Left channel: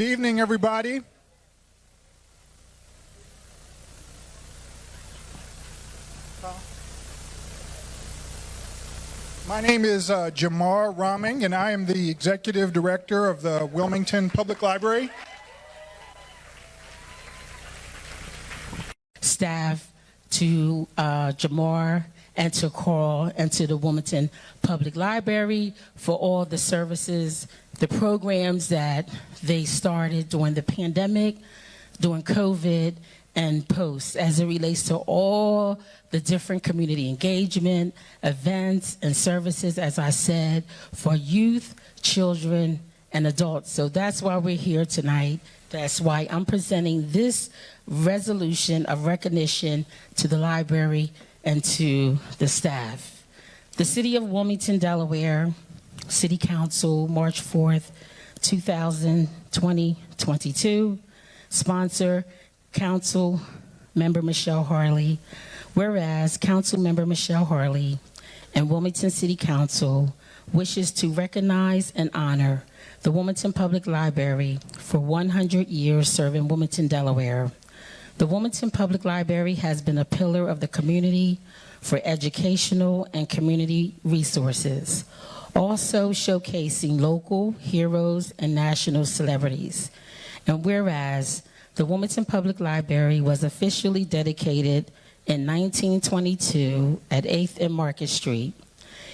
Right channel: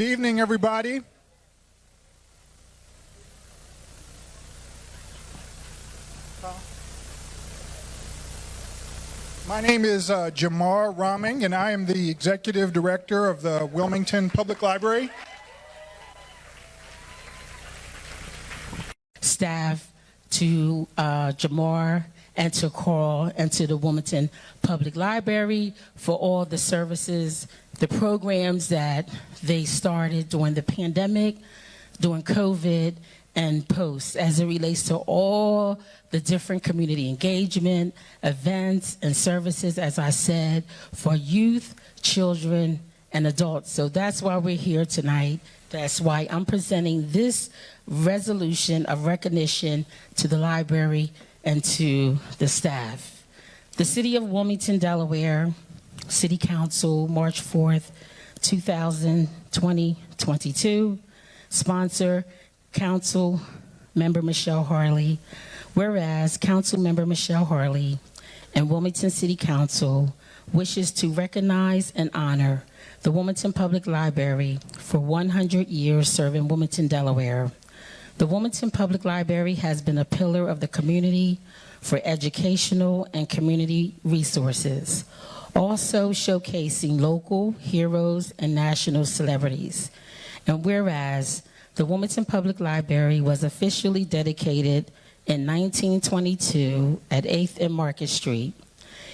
Good evening, everybody. My name is Jamar Raming, and I am the Executive Director of the Wilmington Public Library. Staff, to Jamar and to Carl and to the Wilmington Public Library for all the services, the programs that they started during the pandemic, during COVID, and post, as it relates to all the different community engagement, events, and services, as I said, for youth, children, and adults. So that's why we're here tonight. That's why I'm presenting this resolution of recognition to the library and to the staff. The City of Wilmington, Delaware, City Council, March 4th, 2022. Sponsor, Council Member Michelle Harley. Whereas Council Member Michelle Harley and Wilmington City Council wishes to recognize and honor the Wilmington Public Library for 100 years serving Wilmington, Delaware. The Wilmington Public Library has been a pillar of the community for educational and community resources, also showcasing local heroes and national celebrities. And whereas the Wilmington Public Library was officially dedicated in 1922 at 8th and Market Street,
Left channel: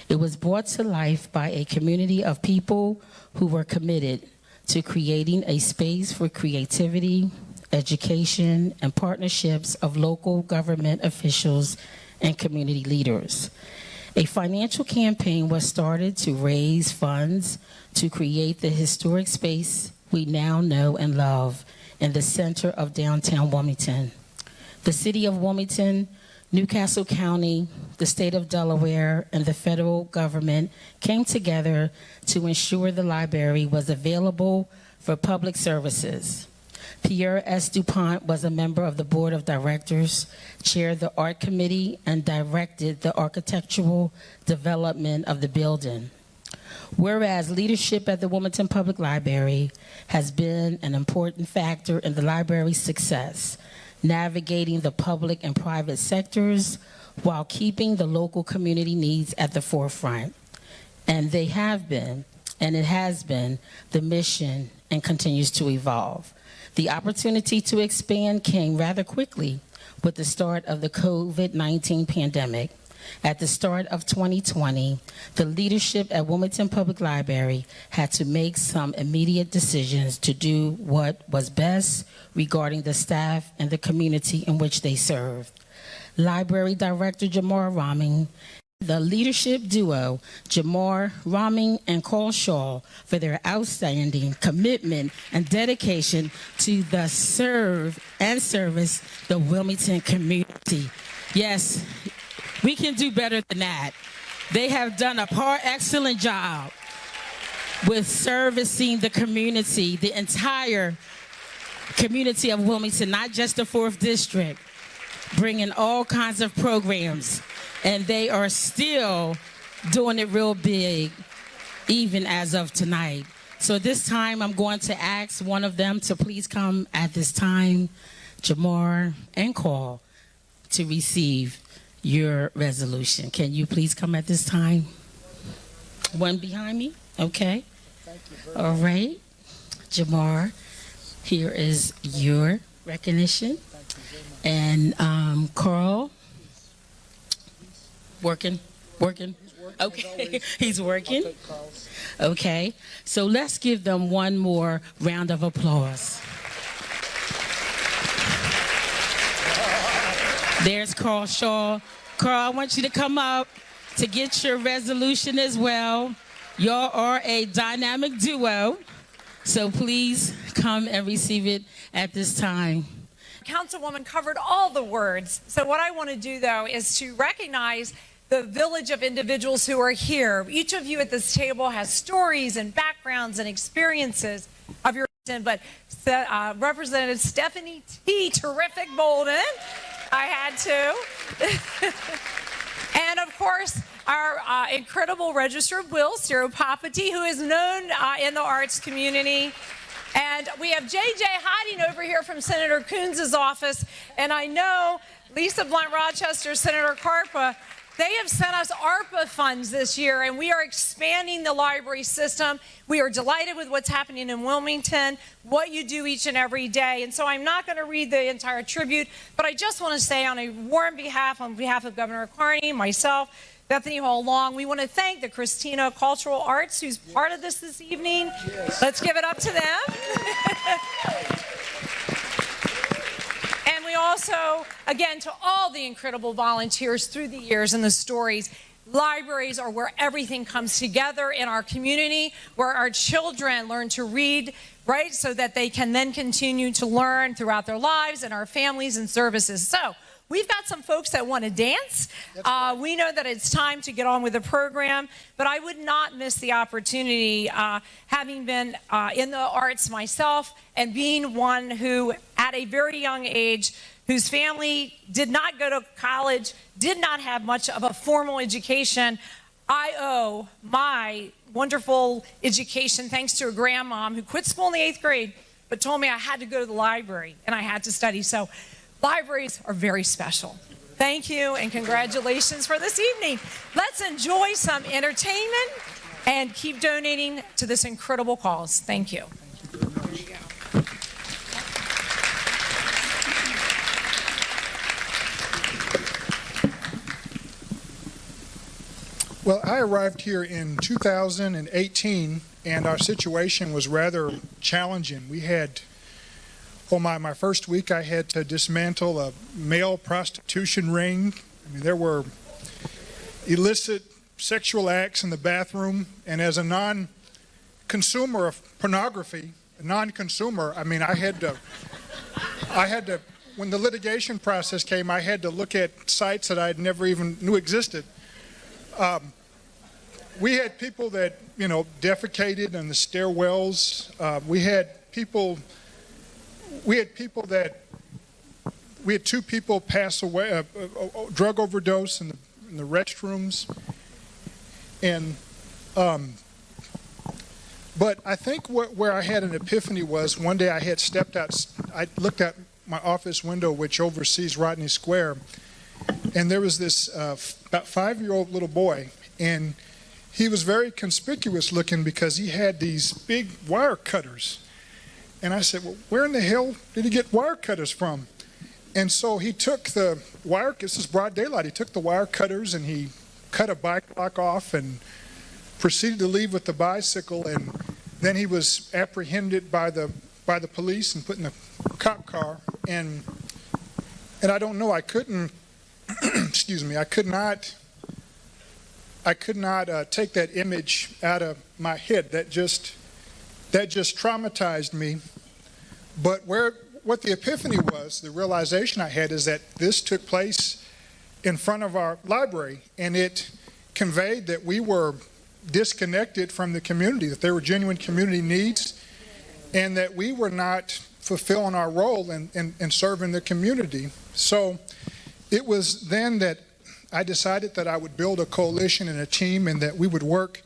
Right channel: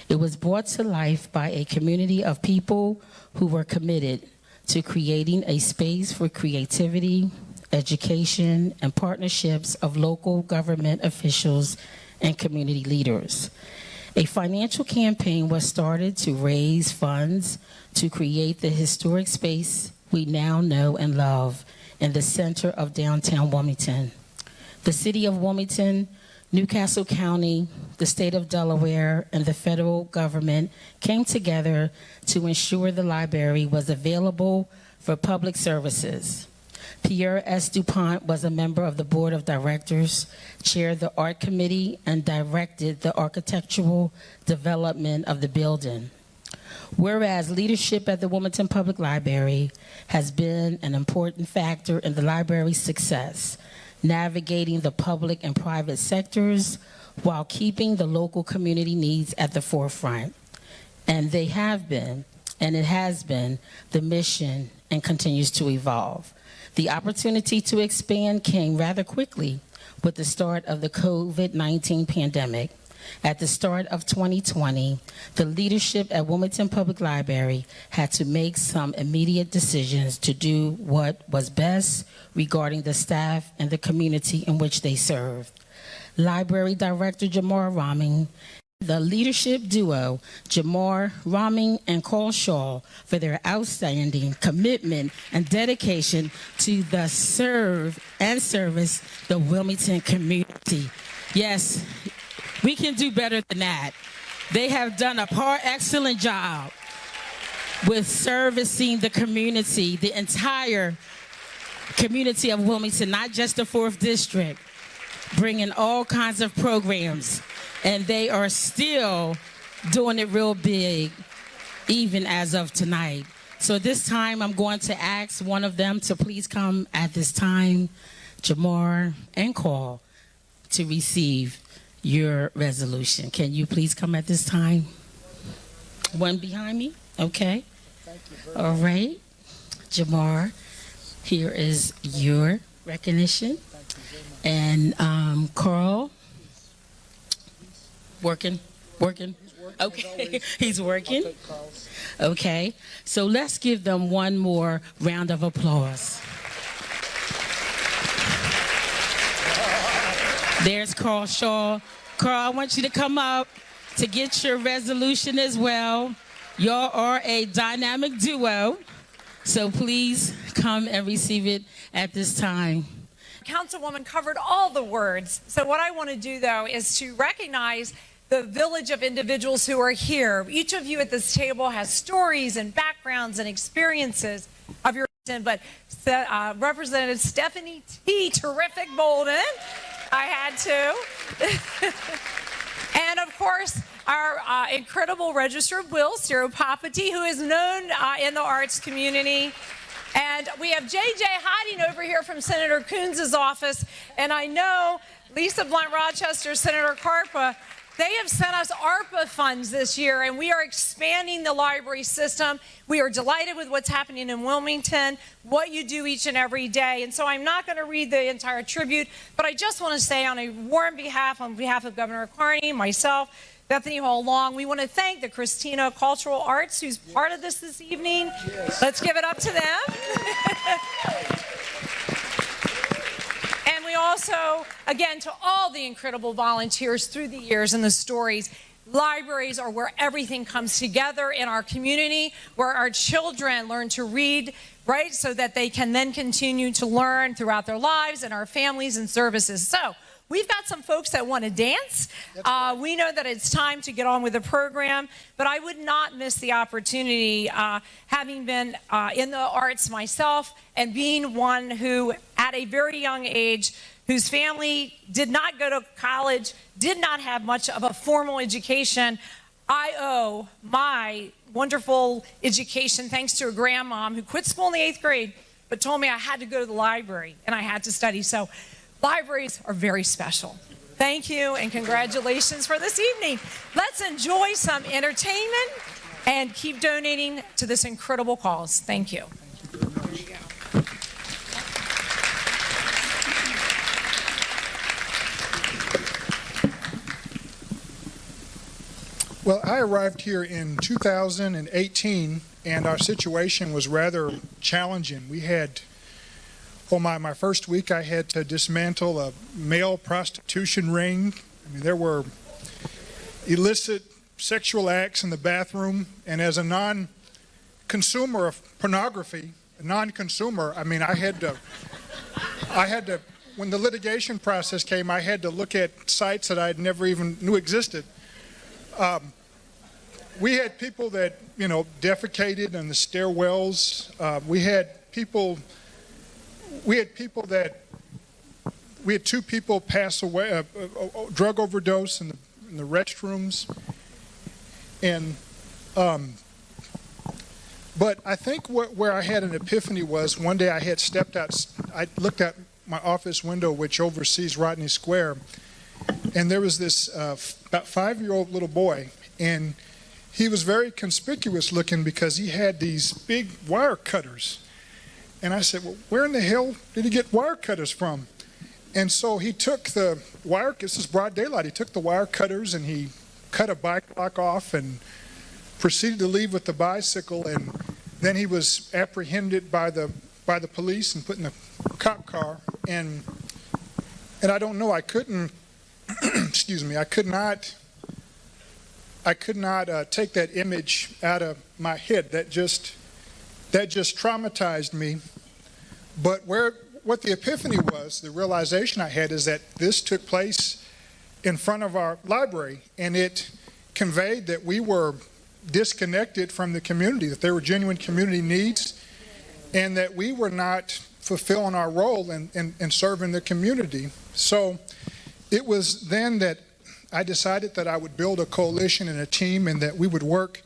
it was brought to life by a community of people who were committed to creating a space for creativity, education, and partnerships of local government officials and community leaders. A financial campaign was started to raise funds to create the historic space we now know and love in the center of downtown Wilmington. The City of Wilmington, Newcastle County, the state of Delaware, and the federal government came together to ensure the library was available for public services. Pierre S. DuPont was a member of the board of directors, chaired the art committee, and directed the architectural development of the building. Whereas leadership at the Wilmington Public Library has been an important factor in the library's success, navigating the public and private sectors while keeping the local community needs at the forefront. And they have been, and it has been, the mission and continues to evolve. The opportunity to expand came rather quickly with the start of the COVID-19 pandemic. At the start of 2020, the leadership at Wilmington Public Library had to make some immediate decisions to do what was best regarding the staff and the community in which they served. Library Director Jamar Raming, the leadership duo, Jamar Raming and Carl Shaw, for their outstanding commitment and dedication to the serve and service the Wilmington community. Yes, we can do better than that. They have done a excellent job with servicing the community, the entire community of Wilmington, not just the 4th District, bringing all kinds of programs. And they are still doing it real big, even as of tonight. So this time, I'm going to ask one of them to please come at this time, Jamar and Carl, to receive your resolution. Can you please come at this time? One behind me? Okay. Thank you very All right. Jamar, here is your recognition. Thank you very much. And Carl, working? He's working Okay, he's working. I'll take calls. Okay, so let's give them one more round of applause. There's Carl Shaw. Carl, I want you to come up to get your resolution as well. Y'all are a dynamic duo, so please come and receive it at this time. Councilwoman covered all the words. So what I want to do, though, is to recognize the village of individuals who are here. Each of you at this table has stories and backgrounds and experiences of your but Representative Stephanie T. Terrific Bolden, I had to. And of course, our incredible Register of Wills, Ciro Papati, who is known in the arts community. And we have JJ hiding over here from Senator Coons' office. And I know Lisa Blunt Rochester, Senator Carpa, they have sent us ARPA funds this year, and we are expanding the library system. We are delighted with what's happening in Wilmington, what you do each and every day. And so I'm not going to read the entire tribute, but I just want to say on a warm behalf, on behalf of Governor Carney, myself, Bethany Hall Long, we want to thank the Christina Cultural Arts, who's part of this evening. Yes. Let's give it up to them. And we also, again, to all the incredible volunteers through the years and the stories. Libraries are where everything comes together in our community, where our children learn to read, right, so that they can then continue to learn throughout their lives and our families and services. So we've got some folks that want to dance. We know that it's time to get on with the program, but I would not miss the opportunity, having been in the arts myself and being one who, at a very young age, whose family did not go to college, did not have much of a formal education. I owe my wonderful education thanks to a grandmom who quit school in the 8th grade, but told me I had to go to the library and I had to study. So libraries are very special. Thank you and congratulations for this evening. Let's enjoy some entertainment and keep donating to this incredible cause. Thank you. Well, I arrived here in 2018, and our situation was rather challenging. We had, my first week, I had to dismantle a male prostitution ring. I mean, there were illicit sexual acts in the bathroom, and as a non-consumer of pornography, I had to, when the litigation process came, I had to look at sites that I'd never even knew existed. We had people that, defecated in the stairwells. We had two people pass away, drug overdose in the restrooms. And, but I think where I had an epiphany was one day I had stepped out, I looked out my office window, which oversees Rodney Square, and there was this about 5-year-old little boy, and he was very conspicuous looking because he had these big wire cutters. And I said, well, where in the hell did he get wire cutters from? And so he took the wire, this is broad daylight, he took the wire cutters and he cut a bike lock off and proceeded to leave with the bicycle. And then he was apprehended by the police and put in a cop car. And I don't know, I couldn't, excuse me, I could not take that image out of my head. That just traumatized me. But what the epiphany was, the realization I had, is that this took place in front of our library, and it conveyed that we were disconnected from the community, that there were genuine community needs, and that we were not fulfilling our role in serving the community. So it was then that I decided that I would build a coalition and a team, and that we would work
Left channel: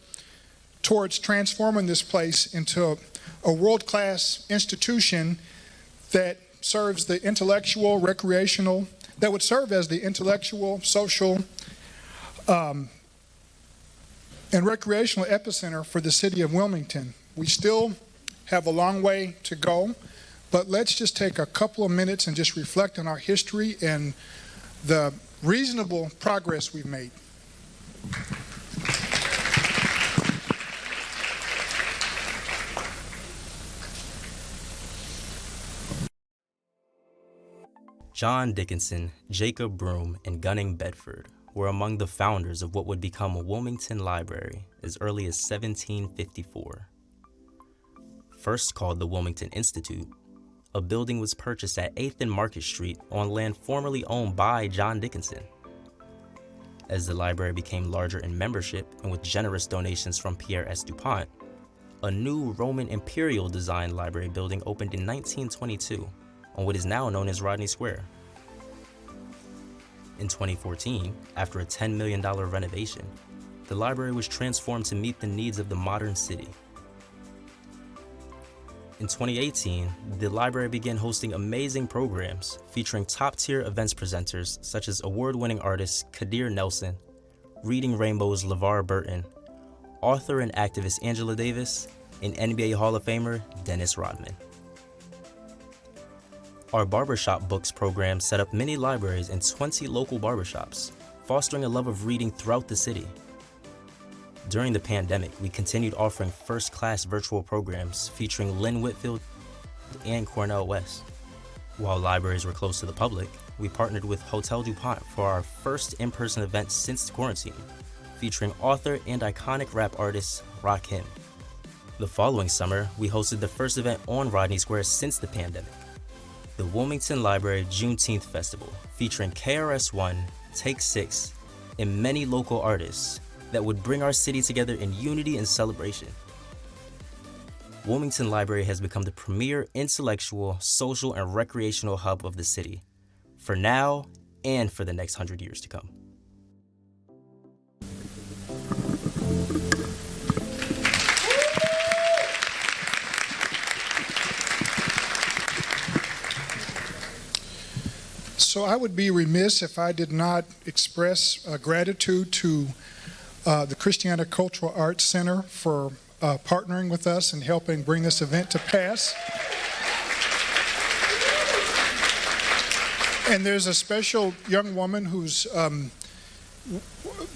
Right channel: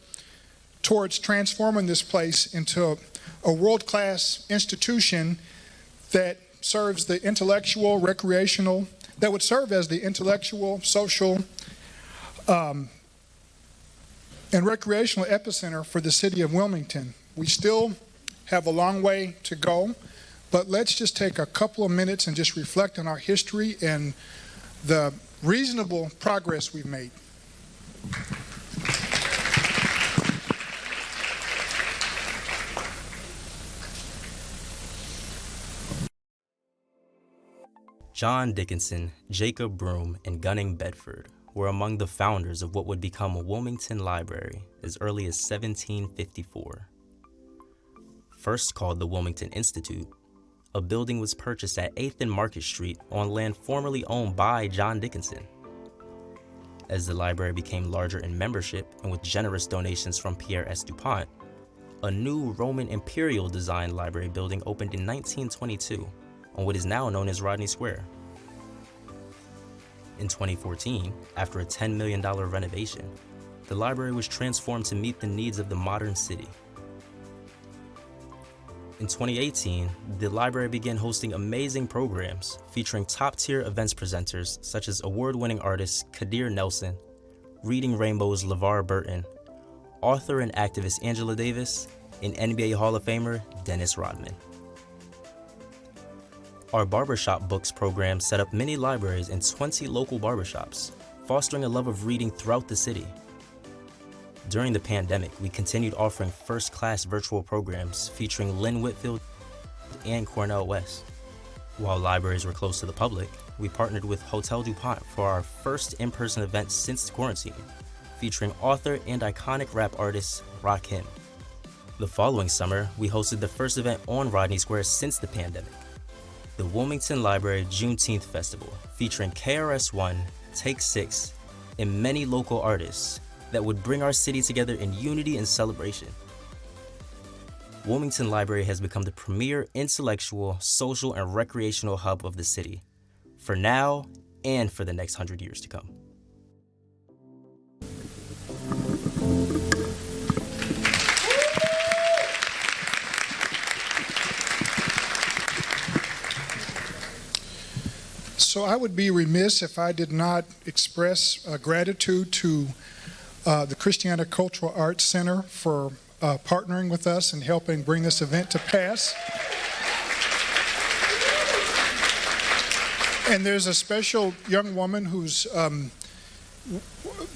towards transforming this place into a world-class institution that serves the intellectual, recreational, that would serve as the intellectual, social, and recreational epicenter for the city of Wilmington. We still have a long way to go, but let's just take a couple of minutes and just reflect on our history and the reasonable progress we've made. John Dickinson, Jacob Broome, and Gunning Bedford were among the founders of what would become a Wilmington Library as early as 1754. First called the Wilmington Institute, a building was purchased at 8th and Market Street on land formerly owned by John Dickinson. As the library became larger in membership and with generous donations from Pierre S. DuPont, a new Roman imperial designed library building opened in 1922 on what is now known as Rodney Square. In 2014, after a $10 million renovation, the library was transformed to meet the needs of the modern city. In 2018, the library began hosting amazing programs featuring top-tier events presenters such as award-winning artist Kadir Nelson, Reading Rainbow's LeVar Burton, author and activist Angela Davis, and NBA Hall of Famer Dennis Rodman. Our Barbershop Books program set up many libraries in 20 local barbershops, fostering a love of reading throughout the city. During the pandemic, we continued offering first-class virtual programs featuring Lynn Whitfield and Cornell West. While libraries were closed to the public, we partnered with Hotel DuPont for our first in-person event since quarantine, featuring author and iconic rap artist Rakim. The following summer, we hosted the first event on Rodney Square since the pandemic, the Wilmington Library Juneteenth Festival, featuring KRS-One, Take 6, and many local artists that would bring our city together in unity and celebration. Wilmington Library has become the premier intellectual, social, and recreational hub of the city, for now and for the next 100 years to come. So I would be remiss if I did not express gratitude to the Christiana Cultural Arts Center for partnering with us and helping bring this event to pass. And there's a special young woman who's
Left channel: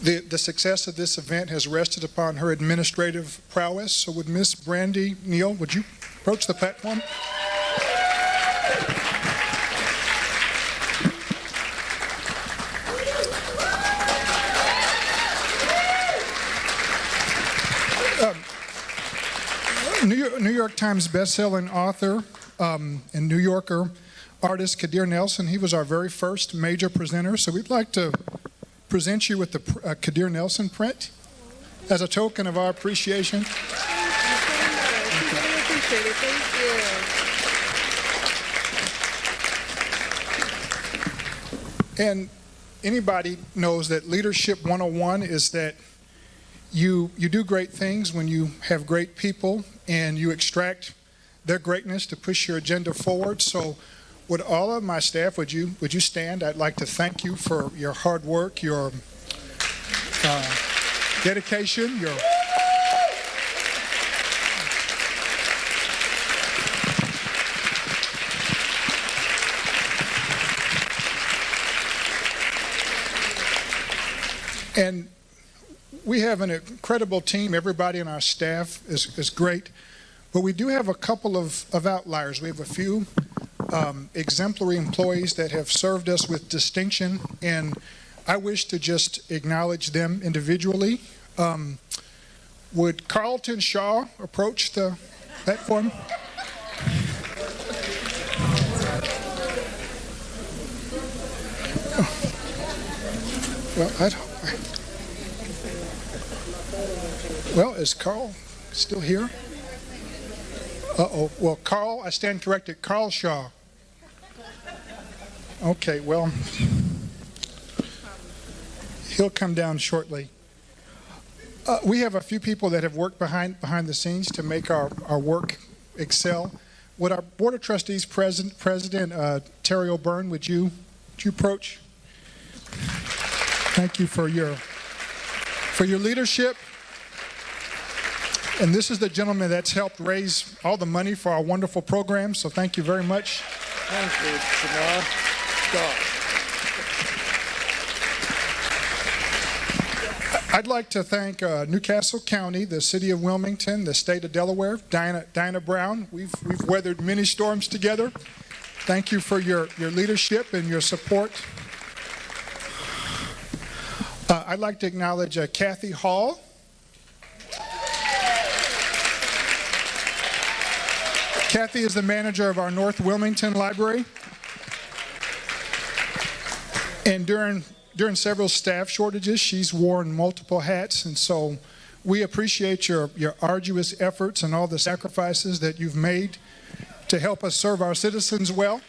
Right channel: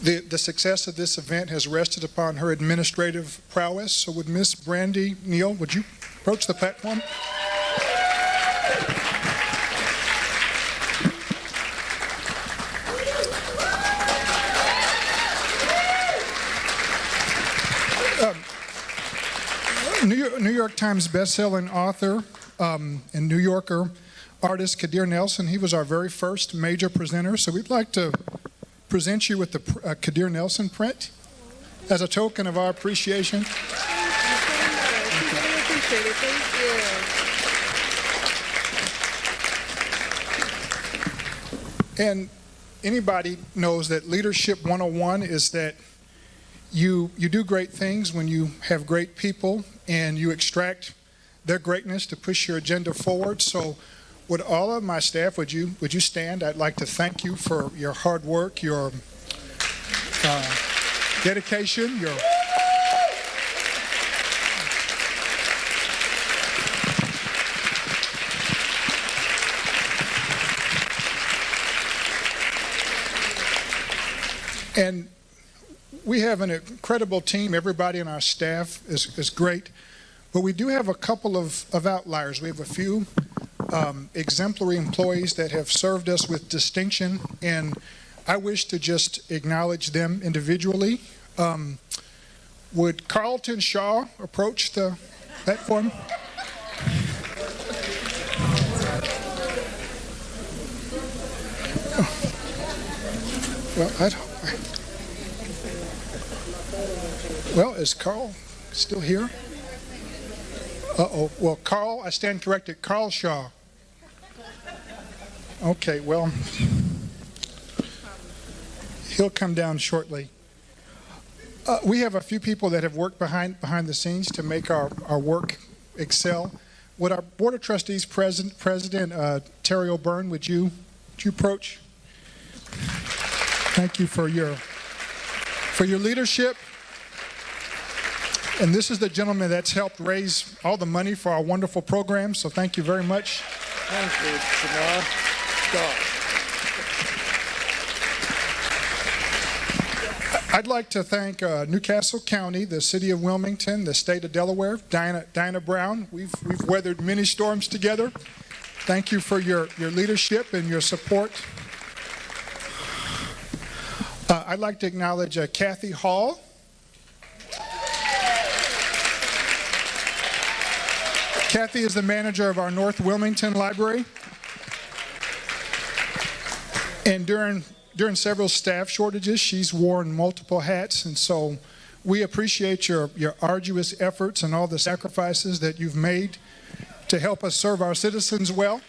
the success of this event has rested upon her administrative prowess. So would Miss Brandy Neal, would you approach the platform? New York Times bestselling author and New Yorker artist Kadir Nelson, he was our very first major presenter. So we'd like to present you with the Kadir Nelson print as a token of our appreciation. Thank you. Really appreciate it. Thank you. And anybody knows that Leadership 101 is that you do great things when you have great people and you extract their greatness to push your agenda forward. So would all of my staff, would you stand? I'd like to thank you for your hard work, your dedication, your and we have an incredible team. Everybody in our staff is great. But we do have a couple of outliers. We have a few exemplary employees that have served us with distinction, and I wish to just acknowledge them individually. Would Carlton Shaw approach the platform? Well, is Carl still here? Uh-oh. Well, Carl, I stand corrected. Carl Shaw. Okay, well, he'll come down shortly. We have a few people that have worked behind the scenes to make our work excel. Would our Board of Trustees President Terry O'Byrne, would you approach? Thank you for your leadership. And this is the gentleman that's helped raise all the money for our wonderful program, so thank you very much. Thank you, Samar. I'd like to thank Newcastle County, the City of Wilmington, the State of Delaware, Diana Brown. We've weathered many storms together. Thank you for your leadership and your support. I'd like to acknowledge Kathy Hall. Kathy is the manager of our North Wilmington Library. And during several staff shortages, she's worn multiple hats. And so we appreciate your arduous efforts and all the sacrifices that you've made to help us serve our citizens well.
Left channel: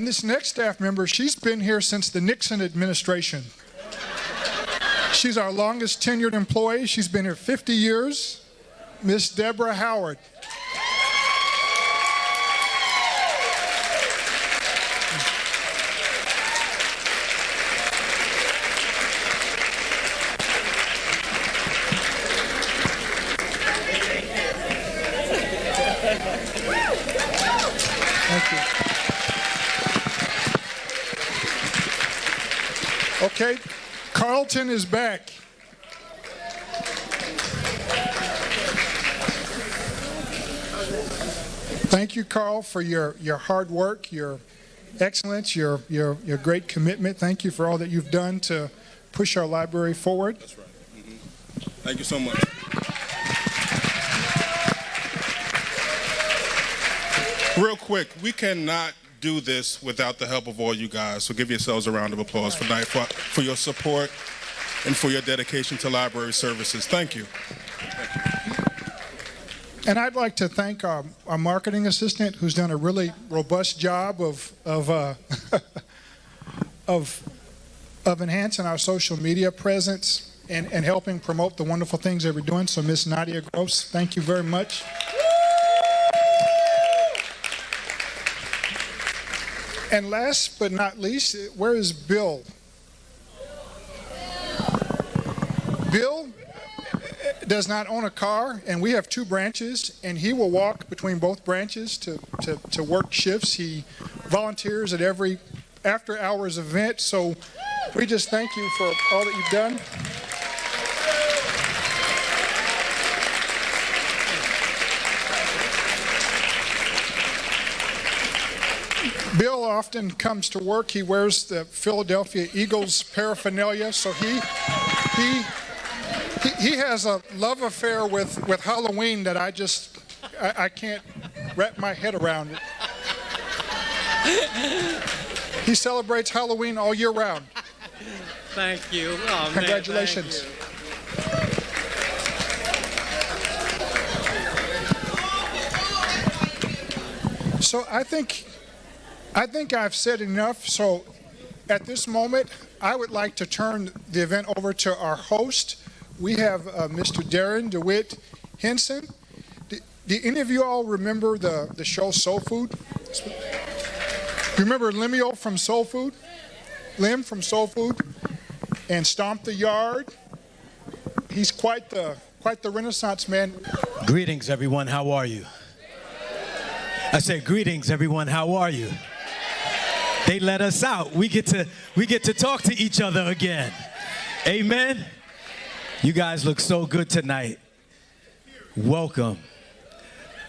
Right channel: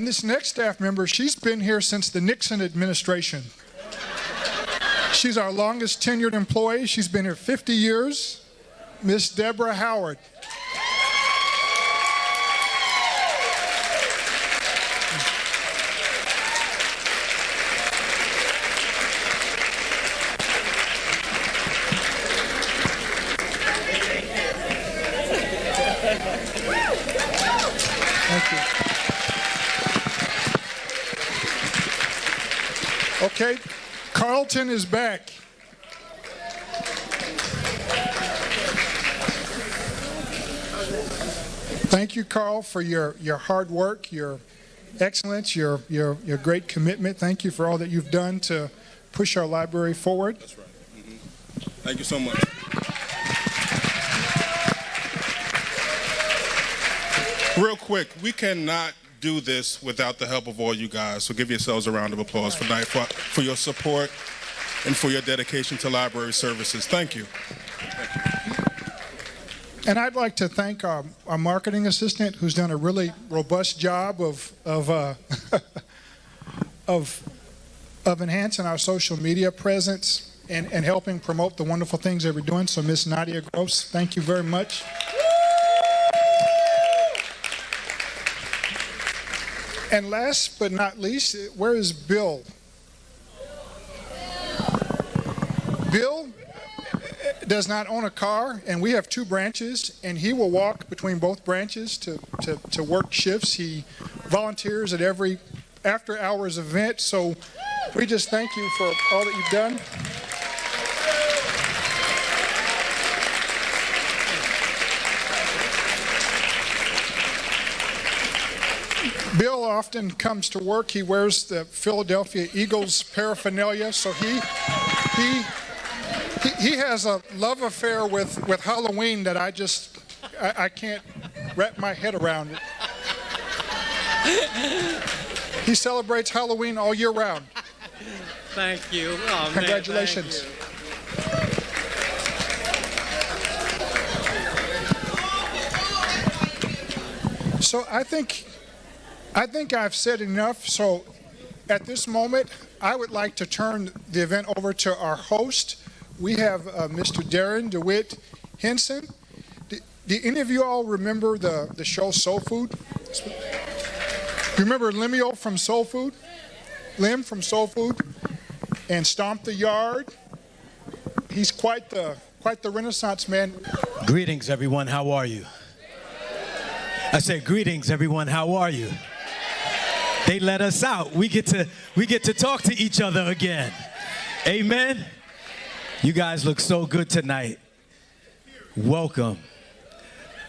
And this next staff member, she's been here since the Nixon administration. She's our longest tenured employee. She's been here 50 years. Miss Deborah Howard. Thank you. Okay, Carlton is back. Thank you, Carl, for your hard work, your excellence, your great commitment. Thank you for all that you've done to push our library forward. That's right. Thank you so much. Real quick, we cannot do this without the help of all you guys. So give yourselves a round of applause for your support and for your dedication to library services. Thank you. And I'd like to thank our marketing assistant, who's done a really robust job of enhancing our social media presence and helping promote the wonderful things that we're doing. So, Miss Nadia Gross, thank you very much. And last but not least, where is Bill? Bill does not own a car, and we have 2 branches, and he will walk between both branches to work shifts. He volunteers at every after-hours event, so we just thank you for all that you've done. Bill often comes to work. He wears the Philadelphia Eagles paraphernalia, so he has a love affair with Halloween that I can't wrap my head around it. He celebrates Halloween all year round. Thank you. Oh, Congratulations. Man, thank you. So I think I've said enough. So at this moment, I would like to turn the event over to our host. We have Mr. Darrin Dewitt Henson. Do any of you all remember the show Soul Food? Remember Lemuel from Soul Food? Lim from Soul Food? And Stomp the Yard? He's quite the Renaissance man. Greetings, everyone. How are you? I said, greetings, everyone. How are you? They let us out. We get to talk to each other again. Amen. You guys look so good tonight. Welcome.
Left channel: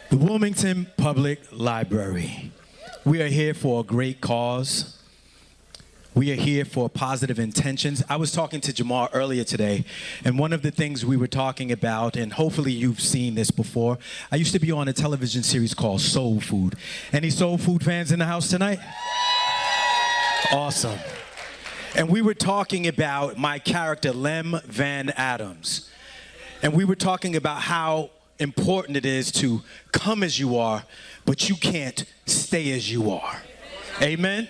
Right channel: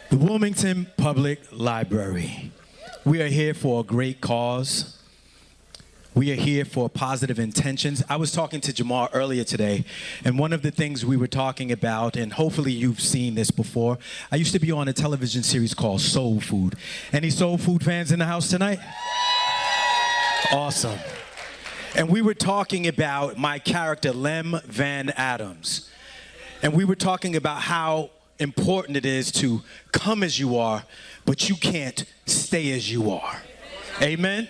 The Wilmington Public Library. We are here for a great cause. We are here for positive intentions. I was talking to Jamal earlier today, and one of the things we were talking about, and hopefully you've seen this before, I used to be on a television series called Soul Food. Any Soul Food fans in the house tonight? Awesome. And we were talking about my character, Lem Van Adams. And we were talking about how important it is to come as you are, but you can't stay as you are. Amen?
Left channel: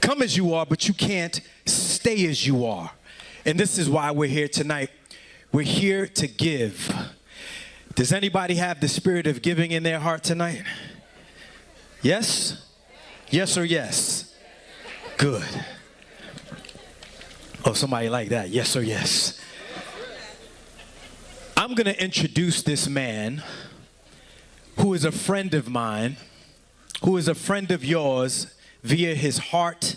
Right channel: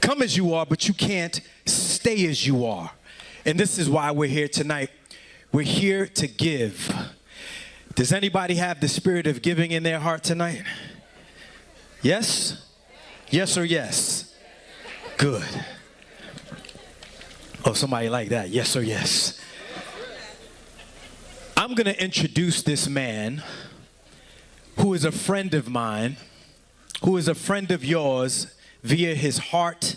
Come as you are, but you can't stay as you are. And this is why we're here tonight. We're here to give. Does anybody have the spirit of giving in their heart tonight? Yes? Yes or yes? Good. Oh, somebody like that. Yes or yes? I'm going to introduce this man who is a friend of mine, who is a friend of yours via his heart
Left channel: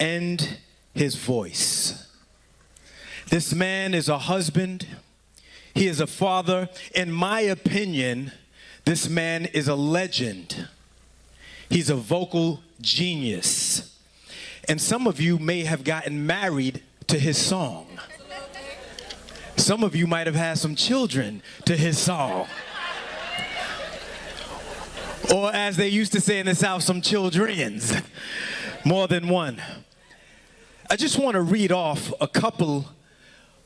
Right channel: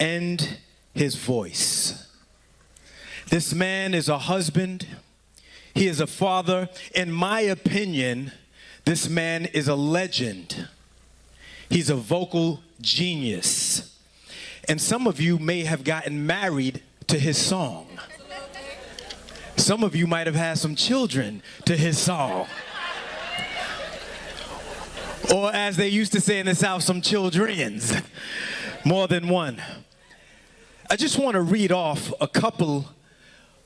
and his voice. This man is a husband. He is a father. In my opinion, this man is a legend. He's a vocal genius. And some of you may have gotten married to his song. Some of you might have had some children to his song. Or as they used to say in the South, some childrens. More than one. I just want to read off a couple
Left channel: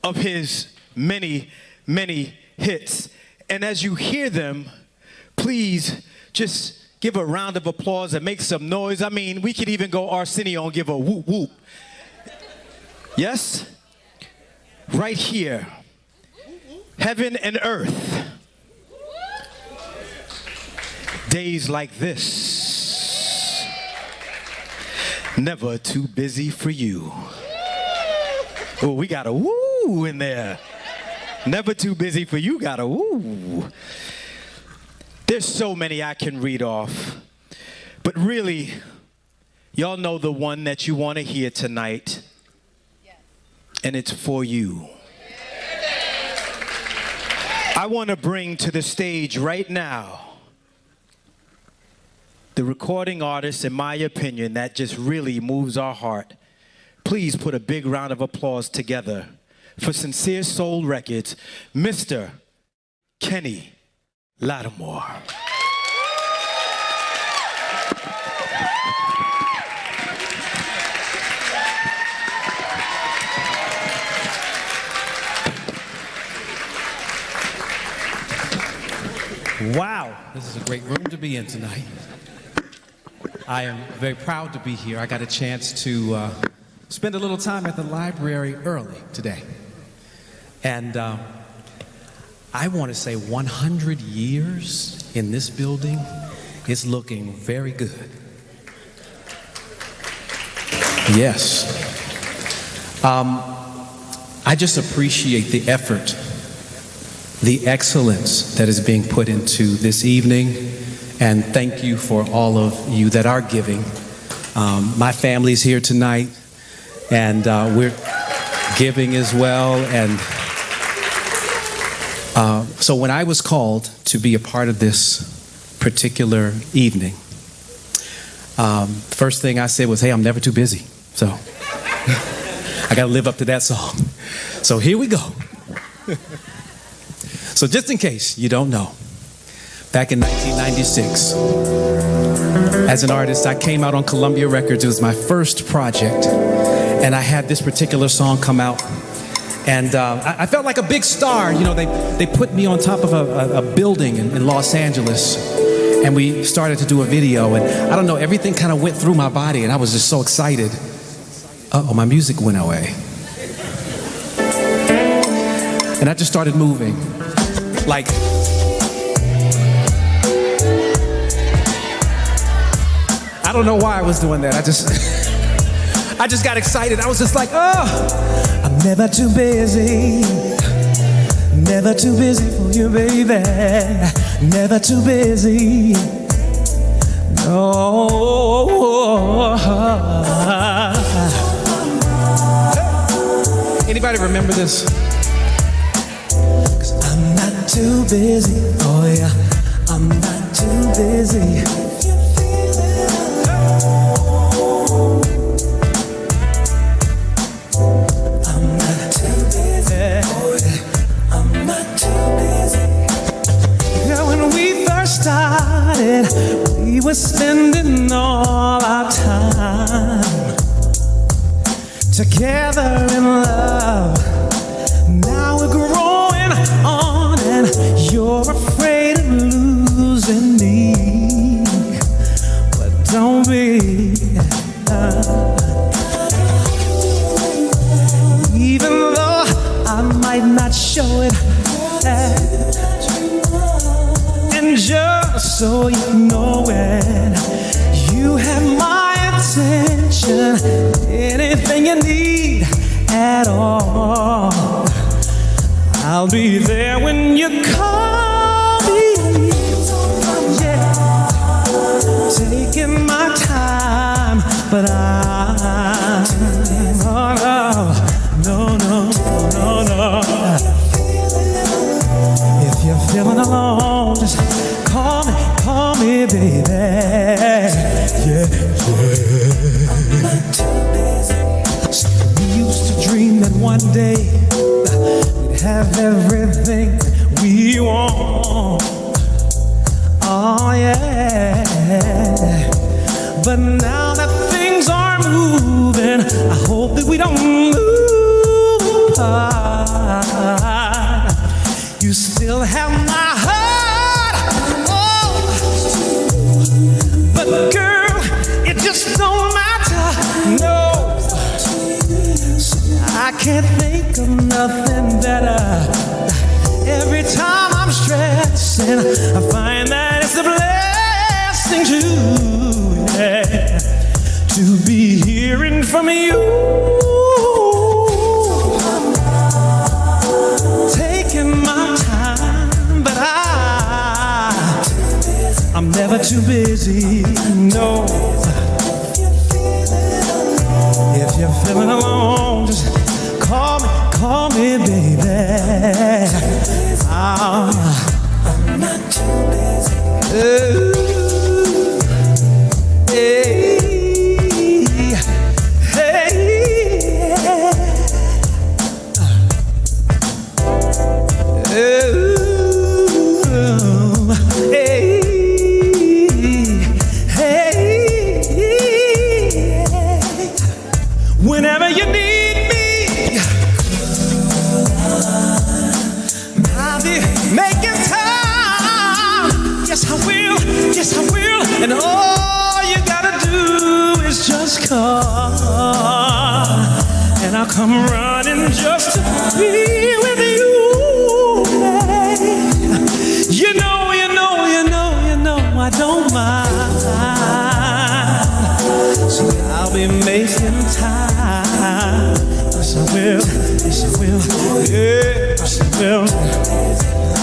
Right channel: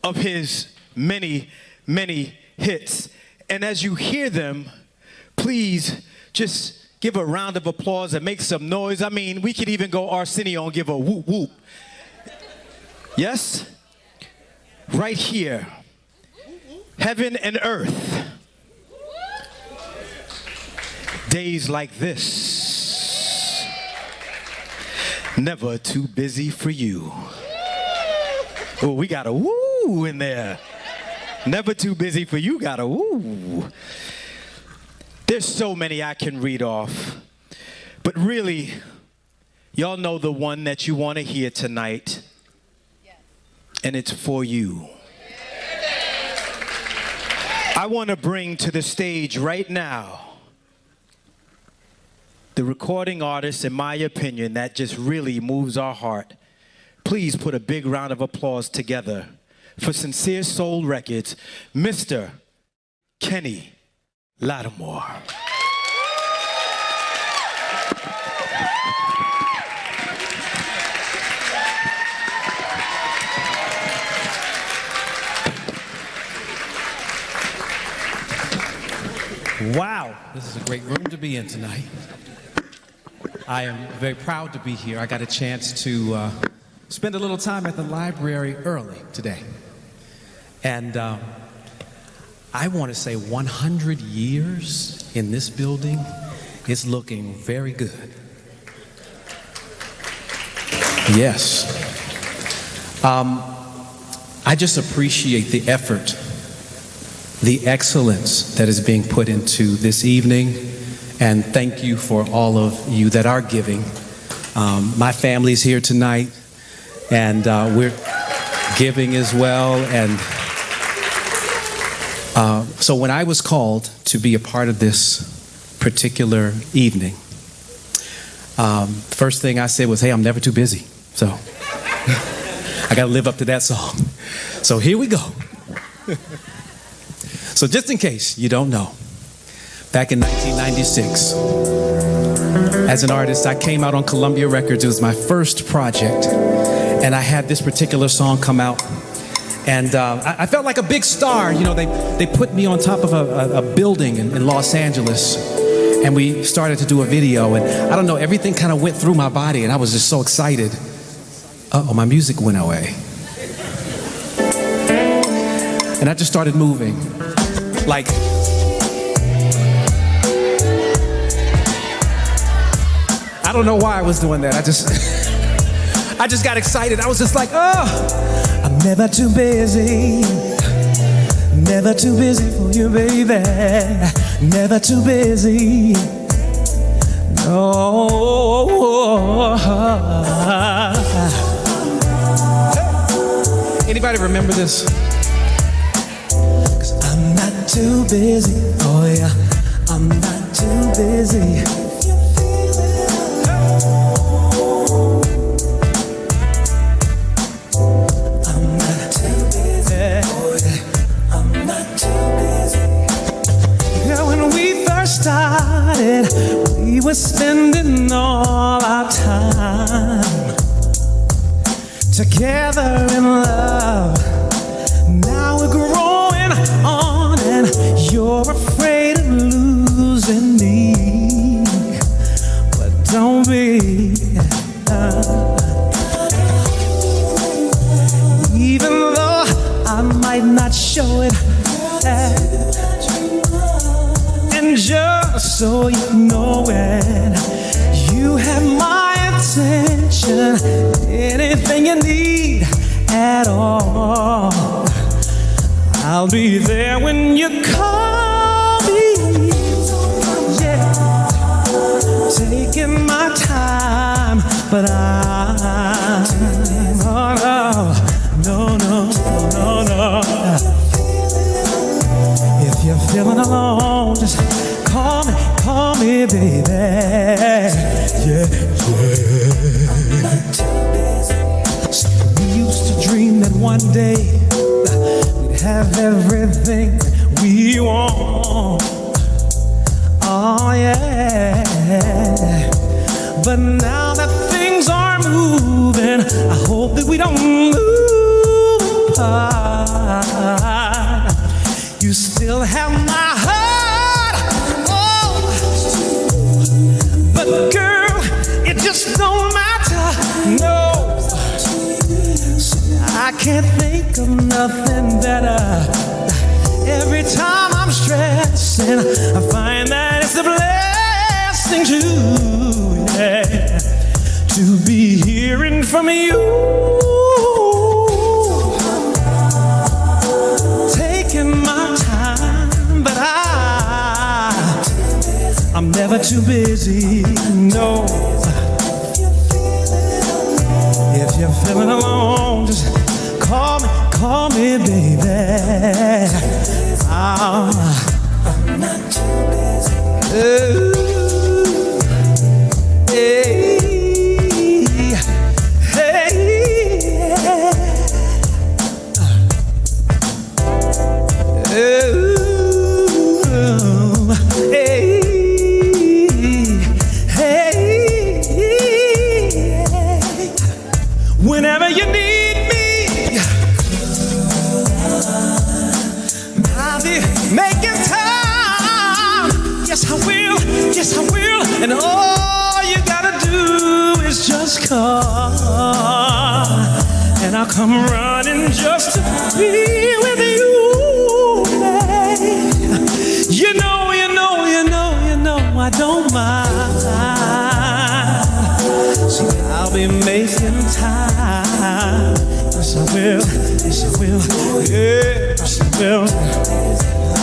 of his many, many hits. And as you hear them, please just Give a round of applause and make some noise. I mean, we could even go Arsenio and give a whoop whoop. Yes? Right here. Heaven and earth. Days like this. Never too busy for you. Oh, we got a woo in there. Never too busy for you, got a woo. There's so many I can read off. But really, y'all know the one that you want to hear tonight. And it's for you. I want to bring to the stage right now the recording artist, in my opinion, that just really moves our heart. Please put a big round of applause together for Sincere Soul Records, Mr. Kenny Lattimore. Wow, this is a great room to be in tonight. I am very proud to be here. I got a chance to spend a little time at the library early today. And I want to say 100 years in this building is looking very good. Yes. I just appreciate the effort, the excellence that is being put into this evening, and thank you for all of you that are giving. My family's here tonight, and we're giving as well. And so when I was called to be a part of this particular evening, first thing I said was, hey, I'm never too busy. So I got to live up to that song. So here we go. So just in case you don't know, back in 1996, as an artist, I came out on Columbia Records. It was my first project, and I had this particular song come out, and I felt like a big star. You know, they put me on top of a building in Los Angeles, and we started to do a video, and I don't know, everything kind of went through my body, and I was just so excited. Uh-oh, my music went away. And I just started moving. Like, I don't know why I was doing that. I just got excited. I was just like, oh, I'm never too busy. Never too busy for you, baby. Never too busy. No. Anybody remember this? Too busy, oh yeah, I'm not too busy. I'm not too busy, oh yeah, I'm not too busy. Yeah, when we first started, we were spending all our time together in love. Now we're growing on, and you're afraid of losing me. But don't be. Even though I might not show it. And just so you know it, you have my attention. Anything you need at all, I'll be there when you call me. Yeah, taking my time, but no. If you're feeling alone, just call me, baby. Yeah. We used to dream that one day have everything we want. Oh yeah. But now that things are moving, I hope that we don't move apart. You still have my heart. Oh, No, I can't think of nothing better. Every time I'm stressing, I find that it's a blessing to be hearing from you. Taking my time, but I'm never too busy. No. If you're feeling alone, just call me, baby. I'm not too busy. Hey, hey, whenever you need me, I'll be making time. Yes, I will. Yes, I will. And all you gotta do is just call, and I'll come running just to be with you. You know, I don't mind. See, I'll be making time. Yes, I will. Yes, I will. Yes, I will.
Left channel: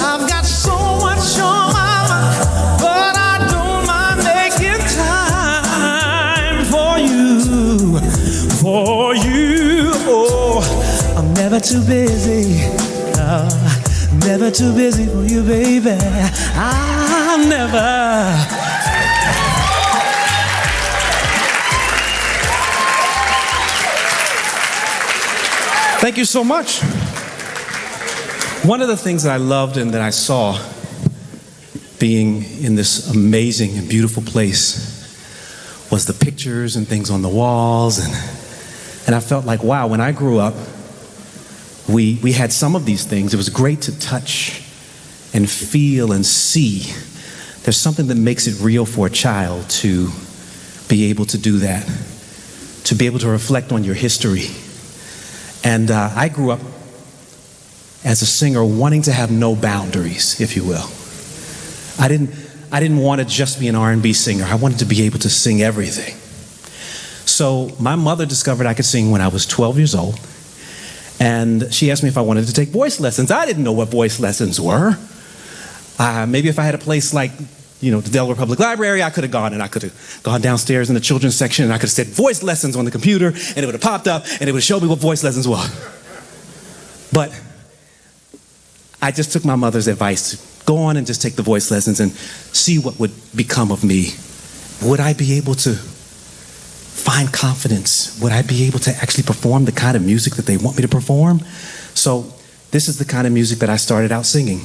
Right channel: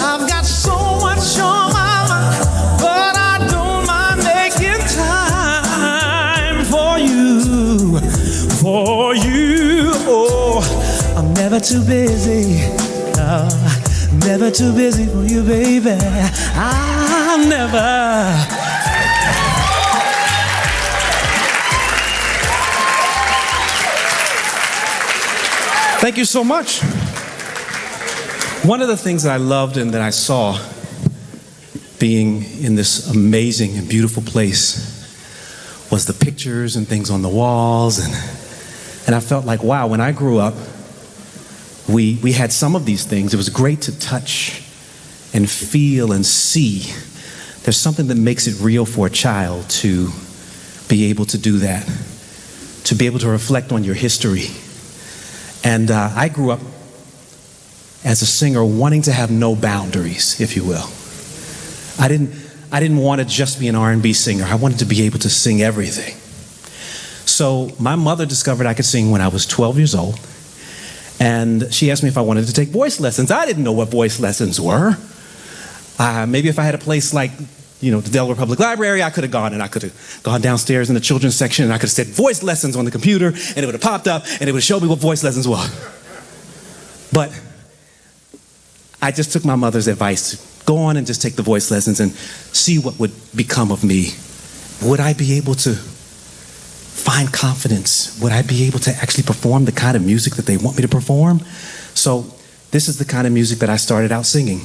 I've got so much on my mind, but I don't mind making time for you. For you. Oh, I'm never too busy. Never too busy for you, baby. I'm never. Thank you so much. One of the things that I loved and that I saw being in this amazing and beautiful place was the pictures and things on the walls, and I felt like, wow, when I grew up, we had some of these things. It was great to touch and feel and see. There's something that makes it real for a child to be able to do that, to be able to reflect on your history. And I grew up as a singer wanting to have no boundaries, if you will. I didn't want to just be an R&B singer. I wanted to be able to sing everything. So my mother discovered I could sing when I was 12 years old. And she asked me if I wanted to take voice lessons. I didn't know what voice lessons were. Maybe if I had a place like, the Delaware Public Library, I could have gone, and I could have gone downstairs in the children's section, and I could have said voice lessons on the computer, and it would have popped up, and it would have showed me what voice lessons were. But I just took my mother's advice to go on and just take the voice lessons and see what would become of me. Would I be able to find confidence? Would I be able to actually perform the kind of music that they want me to perform? So this is the kind of music that I started out singing.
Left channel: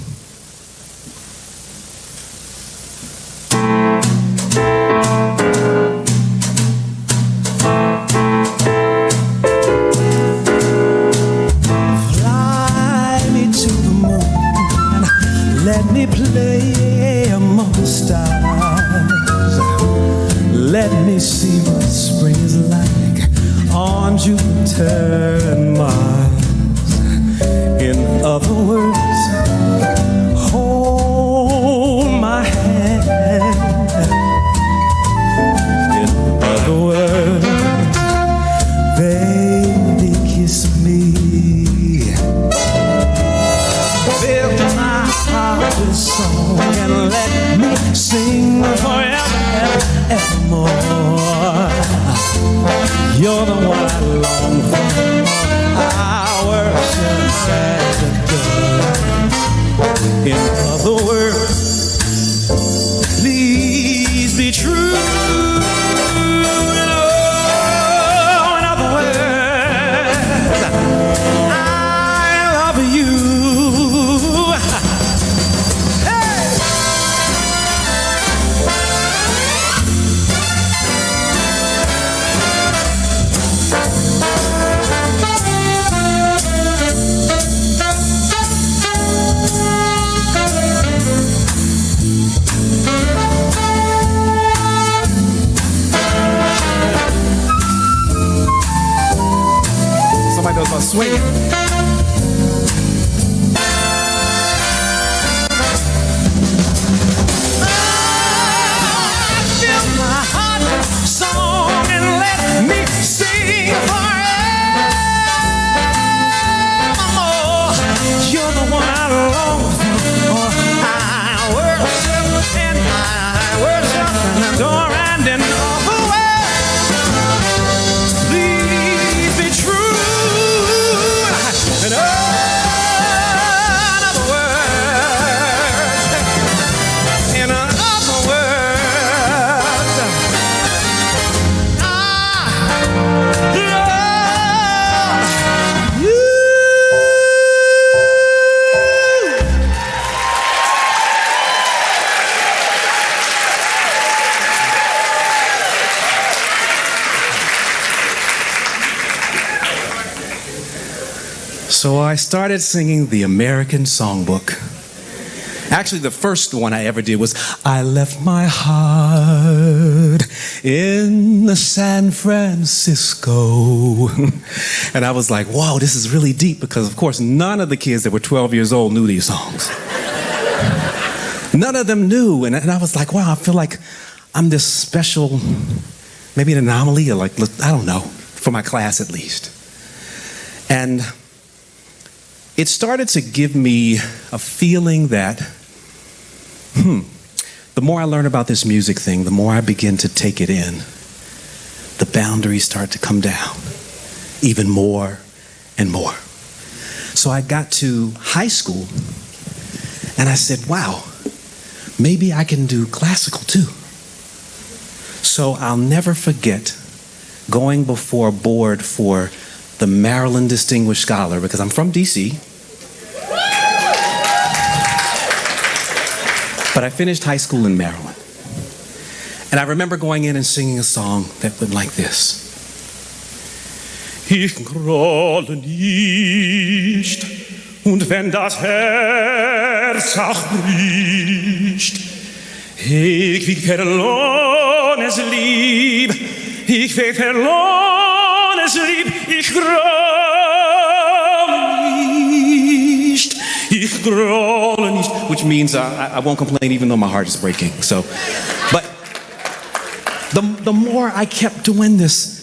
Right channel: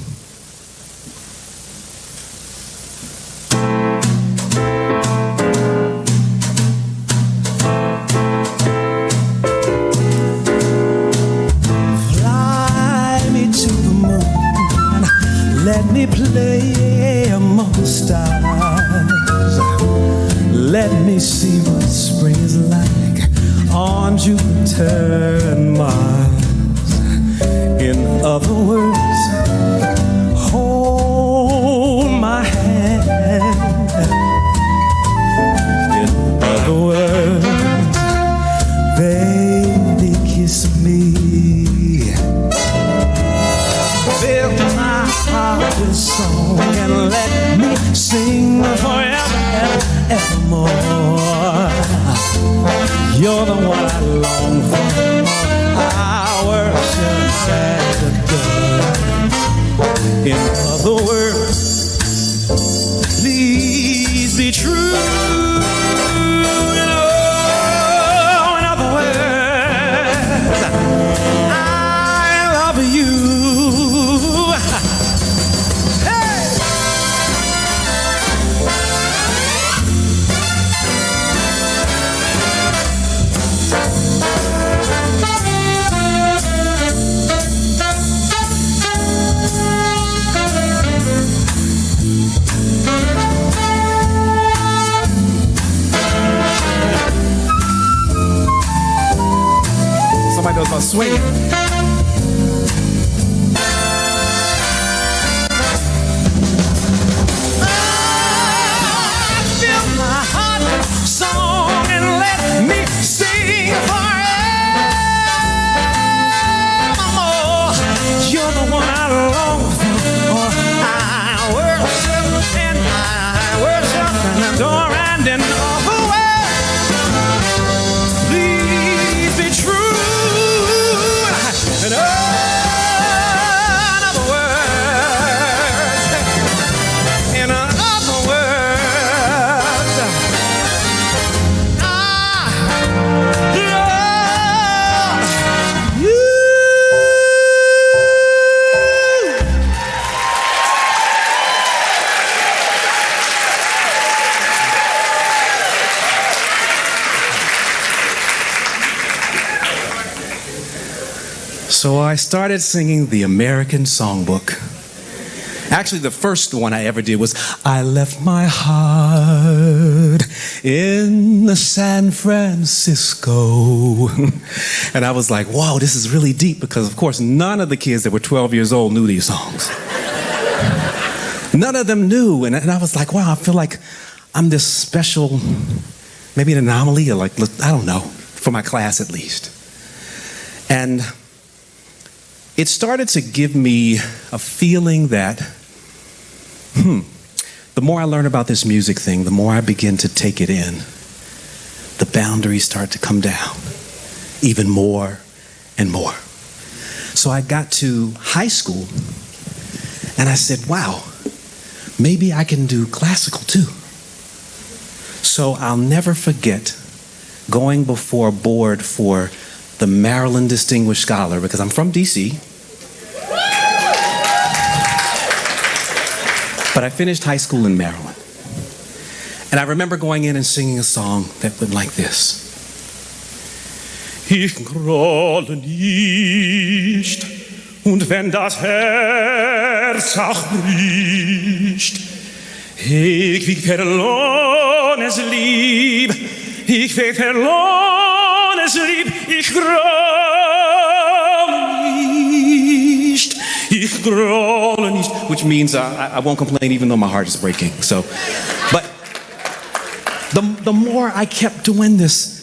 Fly me to the moon, let me play among the stars. Let me see what spring is like on Jupiter and Mars. In other words, hold my hand. In other words, baby, kiss me. Fill my heart with song and let me sing forever and evermore. You're the one I long for. I worship and adore. In other words, please be true. In other words, I love you. Hey! Wait. Fill my heart with song and let me sing forevermore. You're the one I long for. I worship and adore and in all the world. Please be true. And another word. In another word. I love you. So I started singing the American Songbook. Actually, the first one I ever did was I Left My Heart in San Francisco. And I was like, whoa, this is really deep, because of course none of the kids that were 12 years old knew these songs. None of them knew. And I was like, wow, I feel like I'm this special, maybe an anomaly, or like, I don't know, for my class at least. And it started to give me a feeling that, the more I learn about this music thing, the more I begin to take it in, the boundaries start to come down even more and more. So I got to high school and I said, wow, maybe I can do classical too. So I'll never forget going before a board for the Maryland Distinguished Scholar, because I'm from DC. But I finished high school in Maryland. And I remember going in and singing a song that went like this. Ich grolle nicht, und wenn das Herz auch bricht, ich wie verlorenes Lieb, ich wie verlorenes Lieb, ich grolle nicht, which means I won't complain even though my heart is breaking. So, but the more I kept doing this,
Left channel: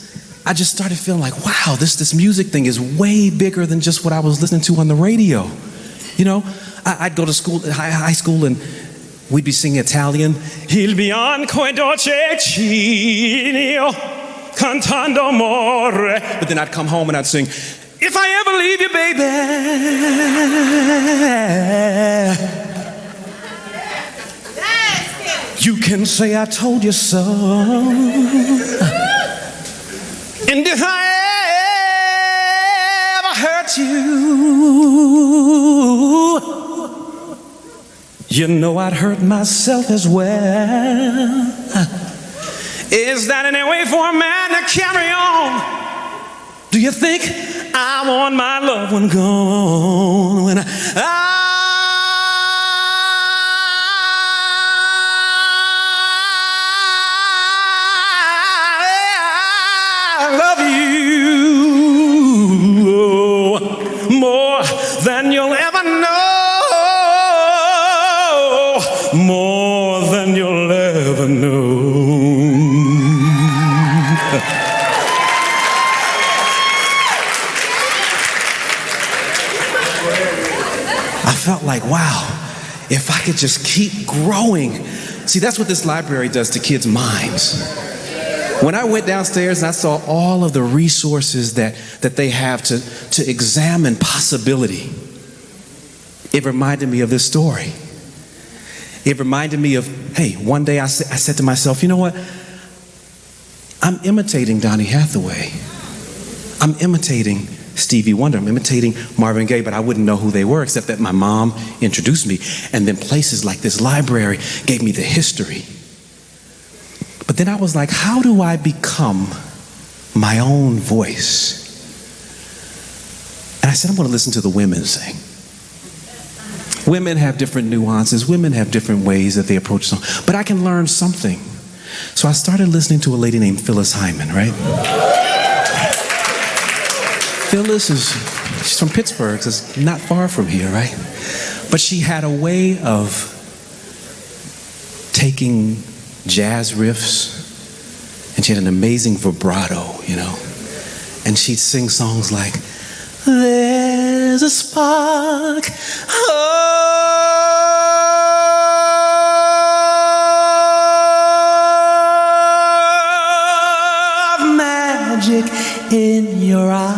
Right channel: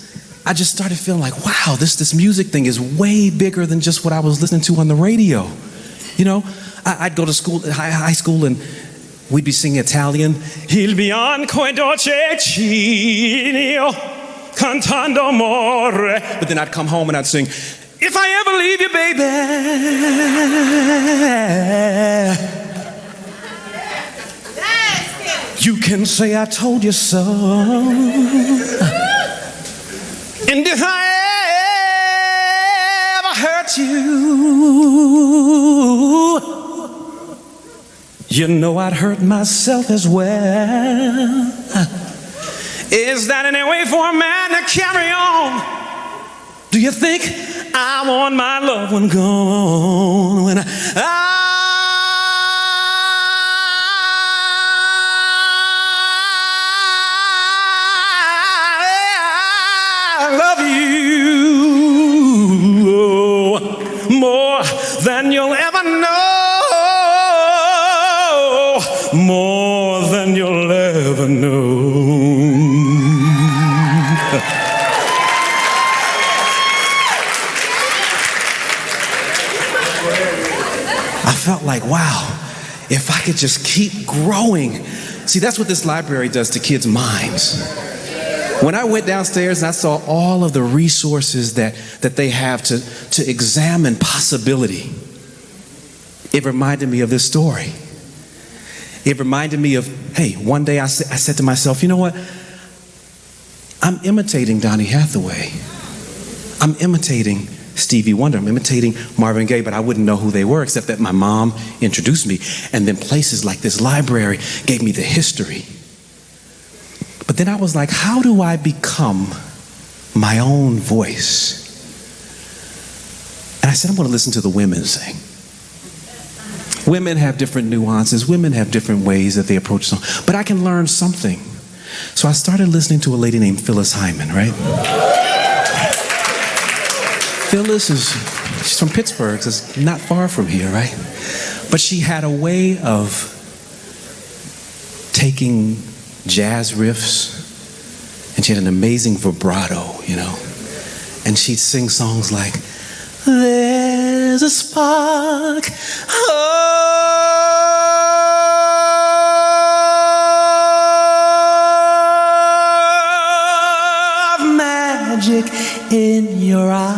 I just started feeling like, wow, this music thing is way bigger than just what I was listening to on the radio. You know, I'd go to school, high school, and we'd be singing Italian. Il bianco e dolce cielo, cantando amore. But then I'd come home and I'd sing, if I ever leave you, baby, you can say I told you so. And if I ever hurt you, you know I'd hurt myself as well. Is that any way for a man to carry on? Do you think I want my loved one gone when I love you more than you'll ever know, more than you'll ever know. I felt like, wow, if I could just keep growing. See, that's what this library does to kids' minds. When I went downstairs and I saw all of the resources that they have to examine possibility, it reminded me of this story. It reminded me of, hey, one day I said to myself, you know what? I'm imitating Donny Hathaway. I'm imitating Stevie Wonder. I'm imitating Marvin Gaye, but I wouldn't know who they were except that my mom introduced me. And then places like this library gave me the history. But then I was like, how do I become my own voice? And I said, I'm going to listen to the women sing. Women have different nuances. Women have different ways that they approach songs. But I can learn something. So I started listening to a lady named Phyllis Hyman, right? Phyllis is She's from Pittsburgh, so it's not far from here, right? But she had a way of taking jazz riffs, and she had an amazing vibrato, you know. And she'd sing songs like, there's a spark of magic in your eyes,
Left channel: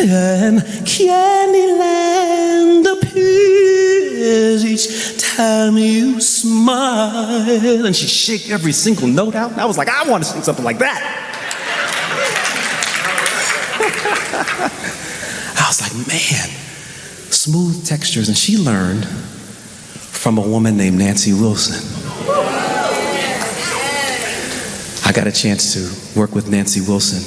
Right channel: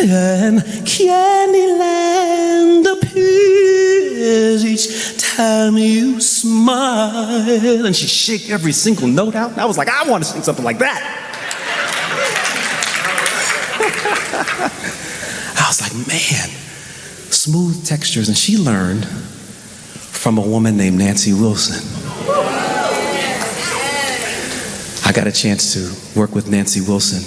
and Candyland appears each time you smile. And she'd shake every single note out, and I was like, I want to sing something like that. I was like, man, smooth textures. And she learned from a woman named Nancy Wilson. I got a chance to work with Nancy Wilson,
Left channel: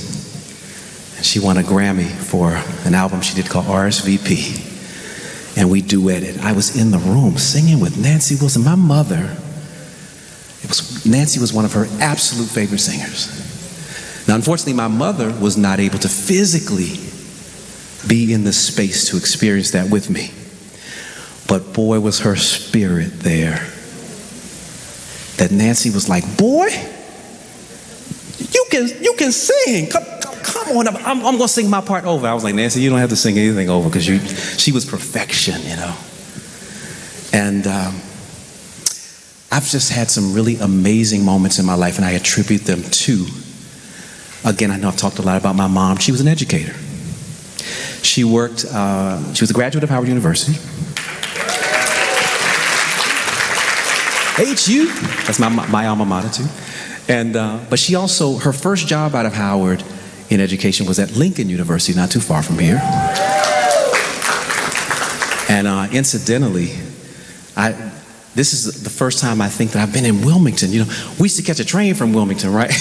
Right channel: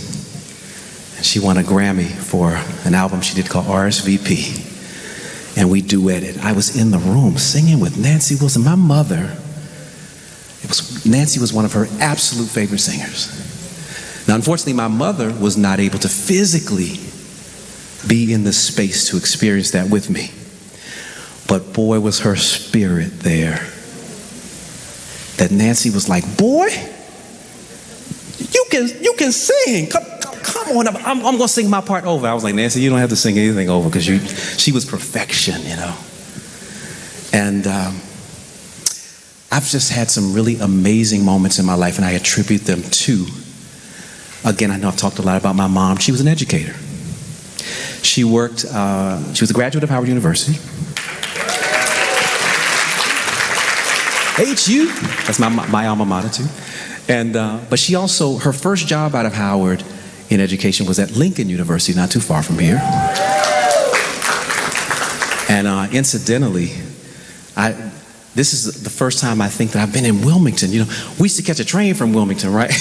and she won a Grammy for an album she did called RSVP. And we duetted. I was in the room singing with Nancy Wilson. My mother, Nancy was one of her absolute favorite singers. Now, unfortunately, my mother was not able to physically be in the space to experience that with me. But boy, was her spirit there. That Nancy was like, boy, you can sing. Come on, I'm going to sing my part over. I was like, Nancy, you don't have to sing anything over, because she was perfection, you know. And I've just had some really amazing moments in my life, and I attribute them to, again, I know I've talked a lot about my mom. She was an educator. She worked, she was a graduate of Howard University. HU, that's my alma mater too. And, but she also, her first job out of Howard in education was at Lincoln University, not too far from here. And incidentally, this is the first time I think that I've been in Wilmington. You know, we used to catch a train from Wilmington, right?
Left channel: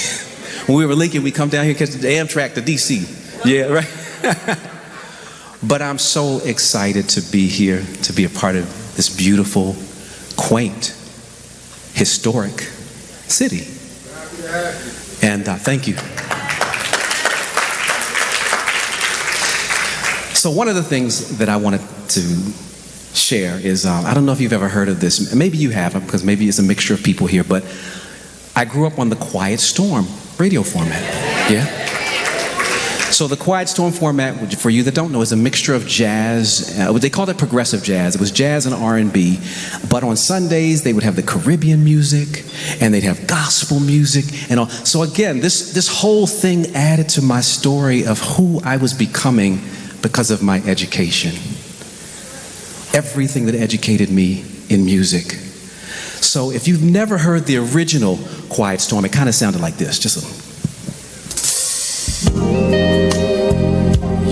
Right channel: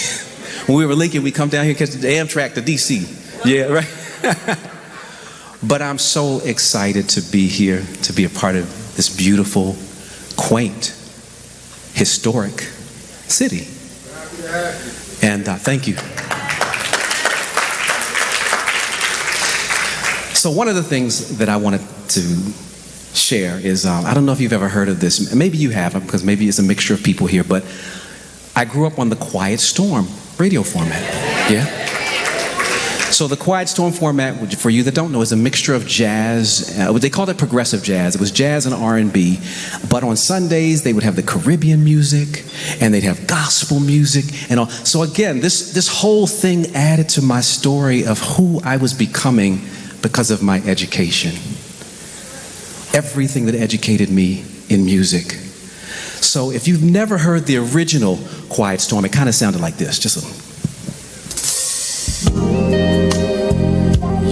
When we were in Lincoln, we'd come down here and catch the Amtrak to DC. Yeah, right? But I'm so excited to be here, to be a part of this beautiful, quaint, historic city. And thank you. So one of the things that I wanted to share is, I don't know if you've ever heard of this. Maybe you have, because maybe it's a mixture of people here, but I grew up on the Quiet Storm radio format. Yeah? So the Quiet Storm format, for you that don't know, is a mixture of jazz. They called it progressive jazz. It was jazz and R&B. But on Sundays, they would have the Caribbean music, and they'd have gospel music and all. So again, this whole thing added to my story of who I was becoming because of my education. Everything that educated me in music. So if you've never heard the original Quiet Storm, it kind of sounded like this. Just a...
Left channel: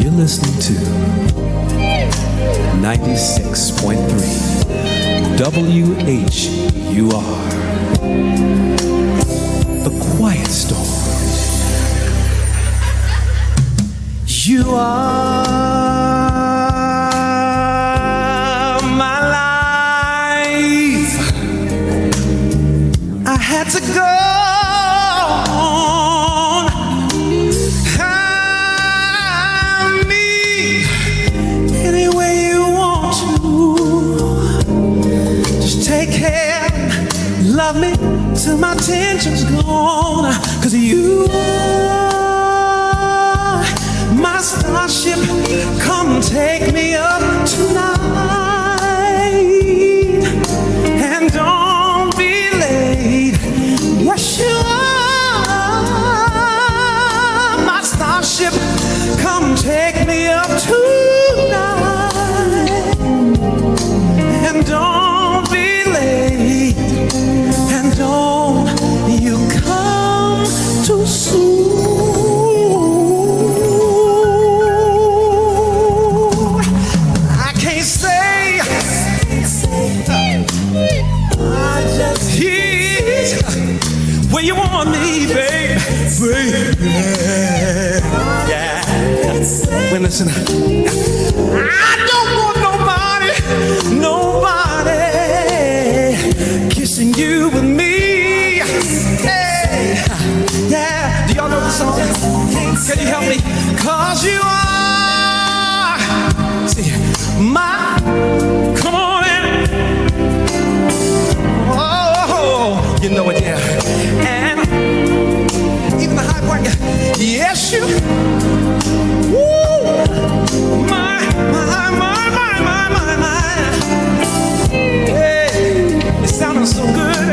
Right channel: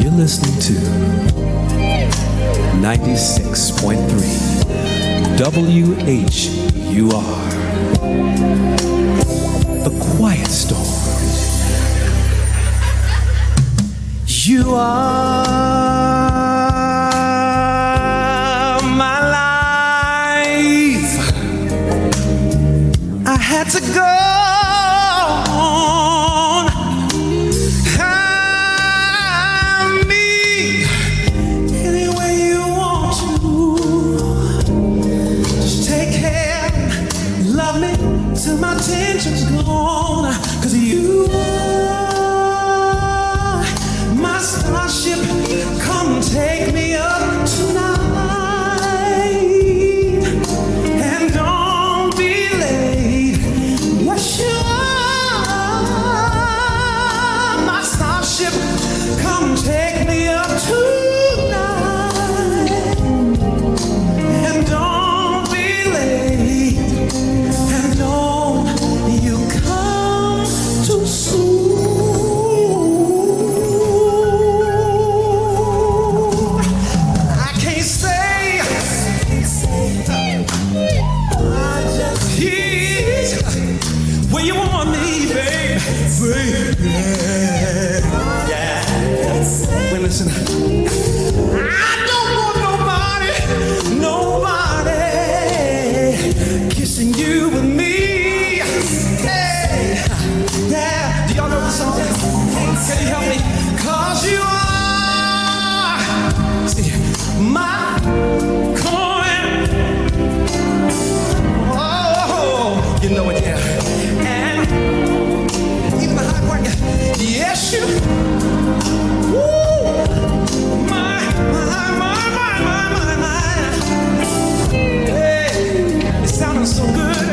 You're listening to 96.3 WHUR, The Quiet Storm. You are my life. I had to go on. Have me any way you want to. Just take care, love me till my tension's gone. 'Cause you are my starship. Come take me up tonight, and don't be late. Yes, you are my starship. Come take me up tonight, and don't be late, and don't you come too soon. Where you want me, babe, baby. Yeah. Well, listen, I don't want nobody kissing you with me. Hey, yeah. Do y'all know the song? Can you help me? 'Cause you are. See, my, come on in. Oh, you know it, yeah. And even the high part, yeah. Yes, you. Woo, my. Hey, it sounded so good.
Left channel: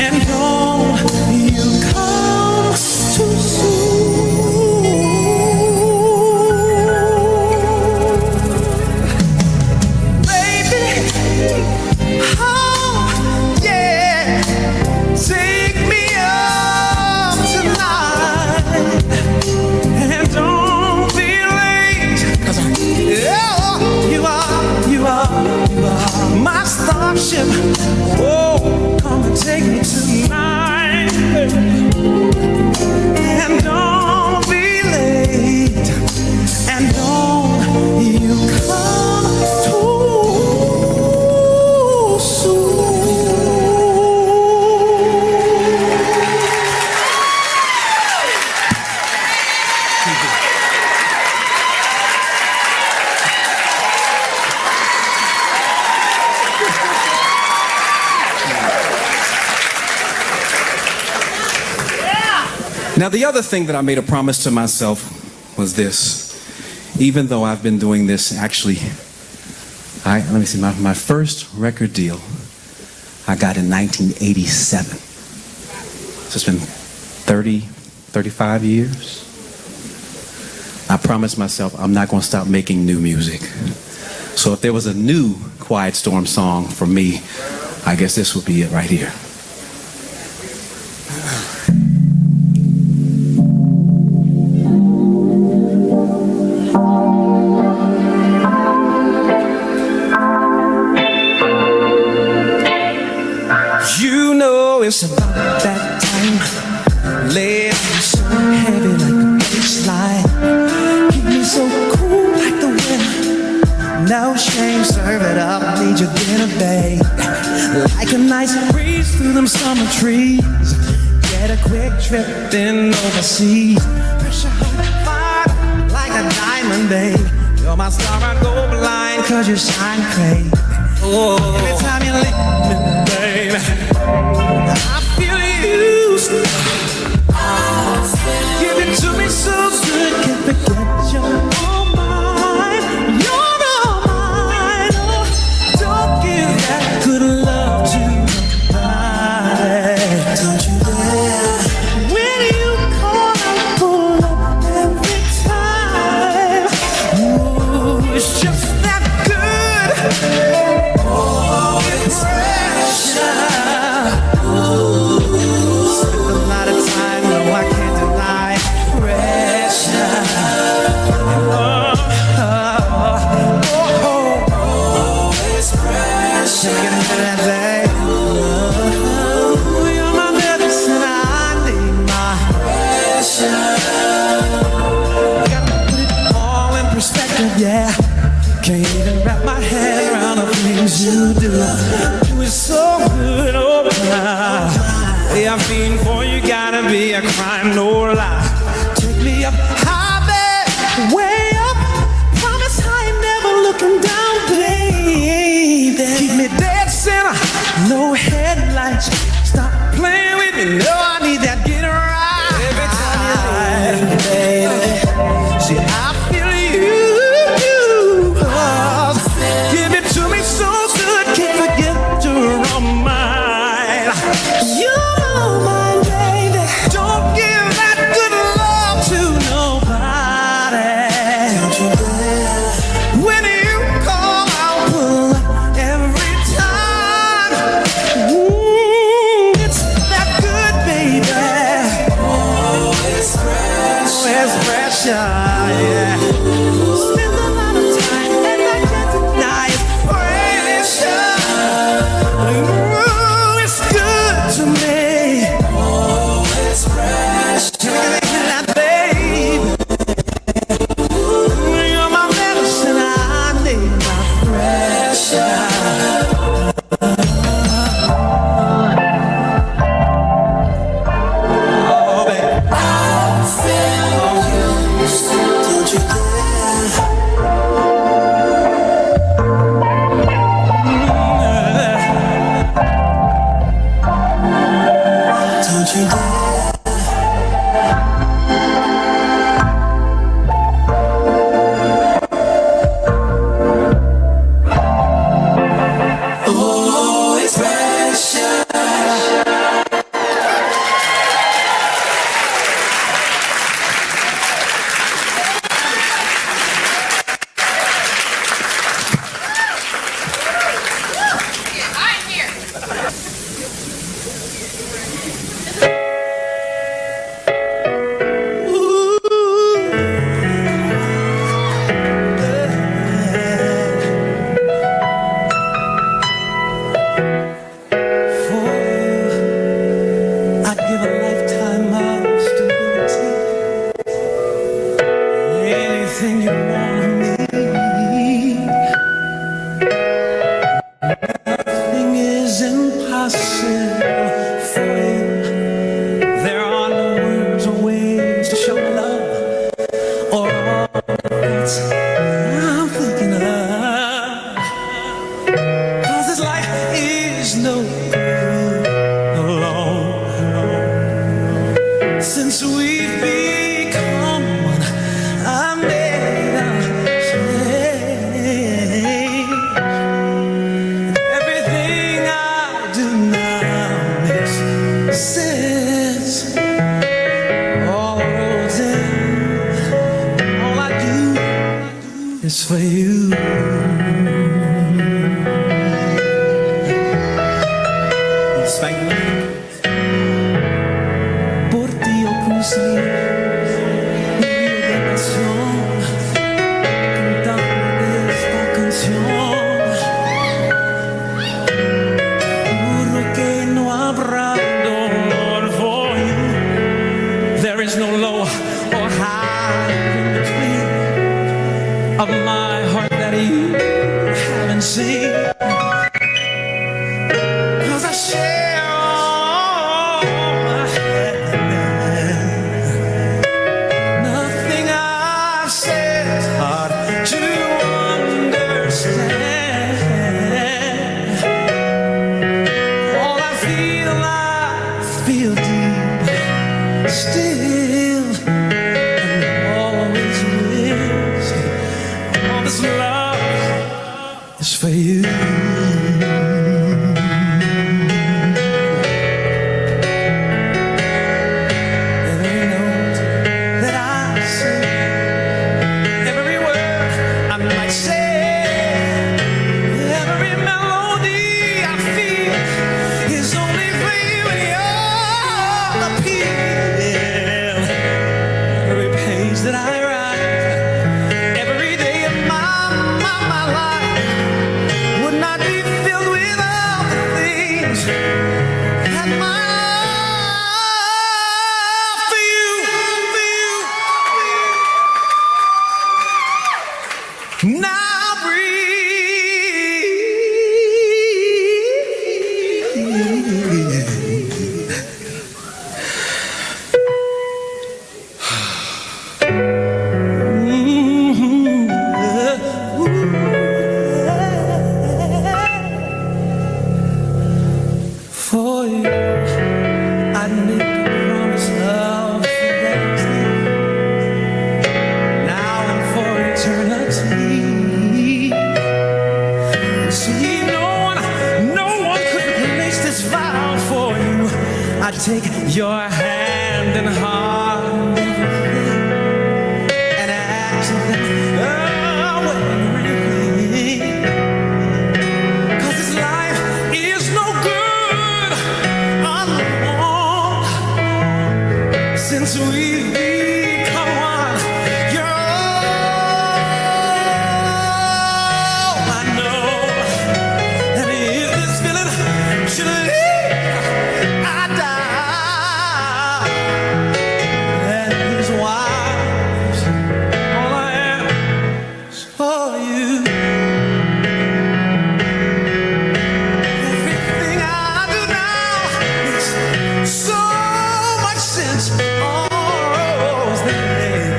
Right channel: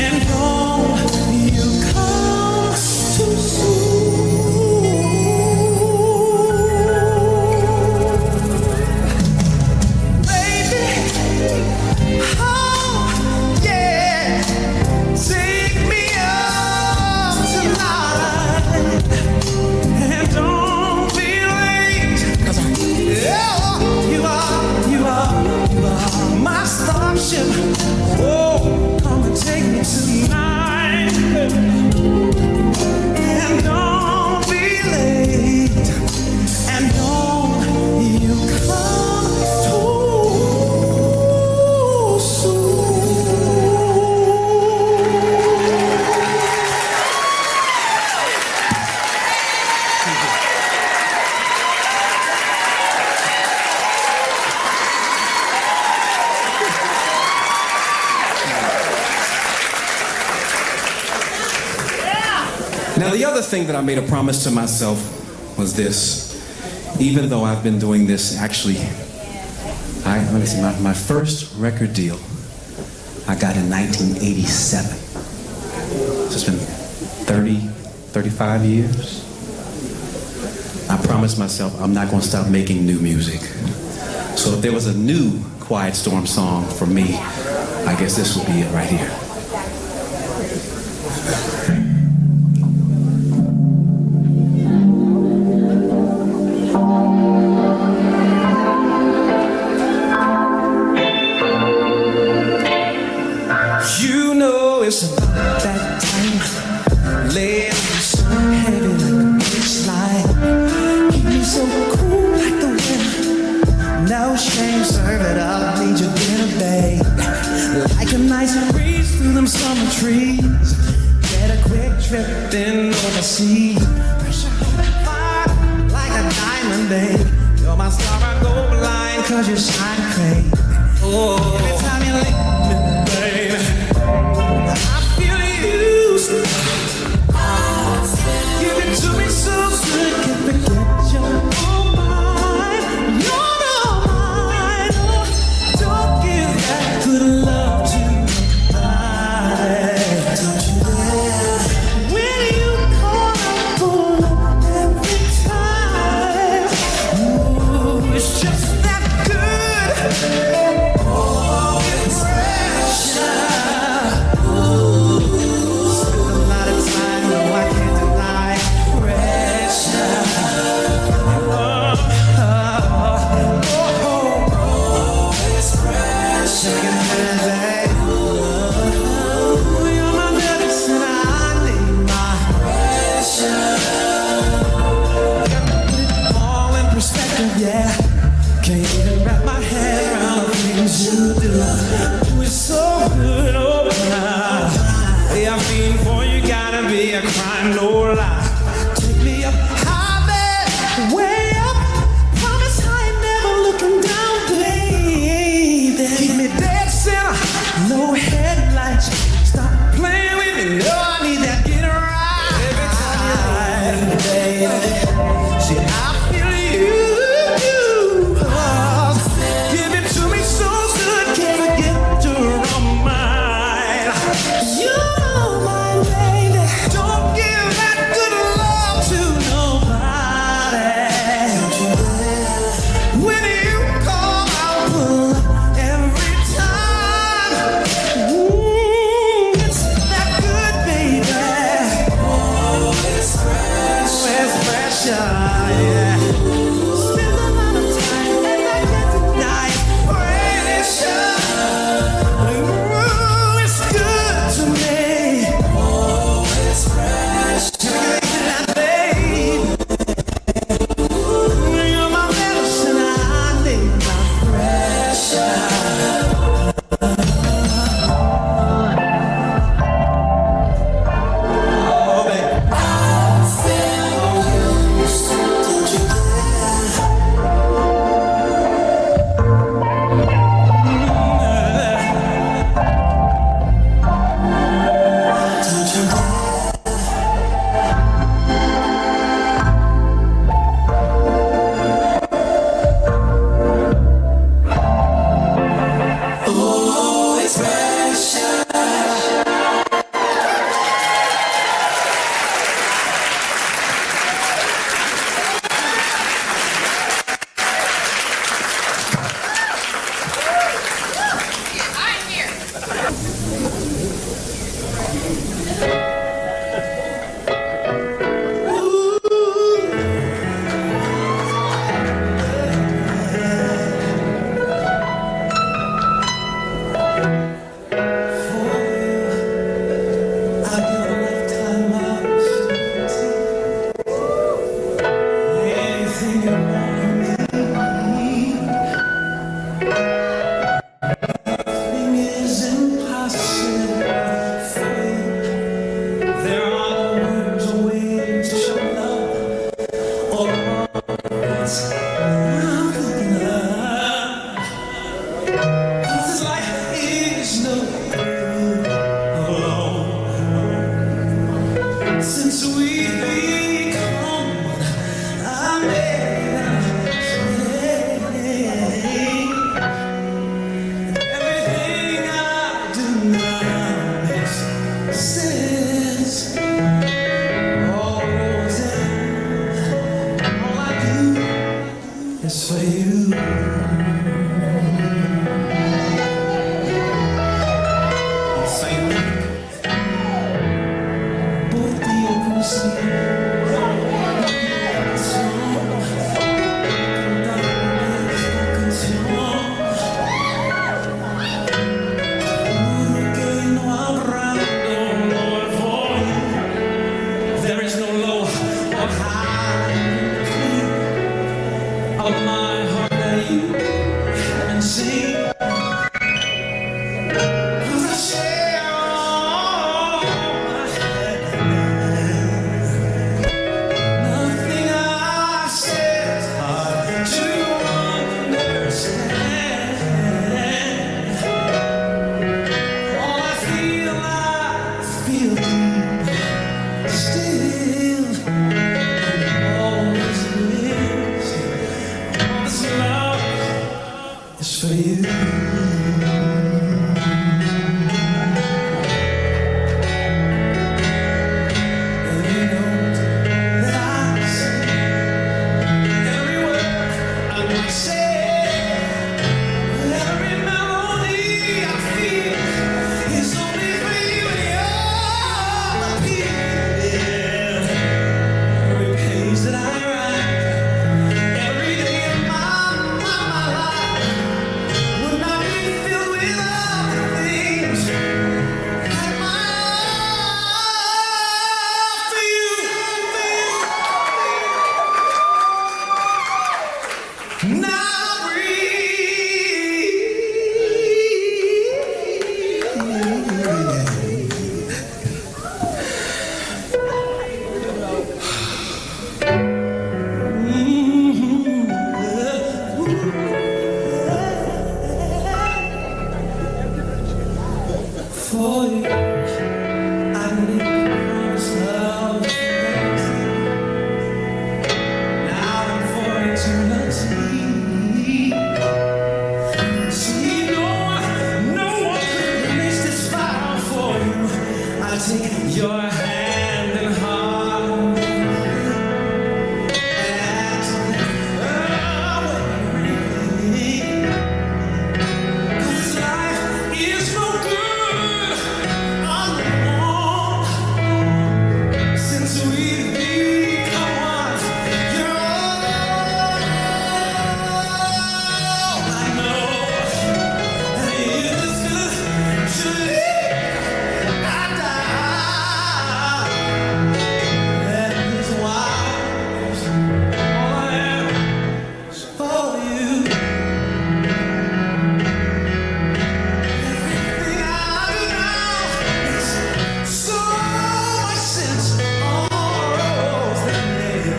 And don't you come too soon, baby. Oh, yeah. Take me up tonight. And don't be late. 'Cause you are my starship. Oh, come and take me tonight. And don't be late. And don't you come too soon. Now, the other thing that I made a promise to myself was this. Even though I've been doing this, actually, let me see, my first record deal I got in 1987. So it's been 35 years. I promised myself I'm not going to stop making new music. So if there was a new Quiet Storm song for me, I guess this would be it right here. You know it's about that time. Laying me so heavy like a baseline. Keep me so cool like the wind. No shame, serve it up, need your dinner, babe. Like a nice breeze through them summer trees. Get a quick trip in overseas. Pressure hold that fire like a diamond, babe. You're my star, I go blind 'cause you shine crazy. Oh, every time you lick me, baby, I feel used. Give it to me so good, can't forget you're all mine. You're all mine. Oh, don't give that good love to nobody. Don't you dare. When you call, I pull up every time. Ooh, it's just that good. Oh, it's fresh. anything you want of me. Nothing is impossible for you. There are no words or ways to show love or all that's I'm thinking of. 'Cause this life is no good alone. Since we've become one, I made a change. Everything I do now makes sense. All roads end, all I do is for you. Por ti yo conseguí una canción, cantando esta canción. Juro que no habrá dolor for you. There is no low or high between of my heart that you haven't seen. 'Cause I share all I have. Nothing I've said is hard to understand. All I feel deep still. And always will say, all this love is for you. Every note that I sing, every word I might say, every melody I feel is only for you and your appeal. Every page that I write, every day of my life would not be filled without the things that my love for you. Now for you, I'd make a promise of fidelity, now and for eternity. See, no one could replace this vow for you. I'd take your hand and heart and act away. 'Cause this life is no good alone. Since we've become one, you're all I know. And if this feeling should leave, I die. That is why all I am is for you. Everything I do now makes so much sense. All roads that lead,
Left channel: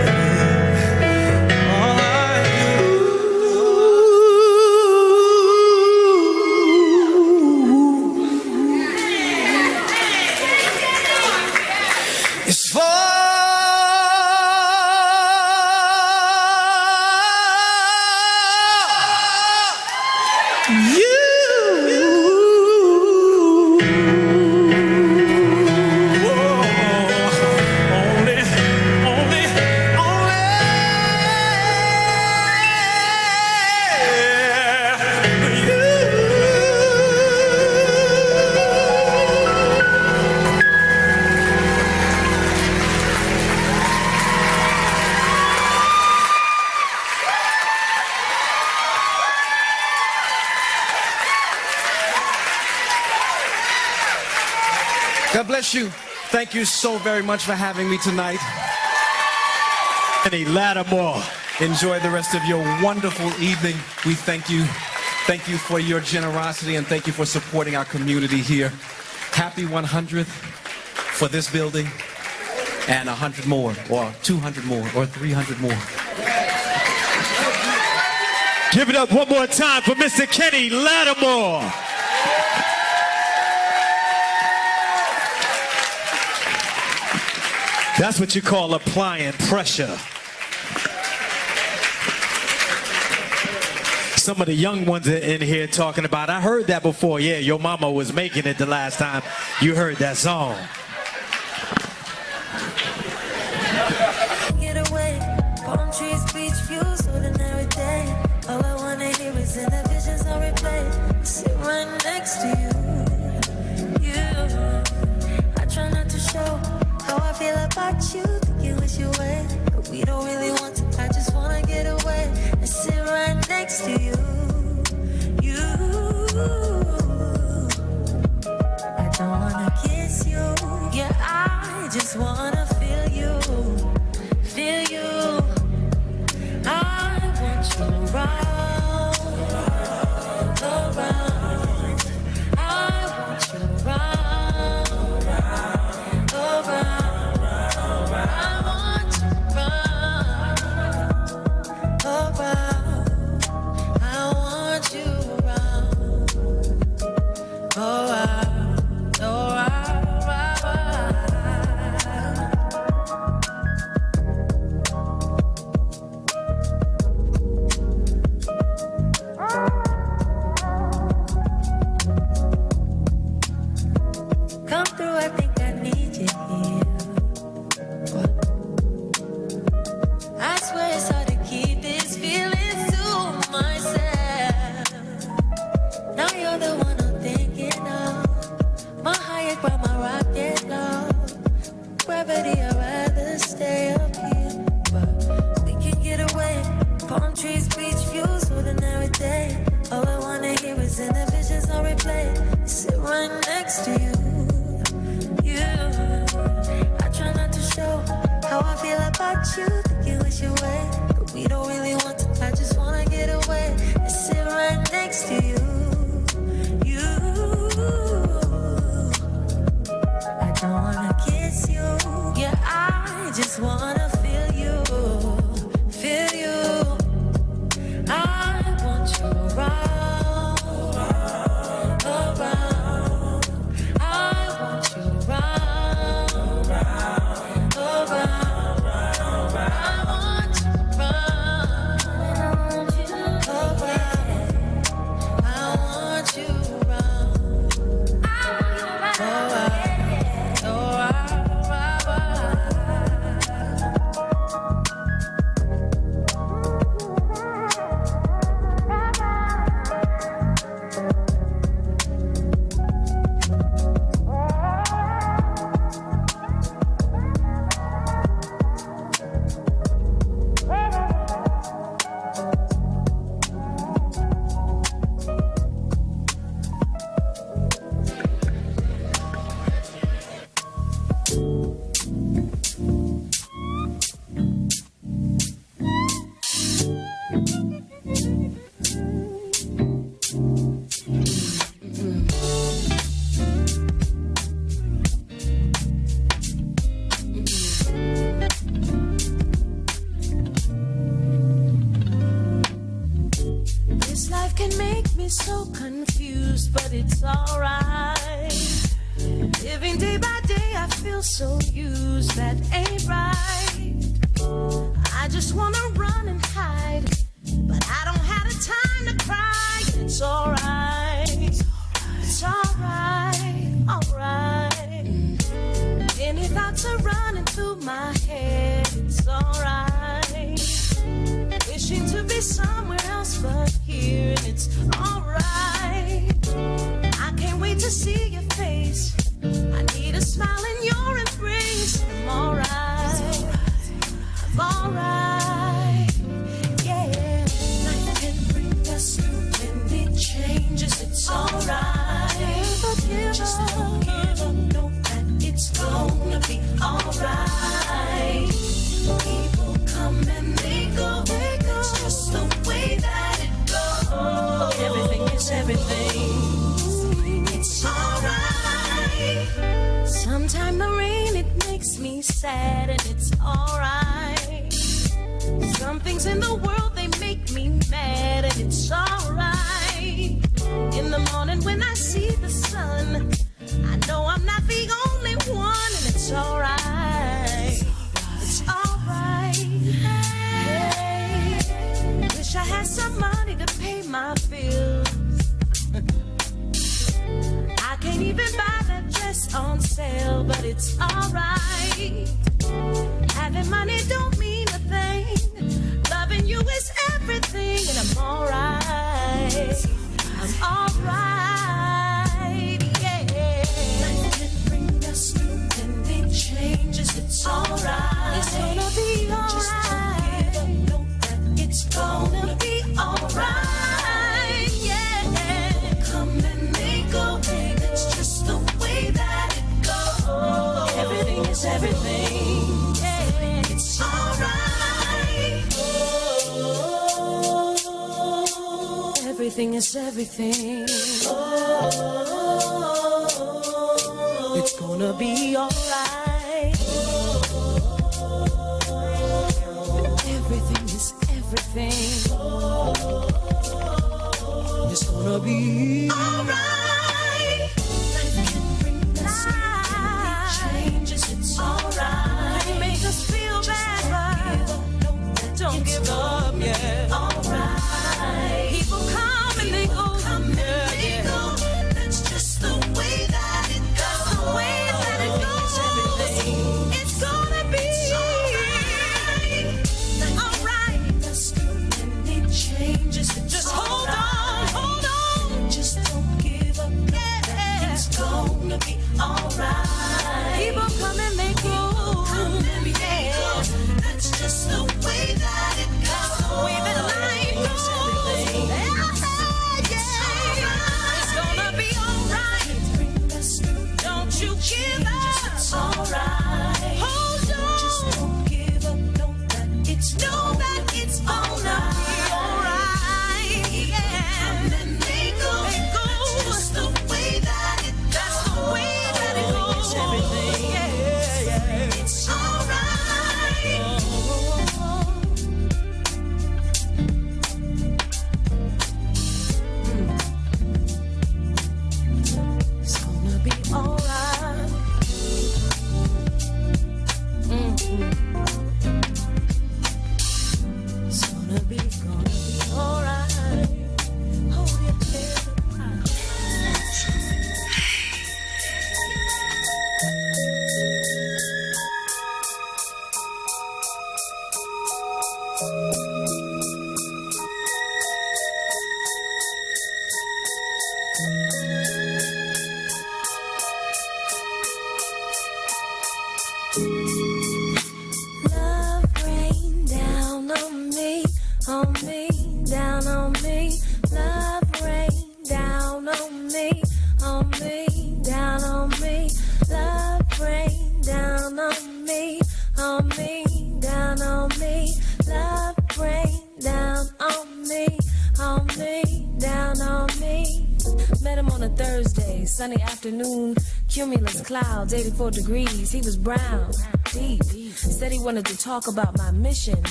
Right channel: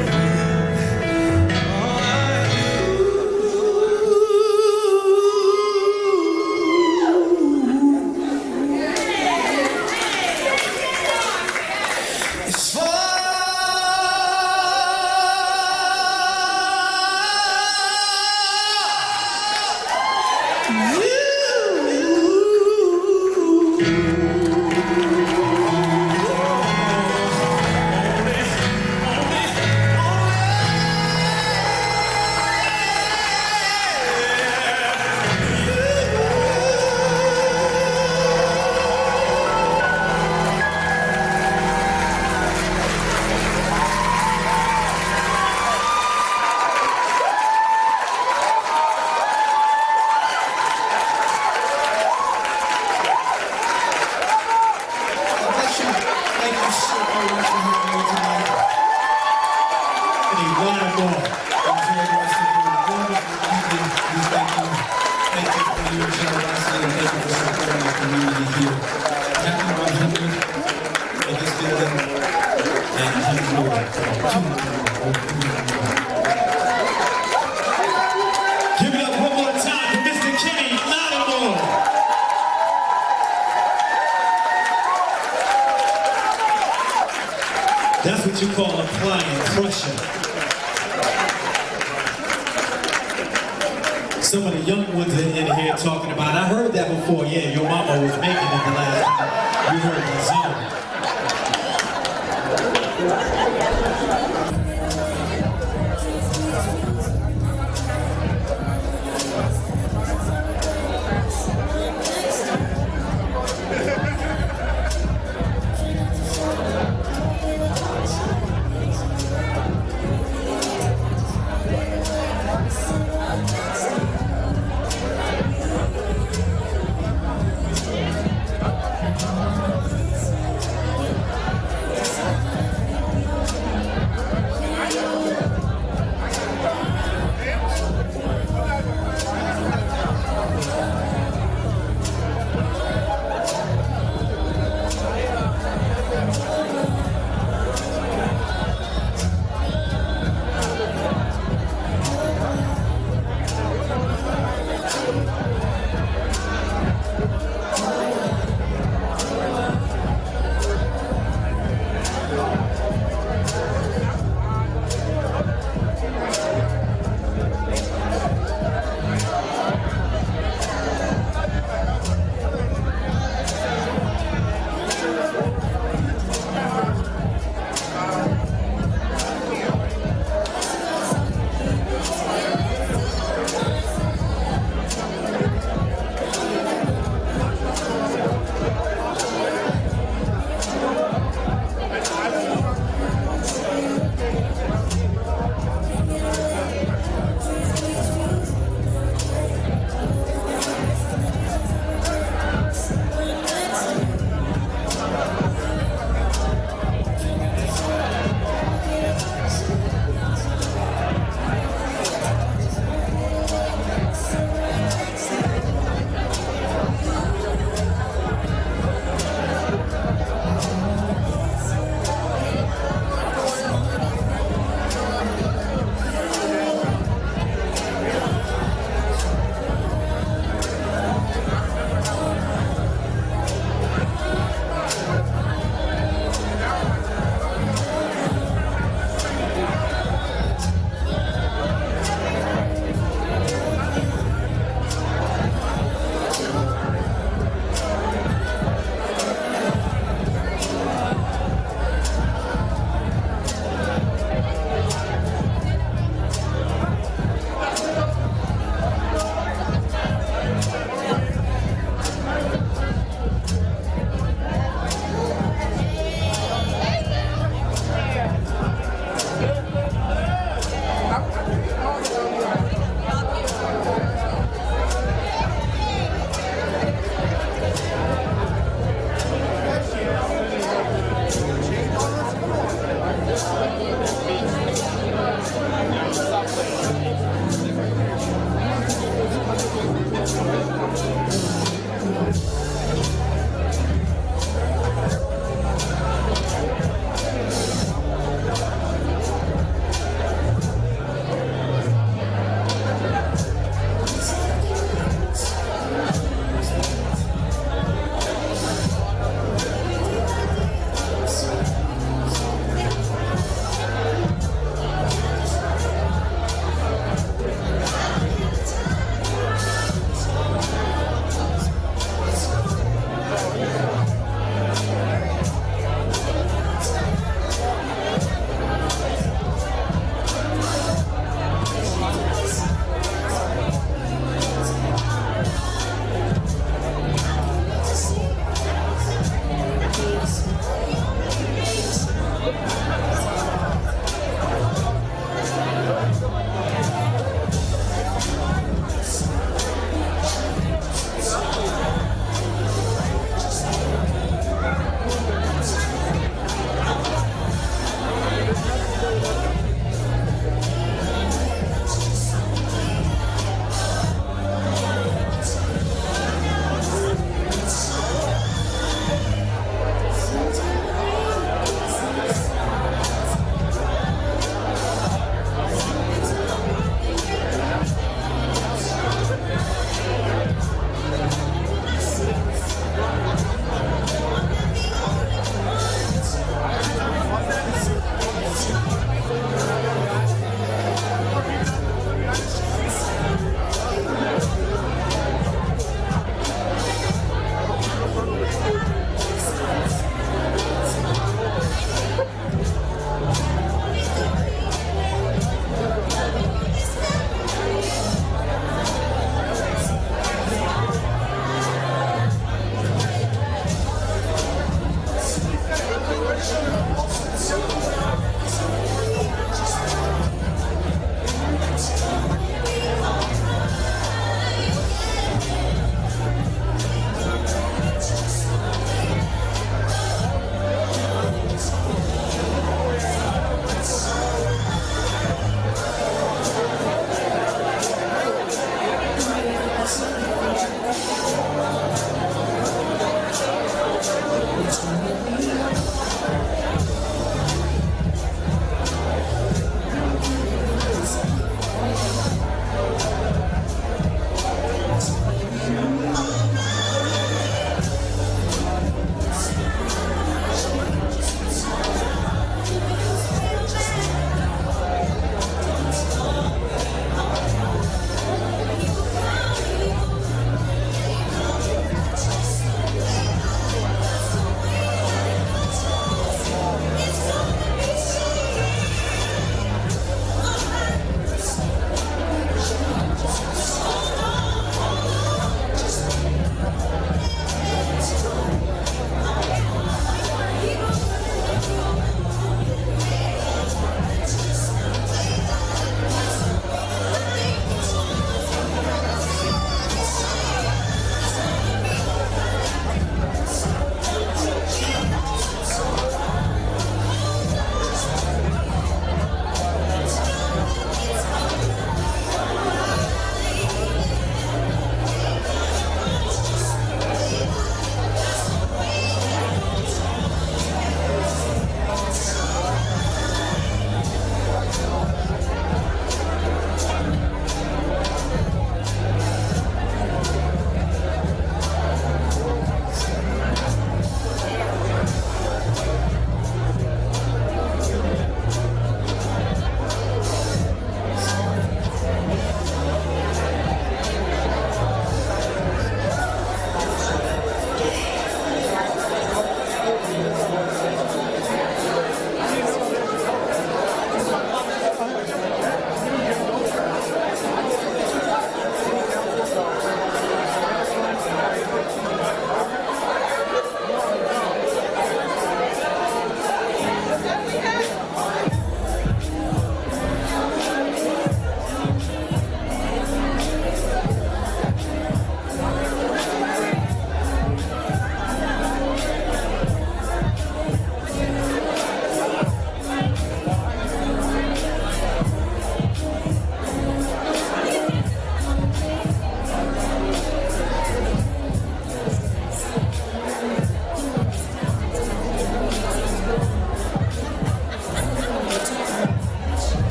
all I do is for God bless you. Thank you so very much for having me tonight. Kenny Lattimore. Enjoy the rest of your wonderful evening. We thank you. Thank you for your generosity and thank you for supporting our community here. Happy 100 for this building and 100 more, or 200 more, or 300 more. Give it up one more time for Mr. Kenny Lattimore. That's what you call applying pressure. Some of the young ones in here talking about, I heard that before. Yeah, your mama was making it the last time you heard that song. Kiss you.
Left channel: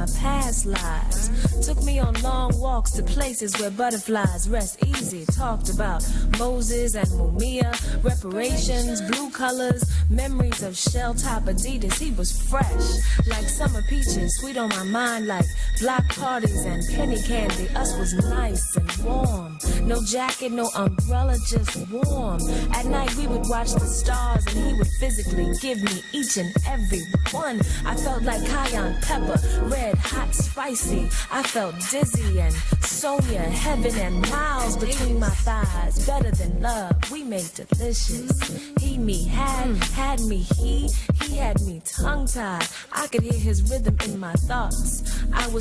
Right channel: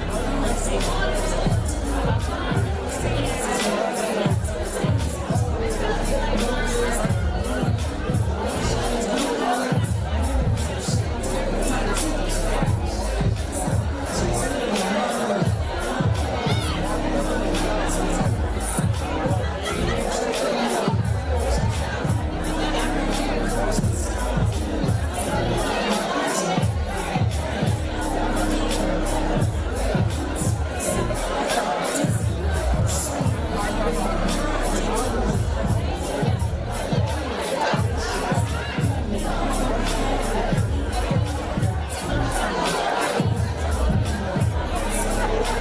my past lives. Took me on long walks to places where butterflies rest easy. Talked about Moses and Mia, reparations, blue colors, memories of shell-top Adidas. He was fresh, like summer beaches. Sit on my mind like block parties and penny candy. Us was nice. No jacket, no umbrella, just warm. At night we would watch the stars and he would physically give me each and every one. I felt like cayenne pepper, red, hot, spicy. I felt dizzy and soya, heaven and miles between my thighs. Better than love, we were delicious. He had me, he had me tongue-tied. I could hear his rhythm in my thoughts. I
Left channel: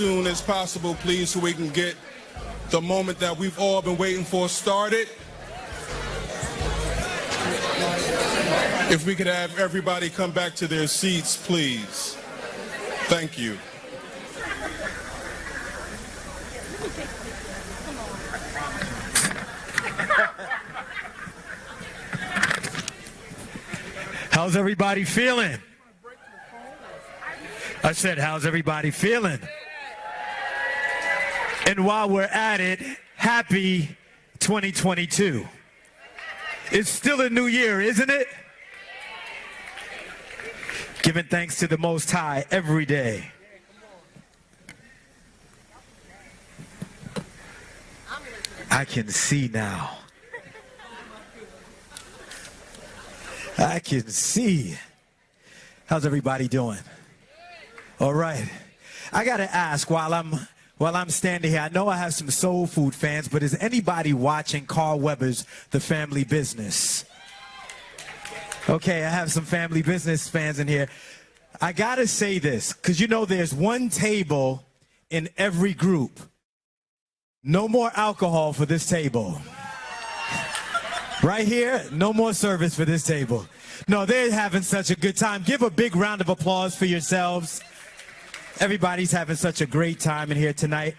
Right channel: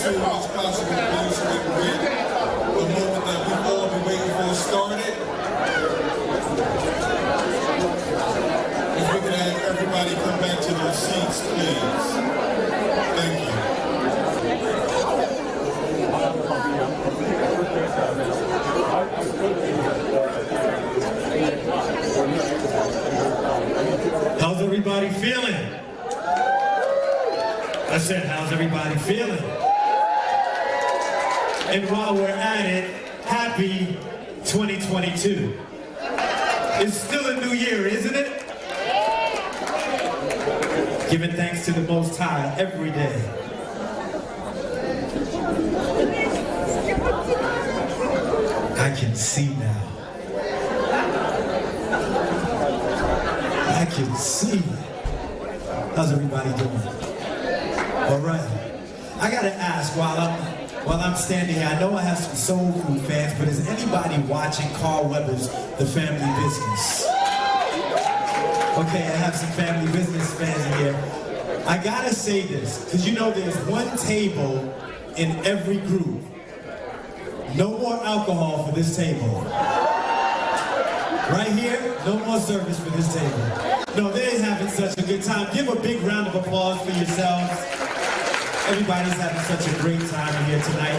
soon as possible, please, so we can get the moment that we've all been waiting for started. If we could have everybody come back to their seats, please. Thank you. How's everybody feeling? I said, how's everybody feeling? And while we're at it, happy 2022. It's still a new year, isn't it? Giving thanks to the Most High every day. I can see now. I can see. How's everybody doing? All right. I gotta ask while I'm standing here, I know I have some soul food fans, but is anybody watching Carl Weathers' The Family Business? Okay, I have some family business fans in here. I gotta say this, because you know there's one table in every group. No more alcohol for this table. Right here, no more service for this table. No, they're having such a good time. Give a big round of applause for yourselves. Everybody's having such a great time in here tonight.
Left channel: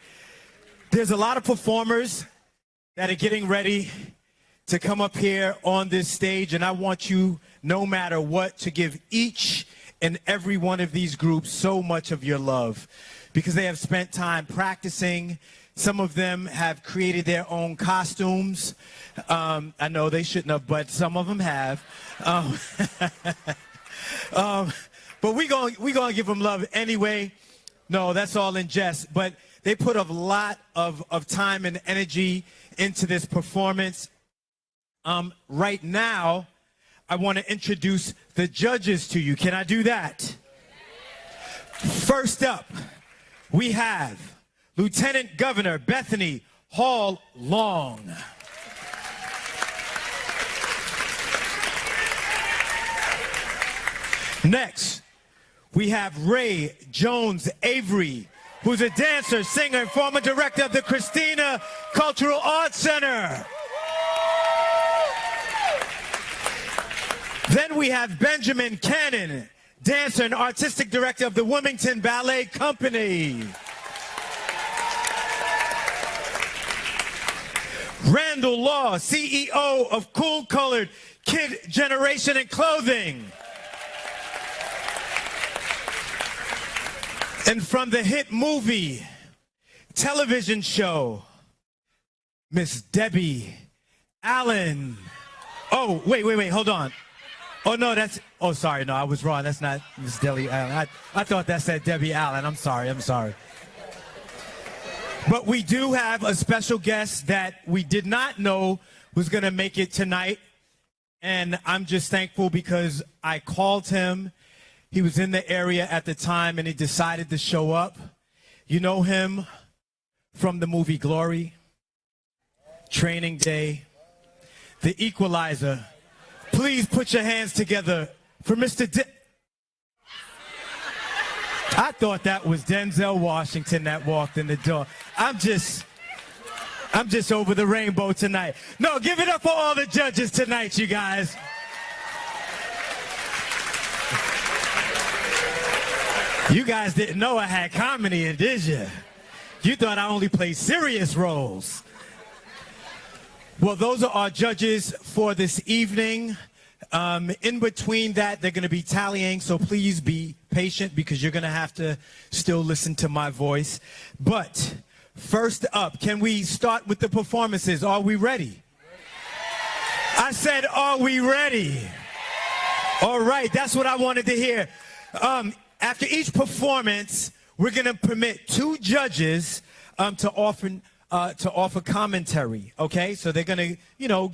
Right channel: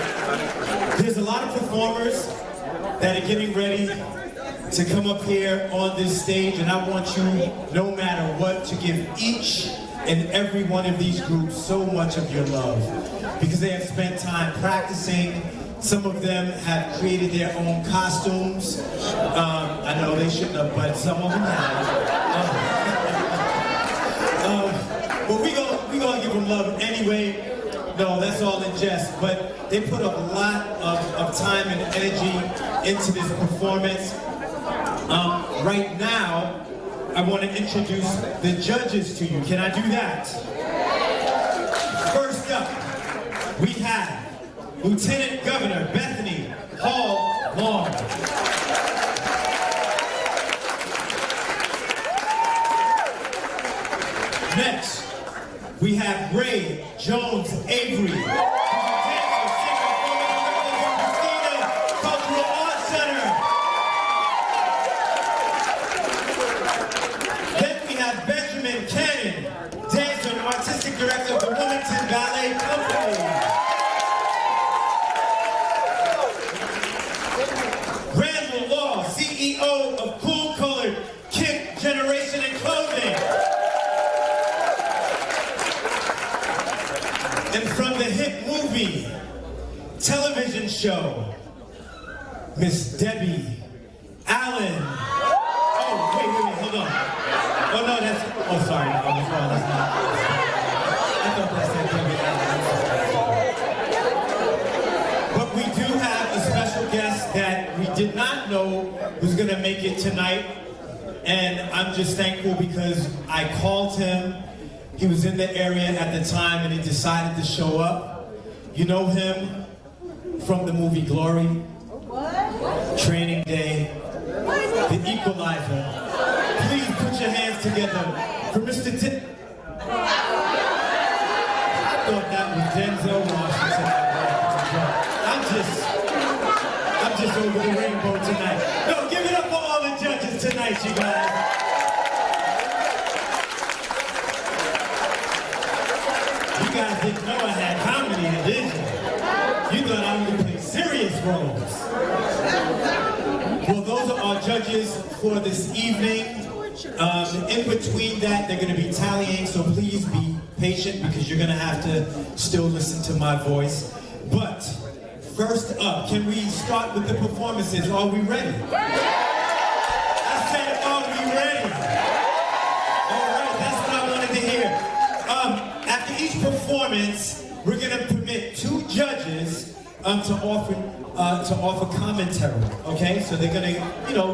There's a lot of performers that are getting ready to come up here on this stage, and I want you, no matter what, to give each and every one of these groups so much of your love, because they have spent time practicing. Some of them have created their own costumes. I know they shouldn't have, but some of them have. But we're gonna give them love anyway. No, that's all in jest. But they put a lot of time and energy into this performance. Right now, I want to introduce the judges to you. Can I do that? First up, we have Lieutenant Governor Bethany Hall Long. Next, we have Ray Jones Avery, who's a dancer, singer, former director of the Christina Cultural Arts Center. Then we have Benjamin Cannon, dancer and artistic director of the Wilmington Ballet Company. Randall Law, CEO of Cool Colored Kid Generation and Clothing. And from the hit movie, television show, Miss Debbie Allen. Oh, wait, hold on. Oh, no, sorry, no, I was wrong. That's not, it's Debbie Allen. I thought that said Debbie Allen. I'm sorry. But we do have a special guest that we did not know was going to make it tonight. And I'm just thankful because I called him. He was in the area at the time and he decided to show up. You know him from the movie Glory, Training Day, The Equalizer. Please put your hands together for Mr. I thought that was Denzel Washington that walked in the door. I'm just over the rainbow tonight. No, give it up for all the judges tonight, you guys. You guys didn't know I had comedy in, did you? You thought I only played serious roles. Well, those are our judges for this evening. In between that, they're going to be tallying, so please be patient because you're going to have to still listen to my voice. But first up, can we start with the performances? Are we ready? I said, are we ready? All right, that's what I wanted to hear. After each performance, we're going to permit two judges to offer commentary, okay? So they're going to,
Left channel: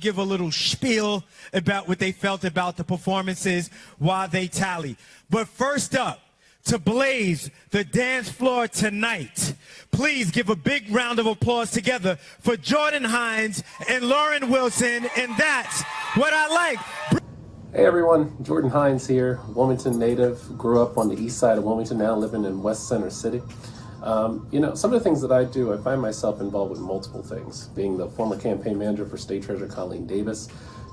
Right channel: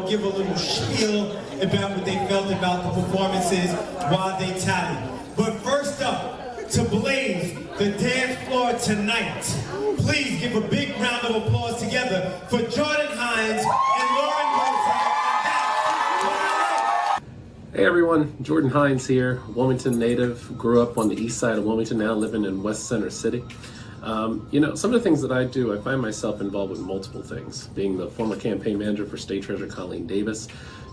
give a little spiel about what they felt about the performances while they tally. But first up, to blaze the dance floor tonight, please give a big round of applause together for Jordan Hines and Lauren Wilson, and that's what I like. Hey everyone, Jordan Hines here, Wilmington native, grew up on the east side of Wilmington, now living in West Center City. Some of the things that I do, I find myself involved with multiple things, being the former campaign manager for State Treasurer Colleen Davis,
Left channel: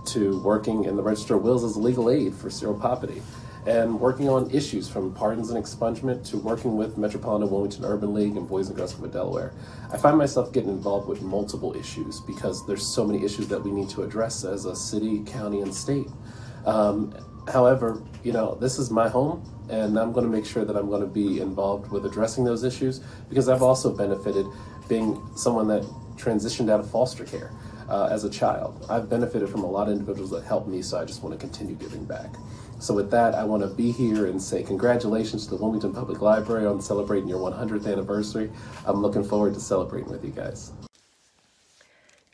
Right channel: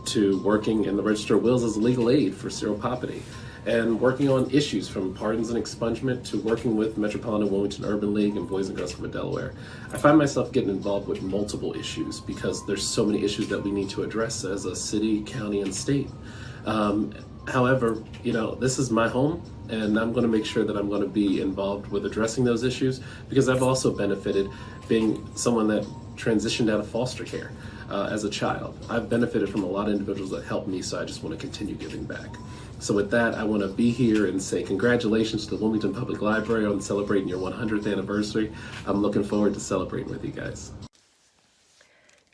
to working in the Register of Wills as legal aid for seropoverty, and working on issues from pardons and expungement to working with Metropolitan Wilmington Urban League and Boys and Girls from Delaware. I find myself getting involved with multiple issues because there's so many issues that we need to address as a city, county, and state. However, this is my home, and I'm going to make sure that I'm going to be involved with addressing those issues because I've also benefited being someone that transitioned out of foster care as a child. I've benefited from a lot of individuals that helped me, so I just want to continue giving back. So with that, I want to be here and say congratulations to the Wilmington Public Library on celebrating your 100th anniversary. I'm looking forward to celebrating with you guys.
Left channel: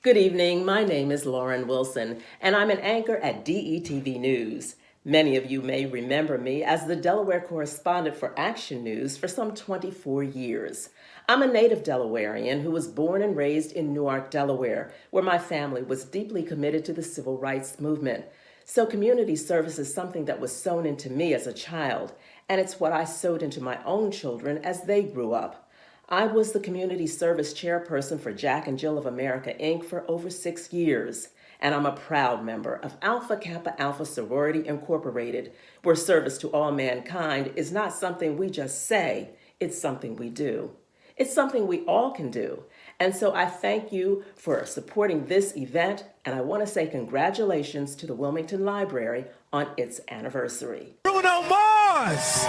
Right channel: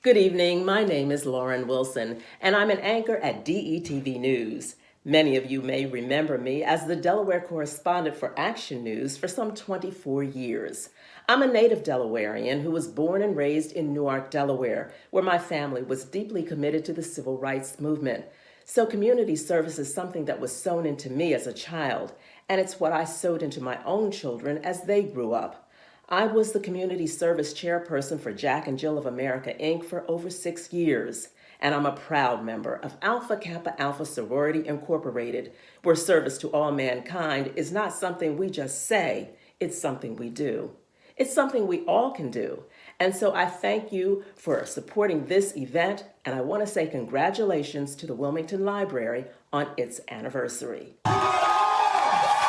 Good evening. My name is Lauren Wilson, and I'm an anchor at DETV News. Many of you may remember me as the Delaware correspondent for Action News for some 24 years. I'm a native Delawarean who was born and raised in Newark, Delaware, where my family was deeply committed to the civil rights movement. So community service is something that was sewn into me as a child, and it's what I sewed into my own children as they grew up. I was the community service chairperson for Jack and Jill of America, Inc. for over 6 years, and I'm a proud member of Alpha Kappa Alpha Sorority Incorporated, where service to all mankind is not something we just say, it's something we do. It's something we all can do. And so I thank you for supporting this event, and I want to say congratulations to the Wilmington Library on its anniversary. Bruno Mars!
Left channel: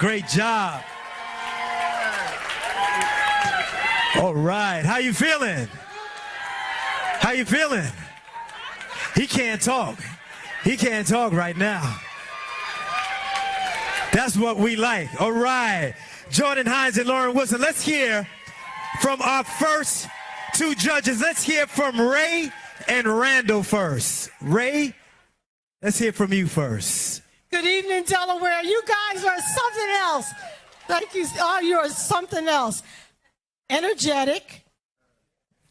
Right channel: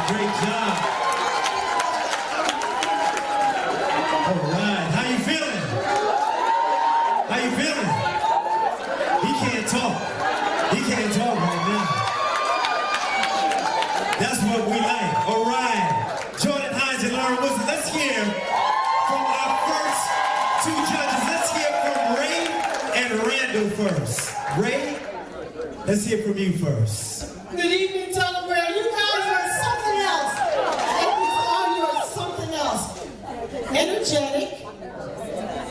Great job. All right, how you feeling? How you feeling? He can't talk. He can't talk right now. That's what we like. All right, Jordan Hines and Lauren Wilson, let's hear from our first two judges. Let's hear from Ray and Randall first. Ray, let's hear from you first. Good evening, Delaware. You guys are something else. Thank you, Scott. You're something else. Energetic.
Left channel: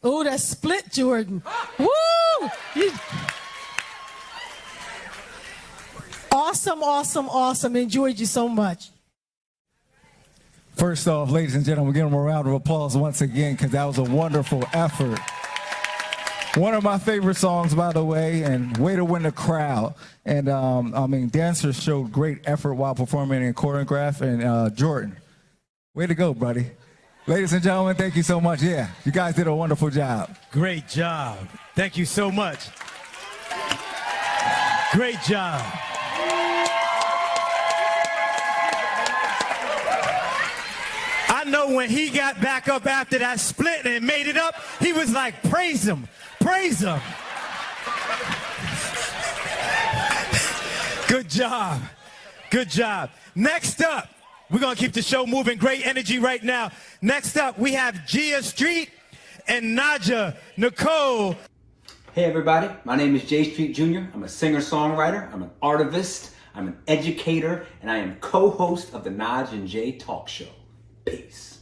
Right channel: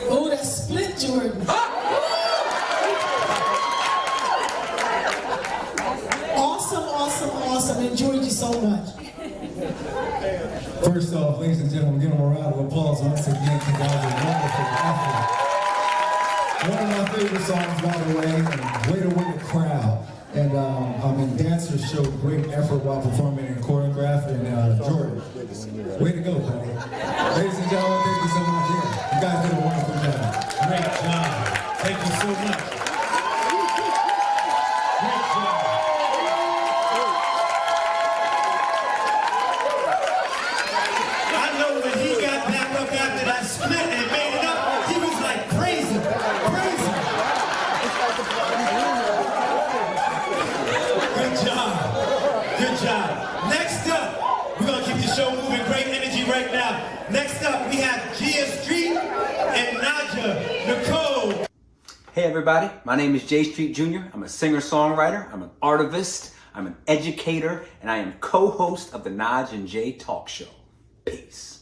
Oh, that split, Jordan. Woo! Awesome, awesome, awesome. Enjoyed you so much. First off, ladies and gentlemen, give them a round of applause once again, because that was a wonderful effort. One of my favorite songs, by the way, and way to win the crowd. And dancers showed great effort while performing and choreographing. Jordan, way to go, buddy. Ladies and gentlemen, thank you so much. Yeah, you guys did a wonderful job. Great job. Thank you so much. Great job. I know when he got back up after that split and made it up, he was like, praise him, praise him. Good job, good job. Next up, we're gonna keep the show moving, great energy right now. Next up, we have Gia Street and Naja Nicole. Hey everybody, my name is J Street Jr. I'm a singer-songwriter, I'm an artivist, I'm an educator, and I am co-host of the Naj and Jay Talk Show. Peace.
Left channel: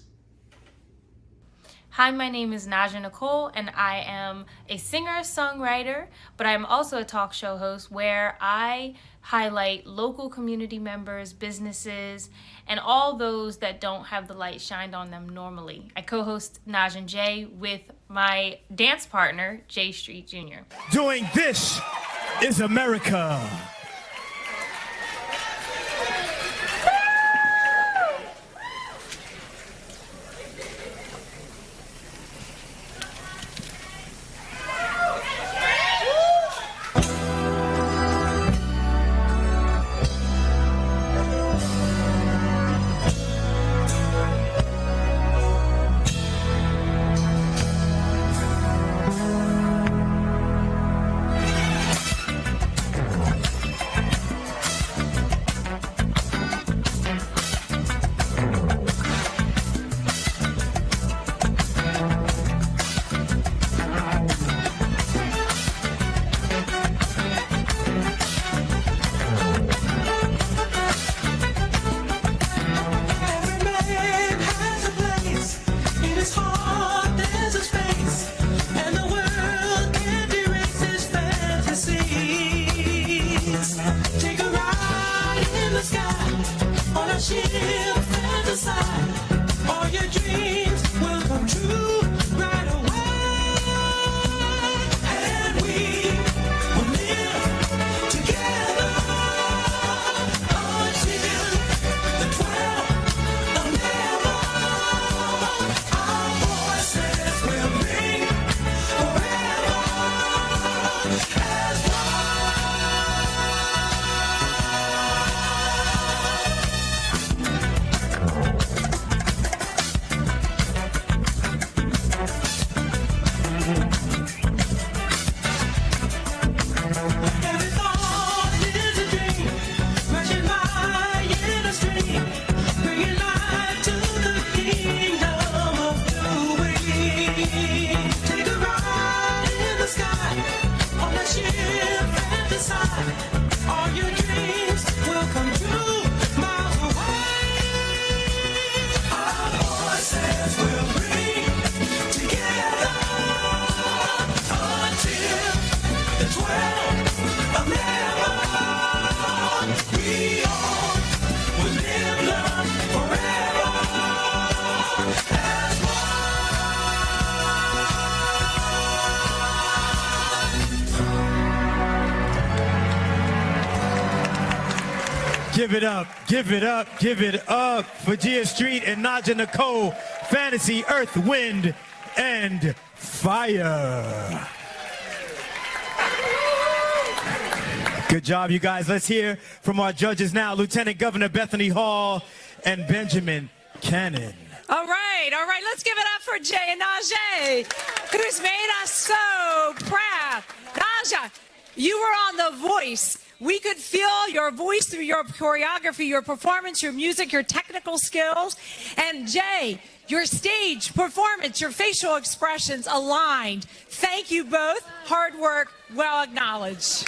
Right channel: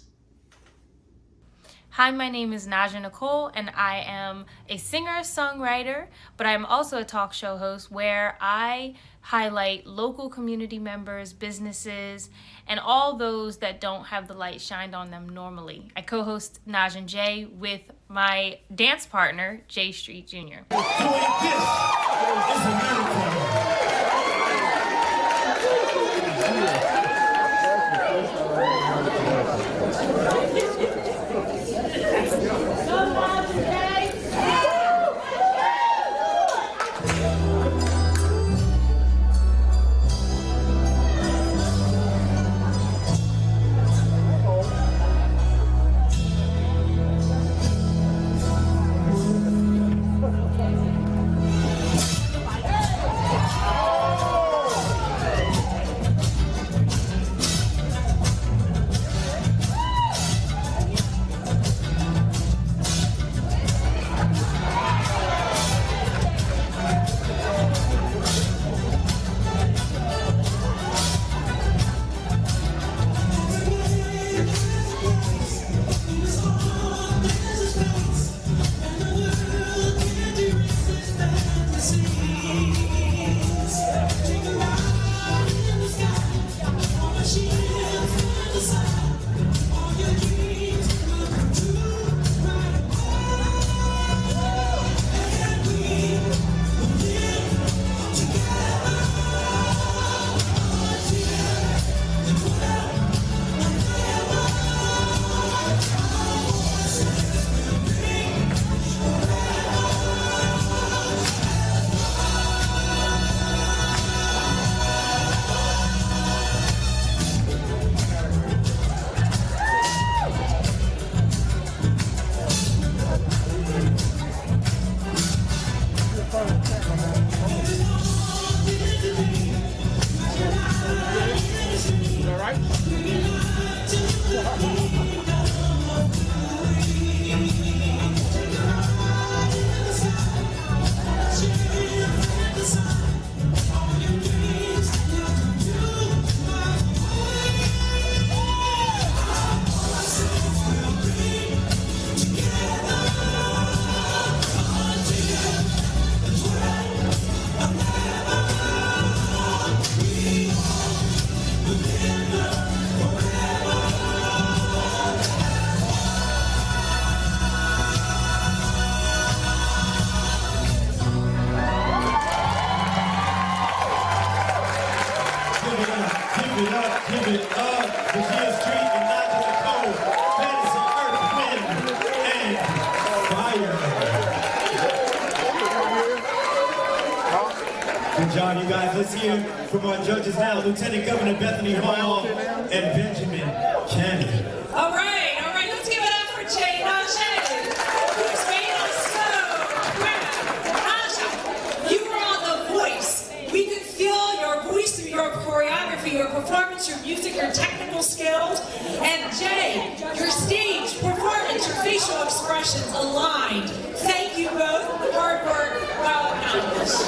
Hi, my name is Naja Nicole, and I am a singer-songwriter, but I'm also a talk show host where I highlight local community members, businesses, and all those that don't have the light shined on them normally. I co-host Naj and Jay with my dance partner, J Street Jr. Doing This Is America. Give it up for Gia Street and Naja Nicole, Fantasy, Earth, Wind, and Fire. Good job, you guys. Let's hear from our judges now, Lieutenant Governor Bethany Hall and Benjamin Cannon. All right, let's give it up for Jay and Najee, who's made us so proud. Naja, you were on The Voice. We could feel your voice through your choreography, your performance, your music, your technical skills. And Jay, your stage performance, your facial expressions aligned. Thank you both. Hard work, well acknowledged.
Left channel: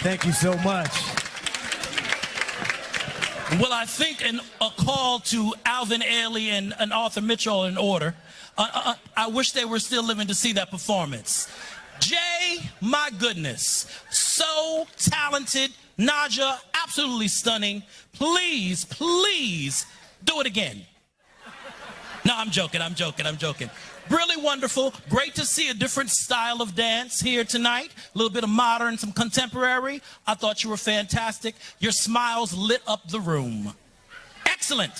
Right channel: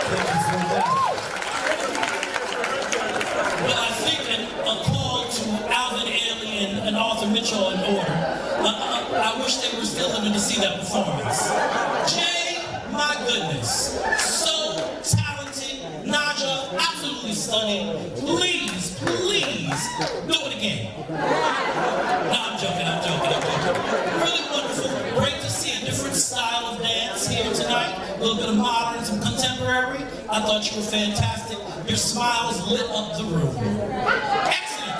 Thank you so much. Well, I think a call to Alvin Ailey and Arthur Mitchell in order. I wish they were still living to see that performance. Jay, my goodness, so talented. Naja, absolutely stunning. Please, please, do it again. No, I'm joking. Really wonderful. Great to see a different style of dance here tonight. A little bit of modern to contemporary. I thought you were fantastic. Your smiles lit up the room. Excellent.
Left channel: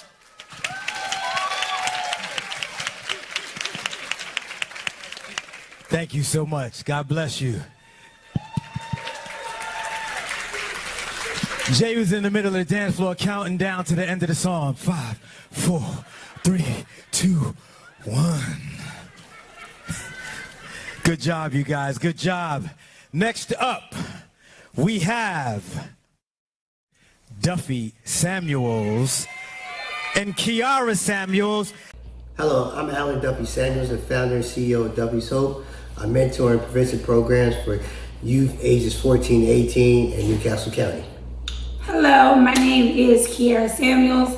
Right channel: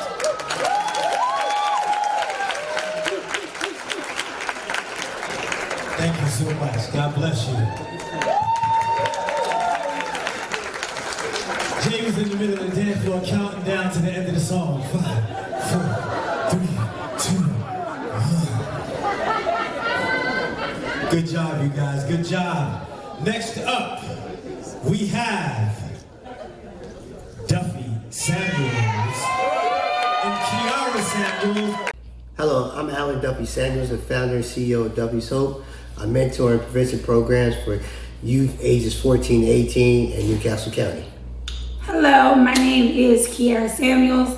Thank you so much. God bless you. James in the middle of the dance floor counting down to the end of the song. 5, 4, 3, 2, 1. Good job, you guys. Good job. Next up, we have Duffy Samuels and Kiara Samuels. Hello, I'm Alan Duffy Samuels, the founder and CEO of Duffy's Hope. I mentor and prevention programs for youth ages 14 to 18 in Newcastle County. Hello, my name is Kiara Samuels.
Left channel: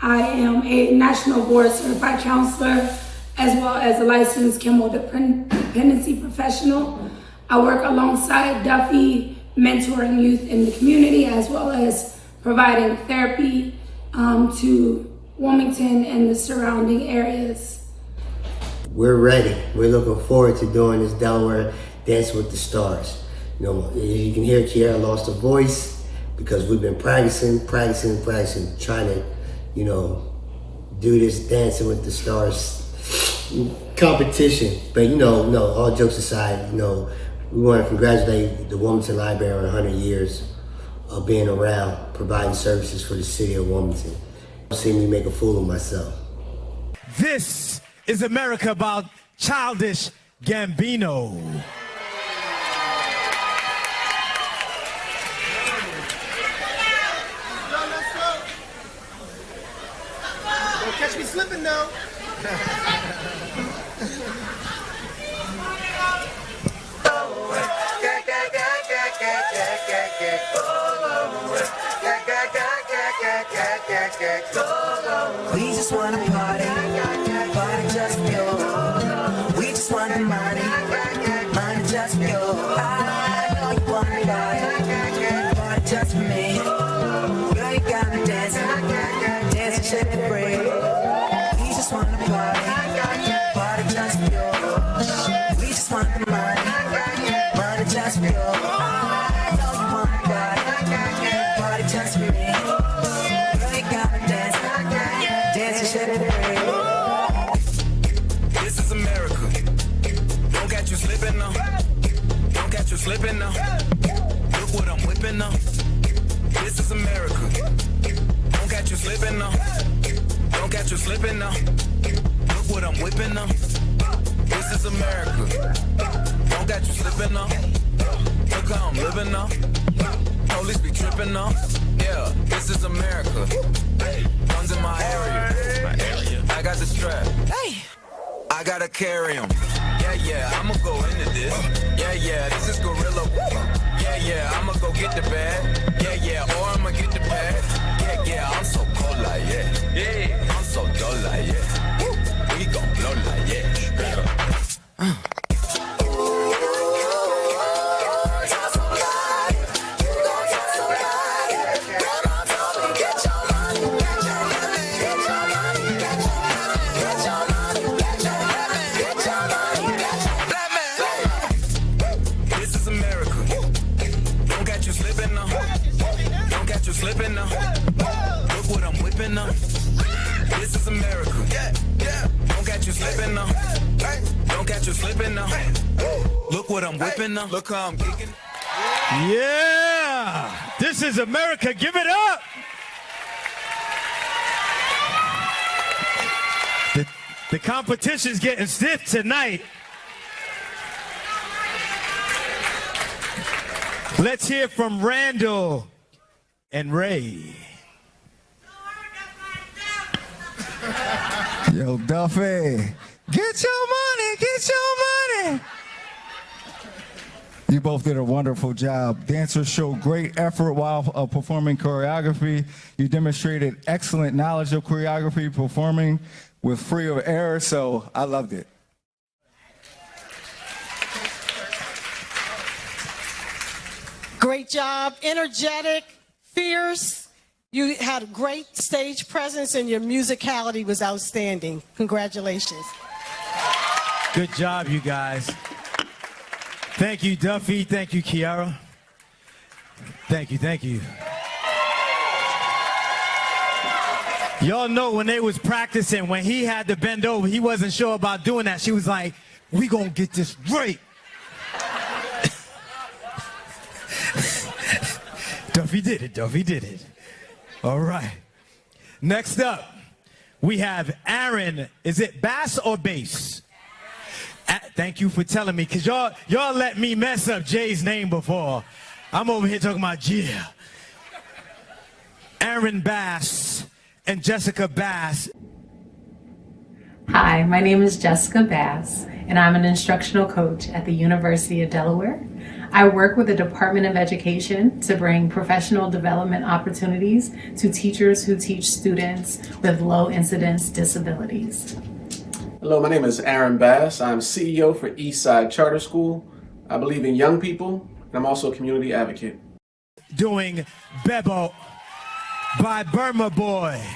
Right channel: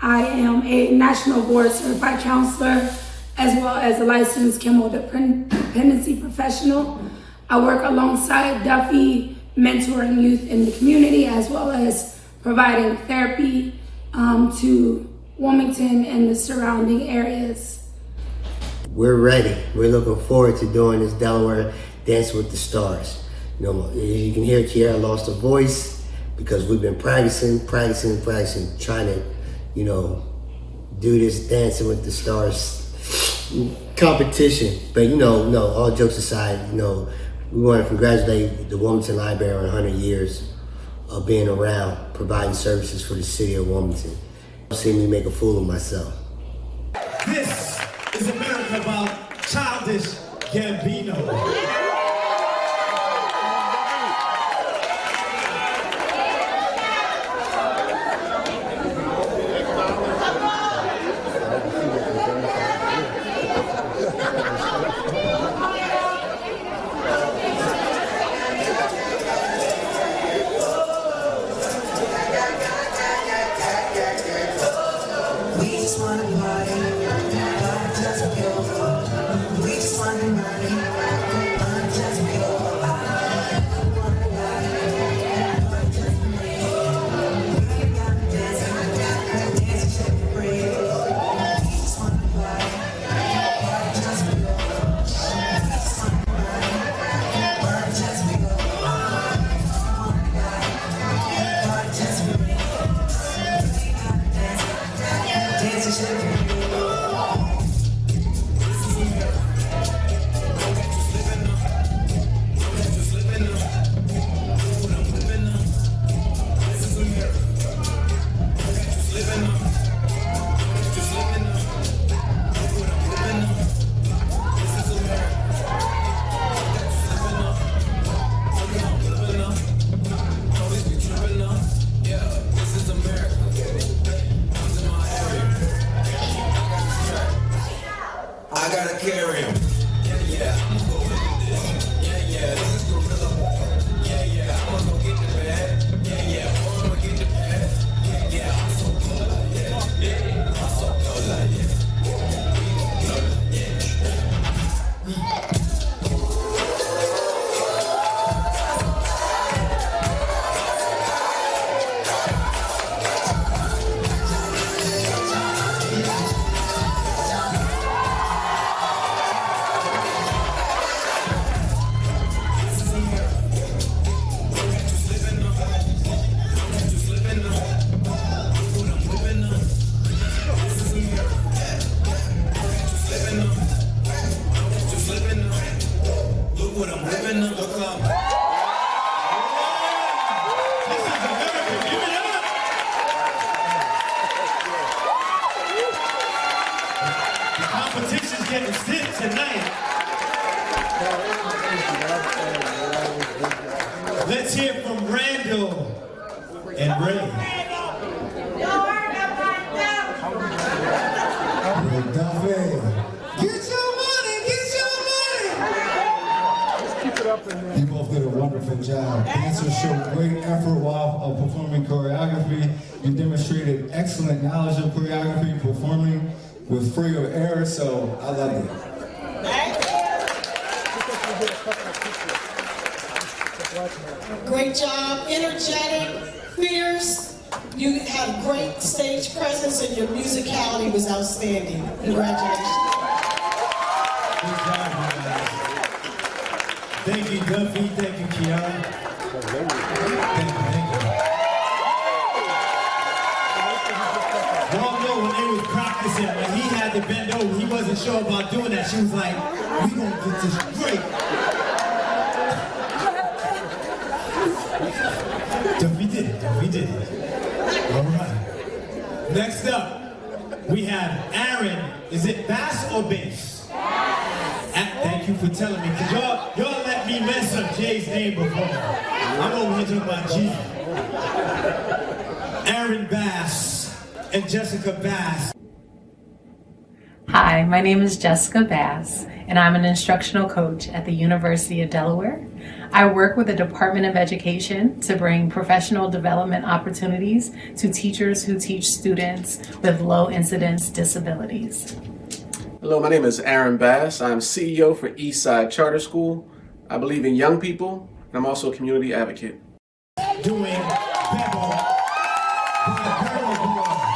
I am a National Board Certified Counselor as well as a licensed chemo dependency professional. I work alongside Duffy, mentoring youth in the community as well as providing therapy to Wilmington and the surrounding areas. We're ready. We're looking forward to doing this Delaware Dancing with the Stars. You know, you can hear Kiara lost her voice because we've been practicing, trying to, you know, do this Dancing with the Stars competition. But no, all jokes aside, we want to congratulate the Wilmington Library on 100 years of being around, providing services for the city of Wilmington. See me make a fool of myself. This is America about Childish Gambino. Competition's getting stiff tonight. Let's hear from Randall and Ray. Hey, Duffy, get your money, get your money. You both did a wonderful job. Dancers showed great effort while performing choreography. You demonstrated excellent knowledge of choreography, performing with free of error, so I loved it. Great job, energetic, fierce. You have great stage presence and your musicality was outstanding. Congratulations. Good job, you guys. Thank you, Duffy. Thank you, Kiara. Thank you. Y'all know when they was practicing, when he had to bend over, he wasn't sure about doing that. She was like, we gonna get this great. Duffy did it. All right. Next up, we have Aaron. Is it bass or bass? Thank you for telling me, because y'all let me mess up Jay's name before. I'm over here talking about Jay. Aaron Bass and Jessica Bass. Hi, my name is Jessica Bass, and I'm an instructional coach at the University of Delaware. I work with the Department of Education to bring professional development opportunities to teachers who teach students with low incidence disabilities. Hello, my name is Aaron Bass. I'm CEO for Eastside Charter School. I believe in young people, and I'm also a community advocate. Doing Bebo by Burma Boy.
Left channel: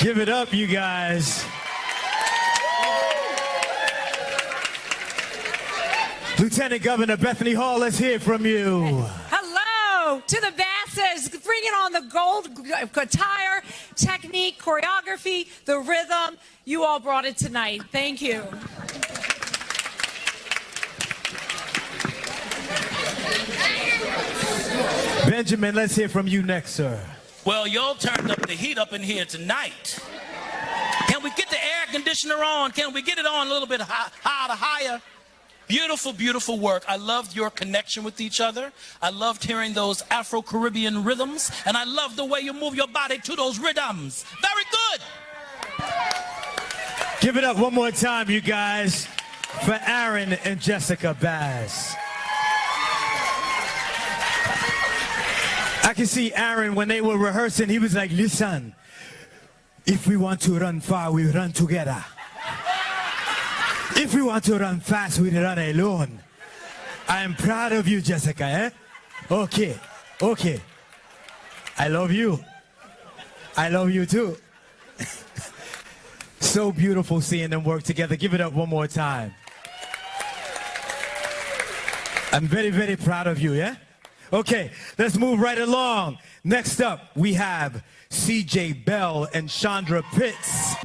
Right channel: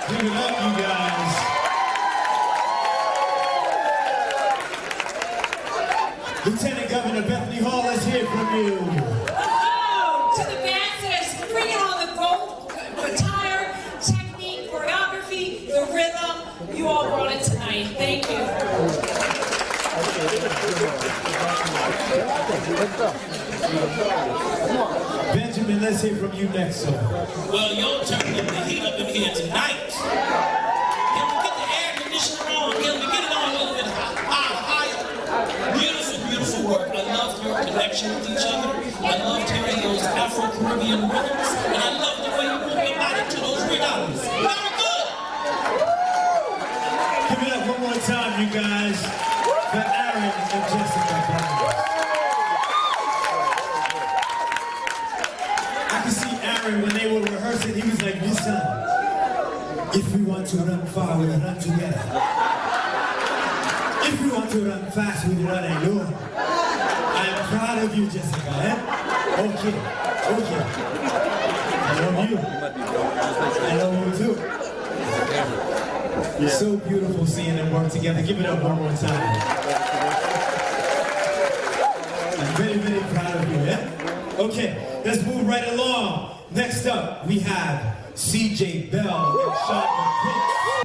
Give it up, you guys. Lieutenant Governor Bethany Hall is here from you. Hello to the Basses, bringing on the gold attire, technique, choreography, the rhythm. You all brought it tonight. Thank you. Benjamin, let's hear from you next, sir. Well, y'all turned up the heat up in here tonight. Can we get the air conditioner on? Can we get it on a little bit higher? Beautiful, beautiful beautiful work. I love your connection with each other. I love hearing those Afro-Caribbean rhythms, and I love the way you move your body to those rhythms. Very good. Give it up one more time, you guys, for Aaron and Jessica Bass. I can see Aaron when they were rehearsing, he was like, listen, if we want to run far, we run together. If we want to run fast, we run alone. I'm proud of you, Jessica, eh? Okay, okay. I love you. I love you too. So beautiful seeing them work together. Give it up one more time. I'm very, very proud of you, yeah? Okay, let's move right along. Next up, we have CJ Bell and Chandra Pitts.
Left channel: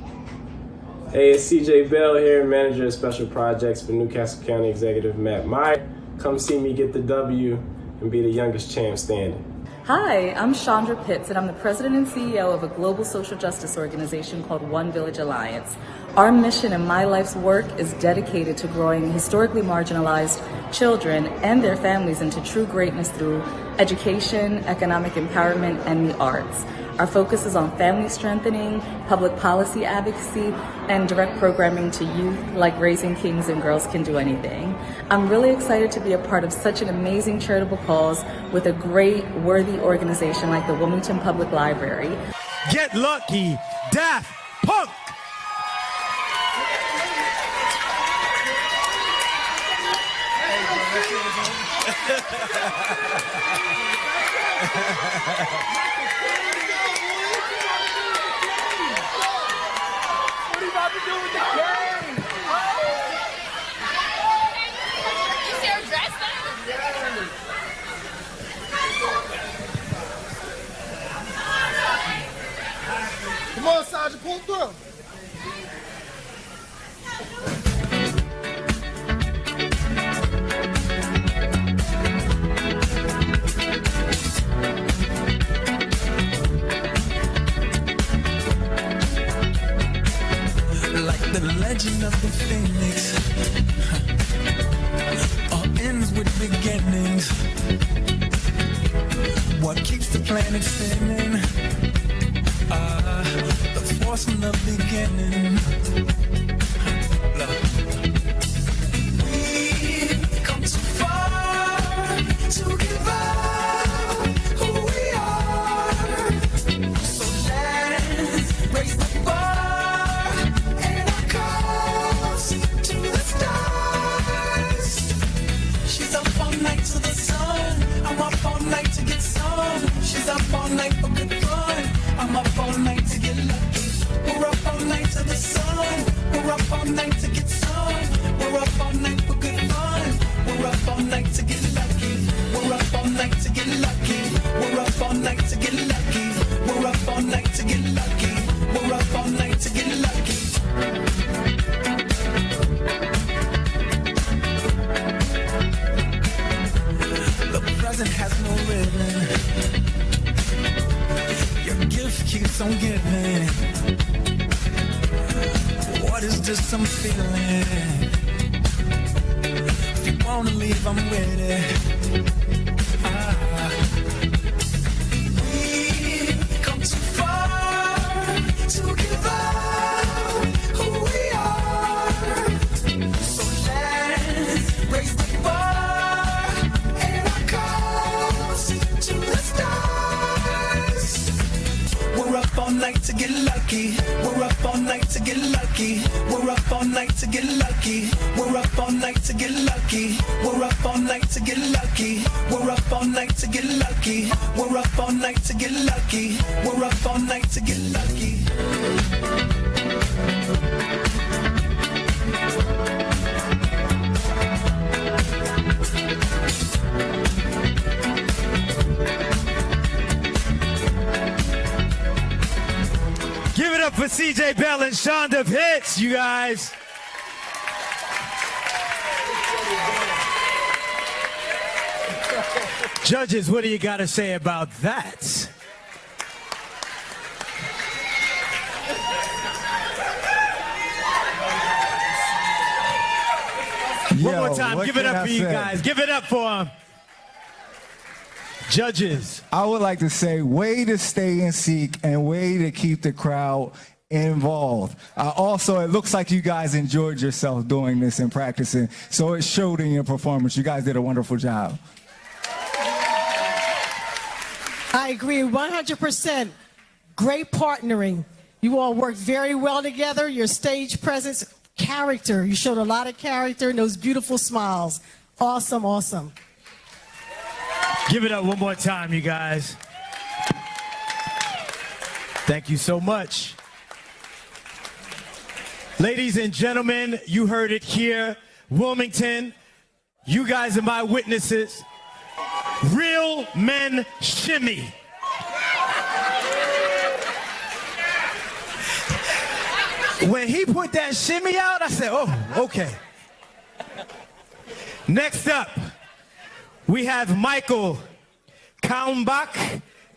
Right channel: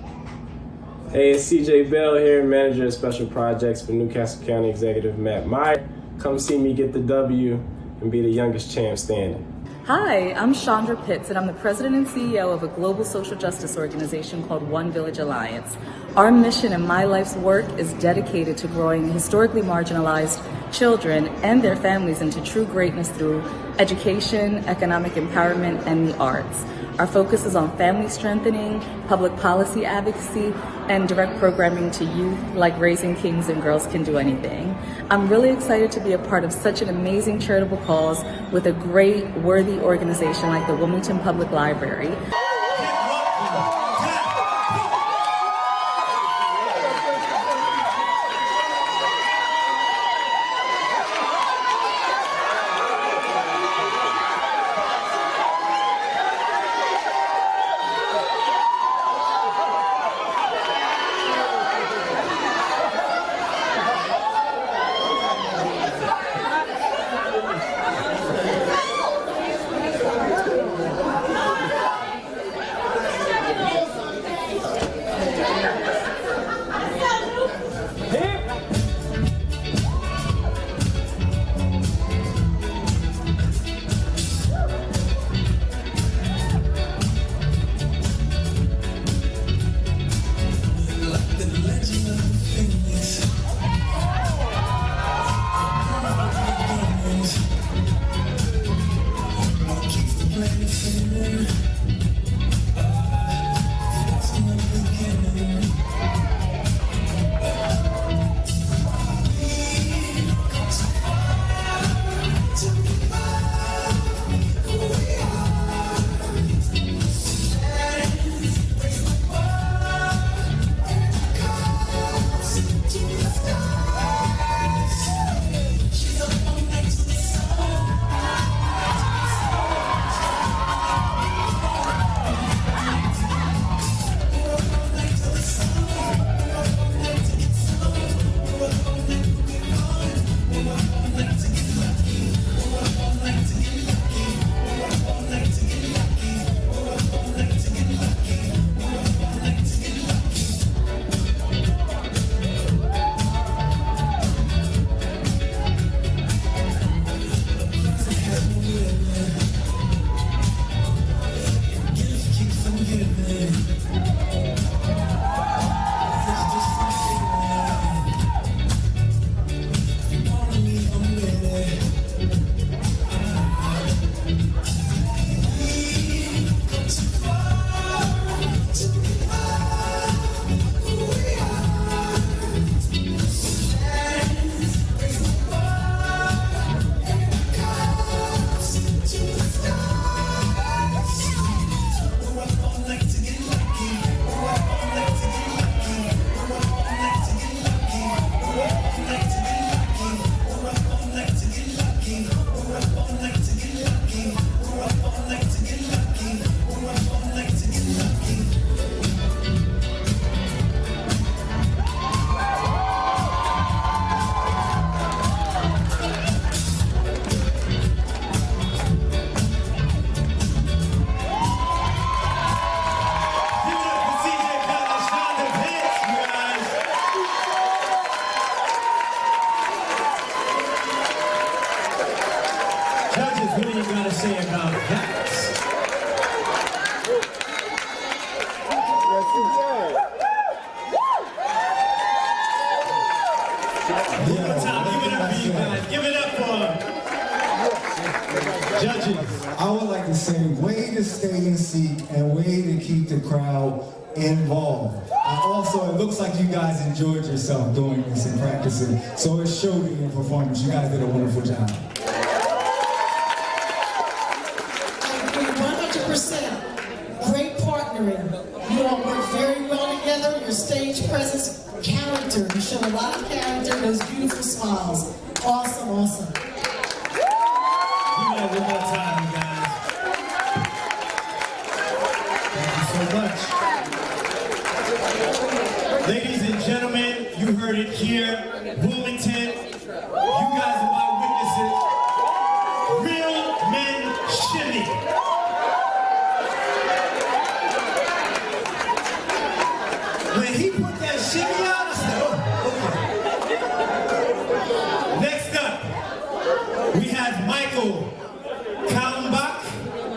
Hey, it's CJ Bell here, Manager of Special Projects for Newcastle County Executive Matt Meyer. Come see me get the W and be the youngest champ standing. Hi, I'm Chandra Pitts, and I'm the president and CEO of a global social justice organization called One Village Alliance. Our mission and my life's work is dedicated to growing historically marginalized children and their families into true greatness through education, economic empowerment, and the arts. Our focus is on family strengthening, public policy advocacy, and direct programming to youth like Raising Kings and Girls Can Do Anything. I'm really excited to be a part of such an amazing charitable cause with a great, worthy organization like the Wilmington Public Library. Get lucky. CJ Bell and Shonda Pitts, you guys. Judges, what are you gonna say about that? One more time, give it up for you guys. Judges. I would like to say, way to stay in sync and way to keep the crowd involved. Also, it looks like you guys enjoyed yourself doing this and practicing, so it showed in your performance. You guys did a wonderful job. I agree 100%. Great partnering. You all work very well together. Your stage presence, character. You showed a lot of character and those beautiful smiles. Awesome, awesome. Give it up one more time, you guys. Thank you so much. Ladies and gentlemen, you heard it here. Wilmington, you guys are my witnesses. Real men shimmy. When he put that shimmy out, I said, oh, okay. Next up, we have Michael Kalmbach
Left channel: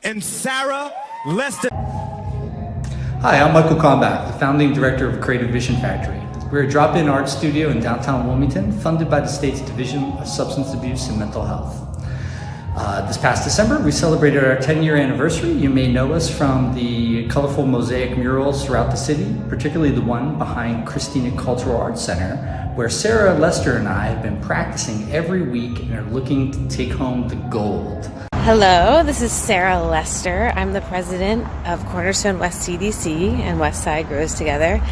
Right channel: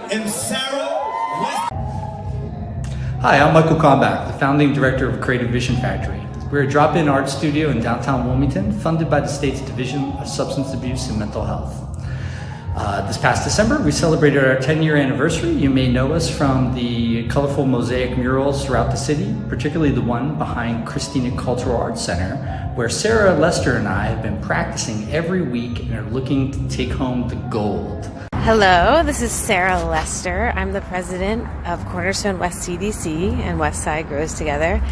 and Sarah Lester. Hi, I'm Michael Kalmbach, the founding director of Creative Vision Factory. We're a drop-in art studio in downtown Wilmington, funded by the state's Division of Substance Abuse and Mental Health. This past December, we celebrated our 10-year anniversary. You may know us from the colorful mosaic murals throughout the city, particularly the one behind Christina Cultural Arts Center, where Sarah Lester and I have been practicing every week and are looking to take home the gold. Hello, this is Sarah Lester. I'm the president of Cornerstone West CDC and West Side Grows Together.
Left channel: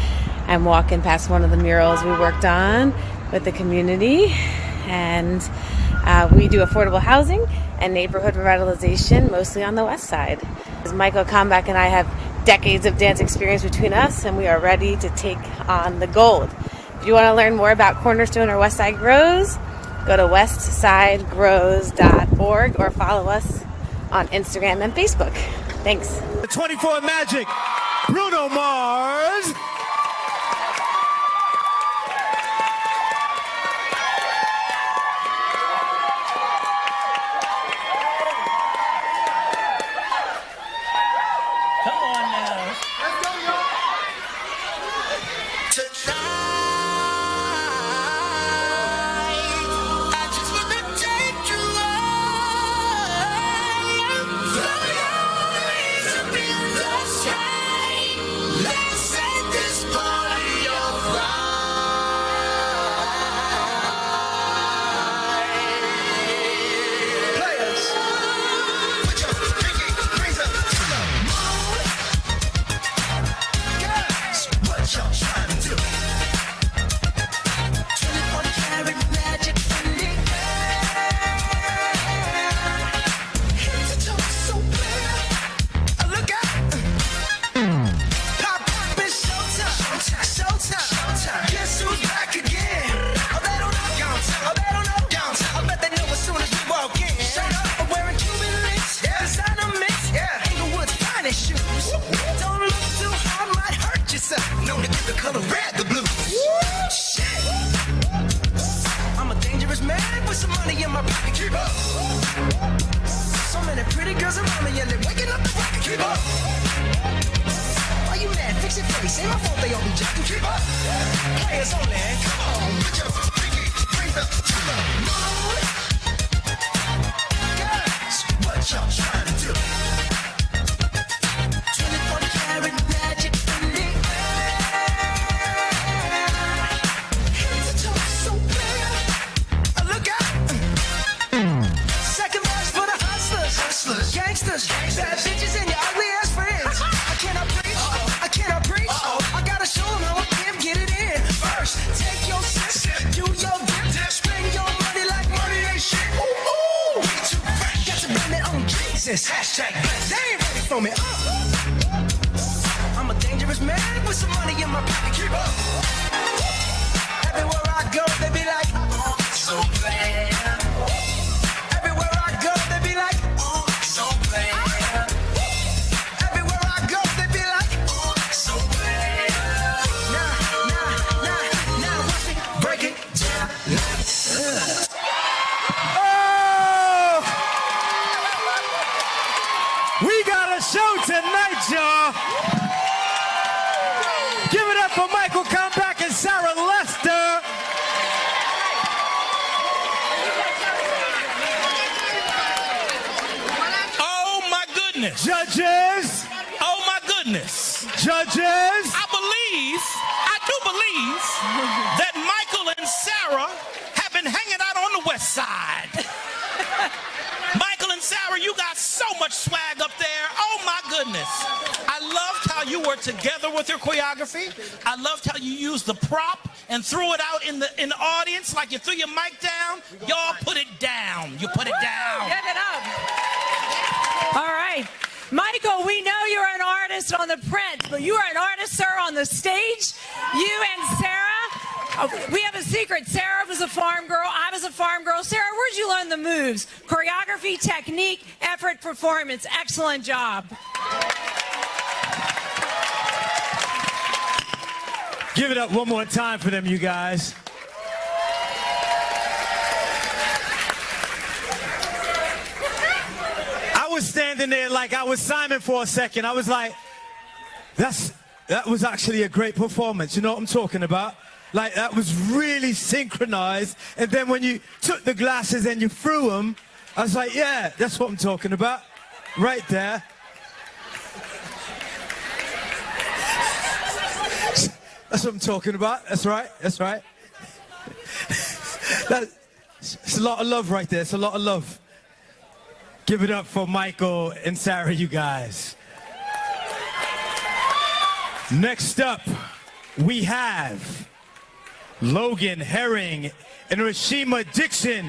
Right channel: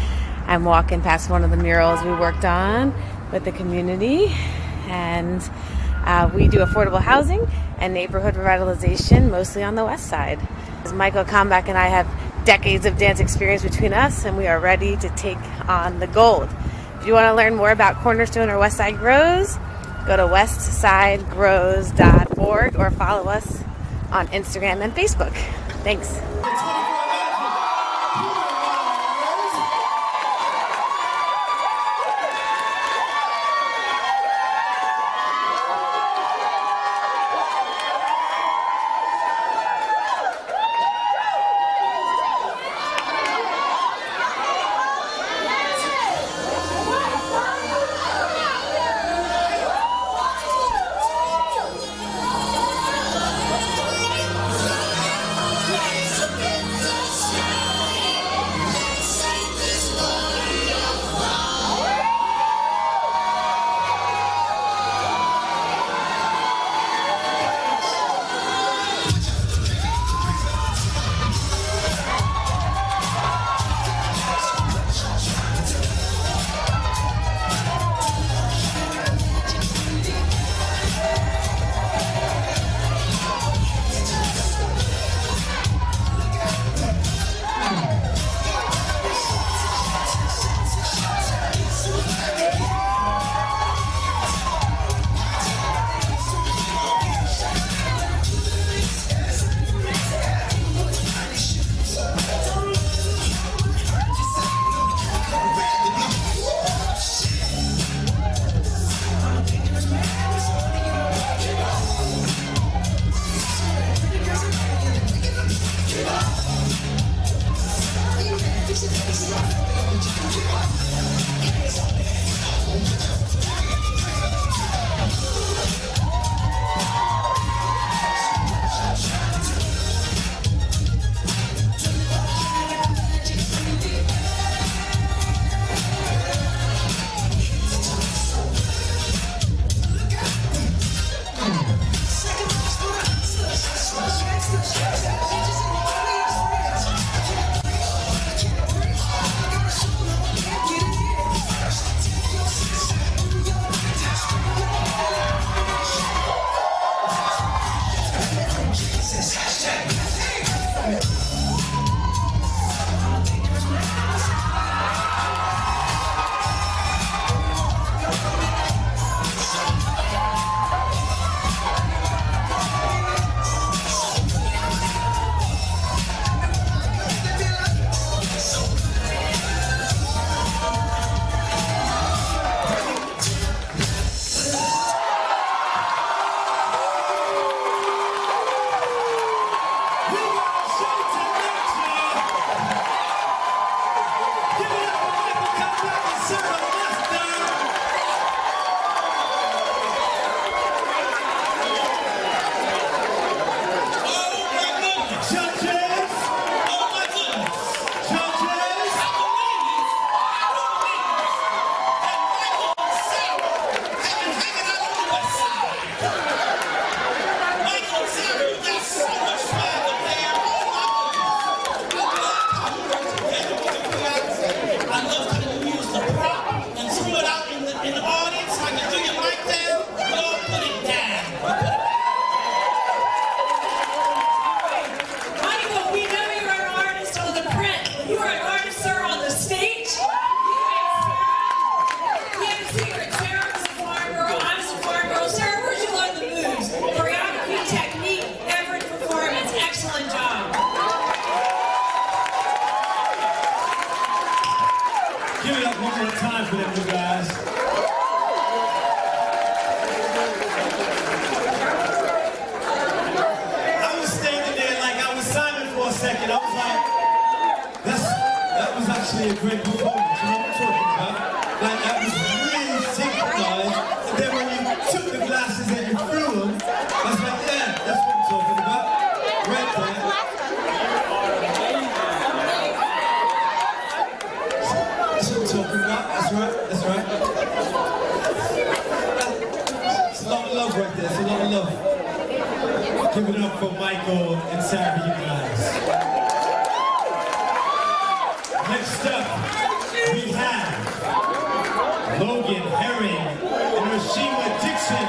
I'm walking past one of the murals we worked on with the community, and we do affordable housing and neighborhood revitalization, mostly on the west side. Michael Kalmbach and I have decades of dance experience between us, and we are ready to take on the gold. If you want to learn more about Cornerstone or West Side Grows, go to westsidegrows.org or follow us on Instagram and Facebook. Thanks. 24 Magic, Bruno Mars. for them, you guys. I was standing there like I was silent for a second. I was like, that was actually a great performance. You know what I'm talking about? Like, that was really synchronized. And then when you took the glasses and you threw them, I was like, yeah, that's what I'm talking about. Right there. That's what I'm talking about. That's right. That's right. It's a lot of love right there. It's a lot of love. Give it up for Michael and Sarah, you guys. Next up, we have Logan Herring and Rashima Dixon.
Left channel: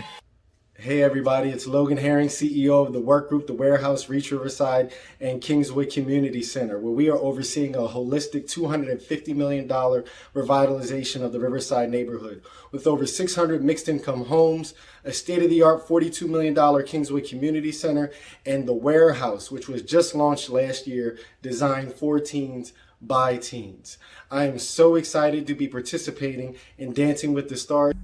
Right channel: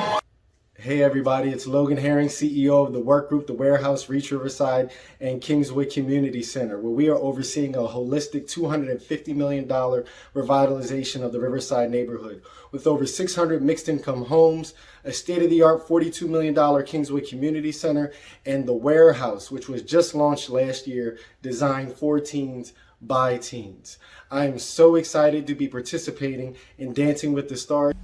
Hey everybody, it's Logan Herring, CEO of the work group, The Warehouse, Reach Riverside, and Kingswood Community Center, where we are overseeing a holistic $250 million revitalization of the Riverside neighborhood. With over 600 mixed-income homes, a state-of-the-art $42 million Kingswood Community Center, and The Warehouse, which was just launched last year, designed for teens by teens. I am so excited to be participating in Dancing with the Stars.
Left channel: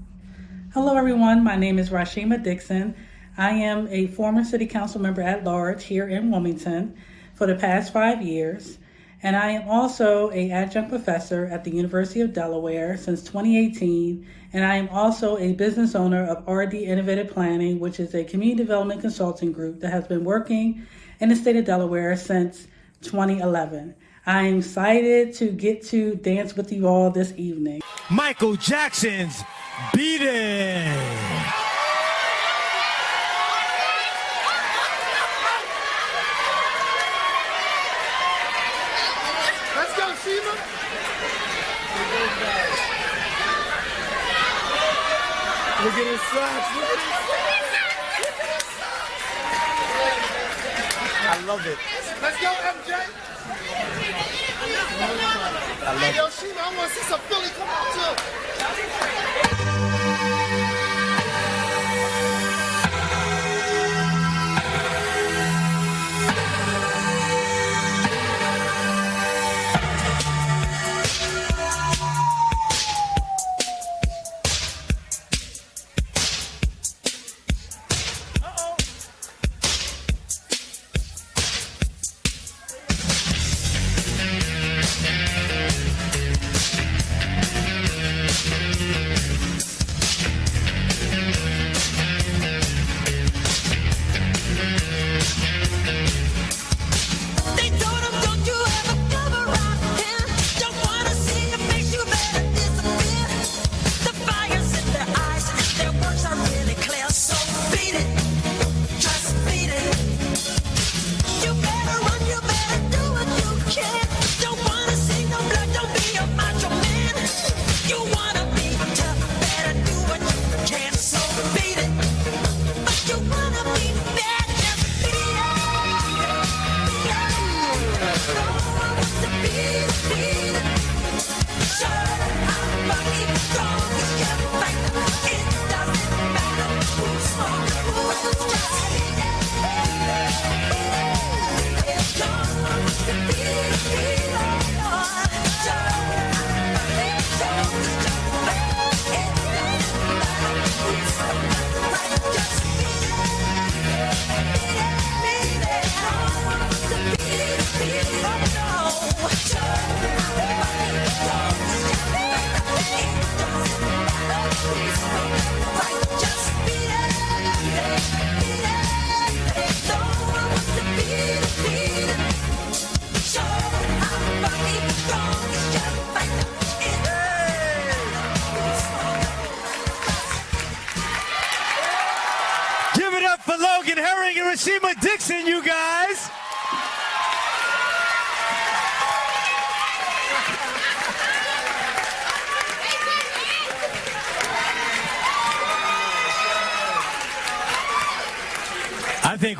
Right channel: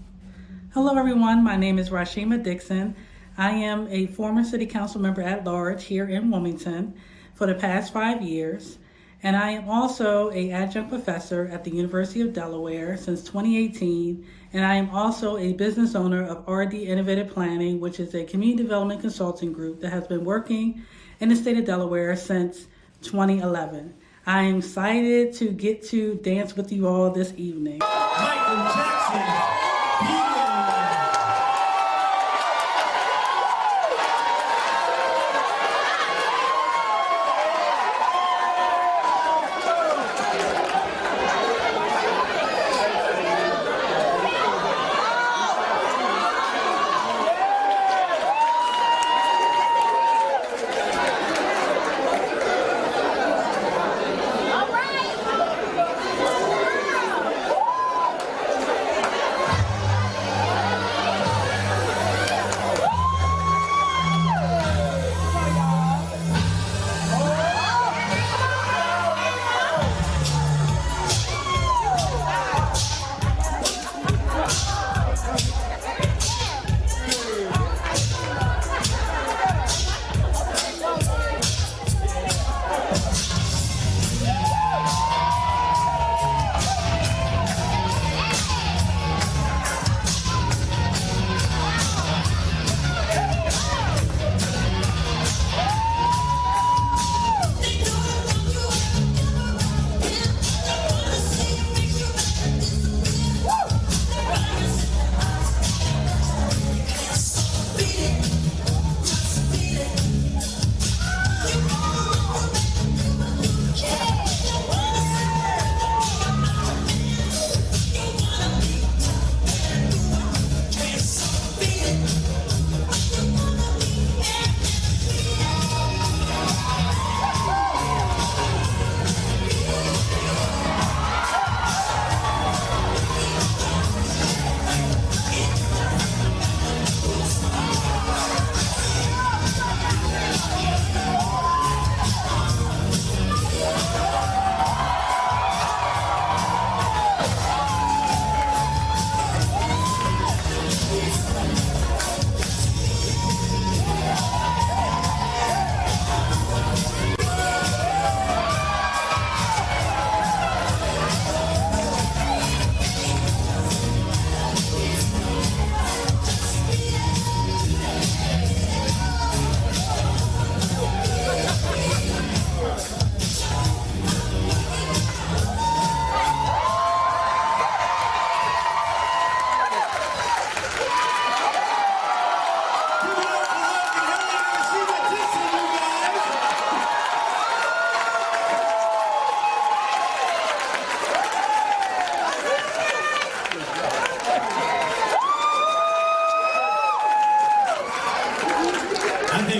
Hello everyone, my name is Rashima Dixon. I am a former City Council member at large here in Wilmington for the past 5 years, and I am also an adjunct professor at the University of Delaware since 2018, and I am also a business owner of RD Innovative Planning, which is a community development consulting group that has been working in the state of Delaware since 2011. I am excited to get to dance with you all this evening. Michael Jackson's Beat It!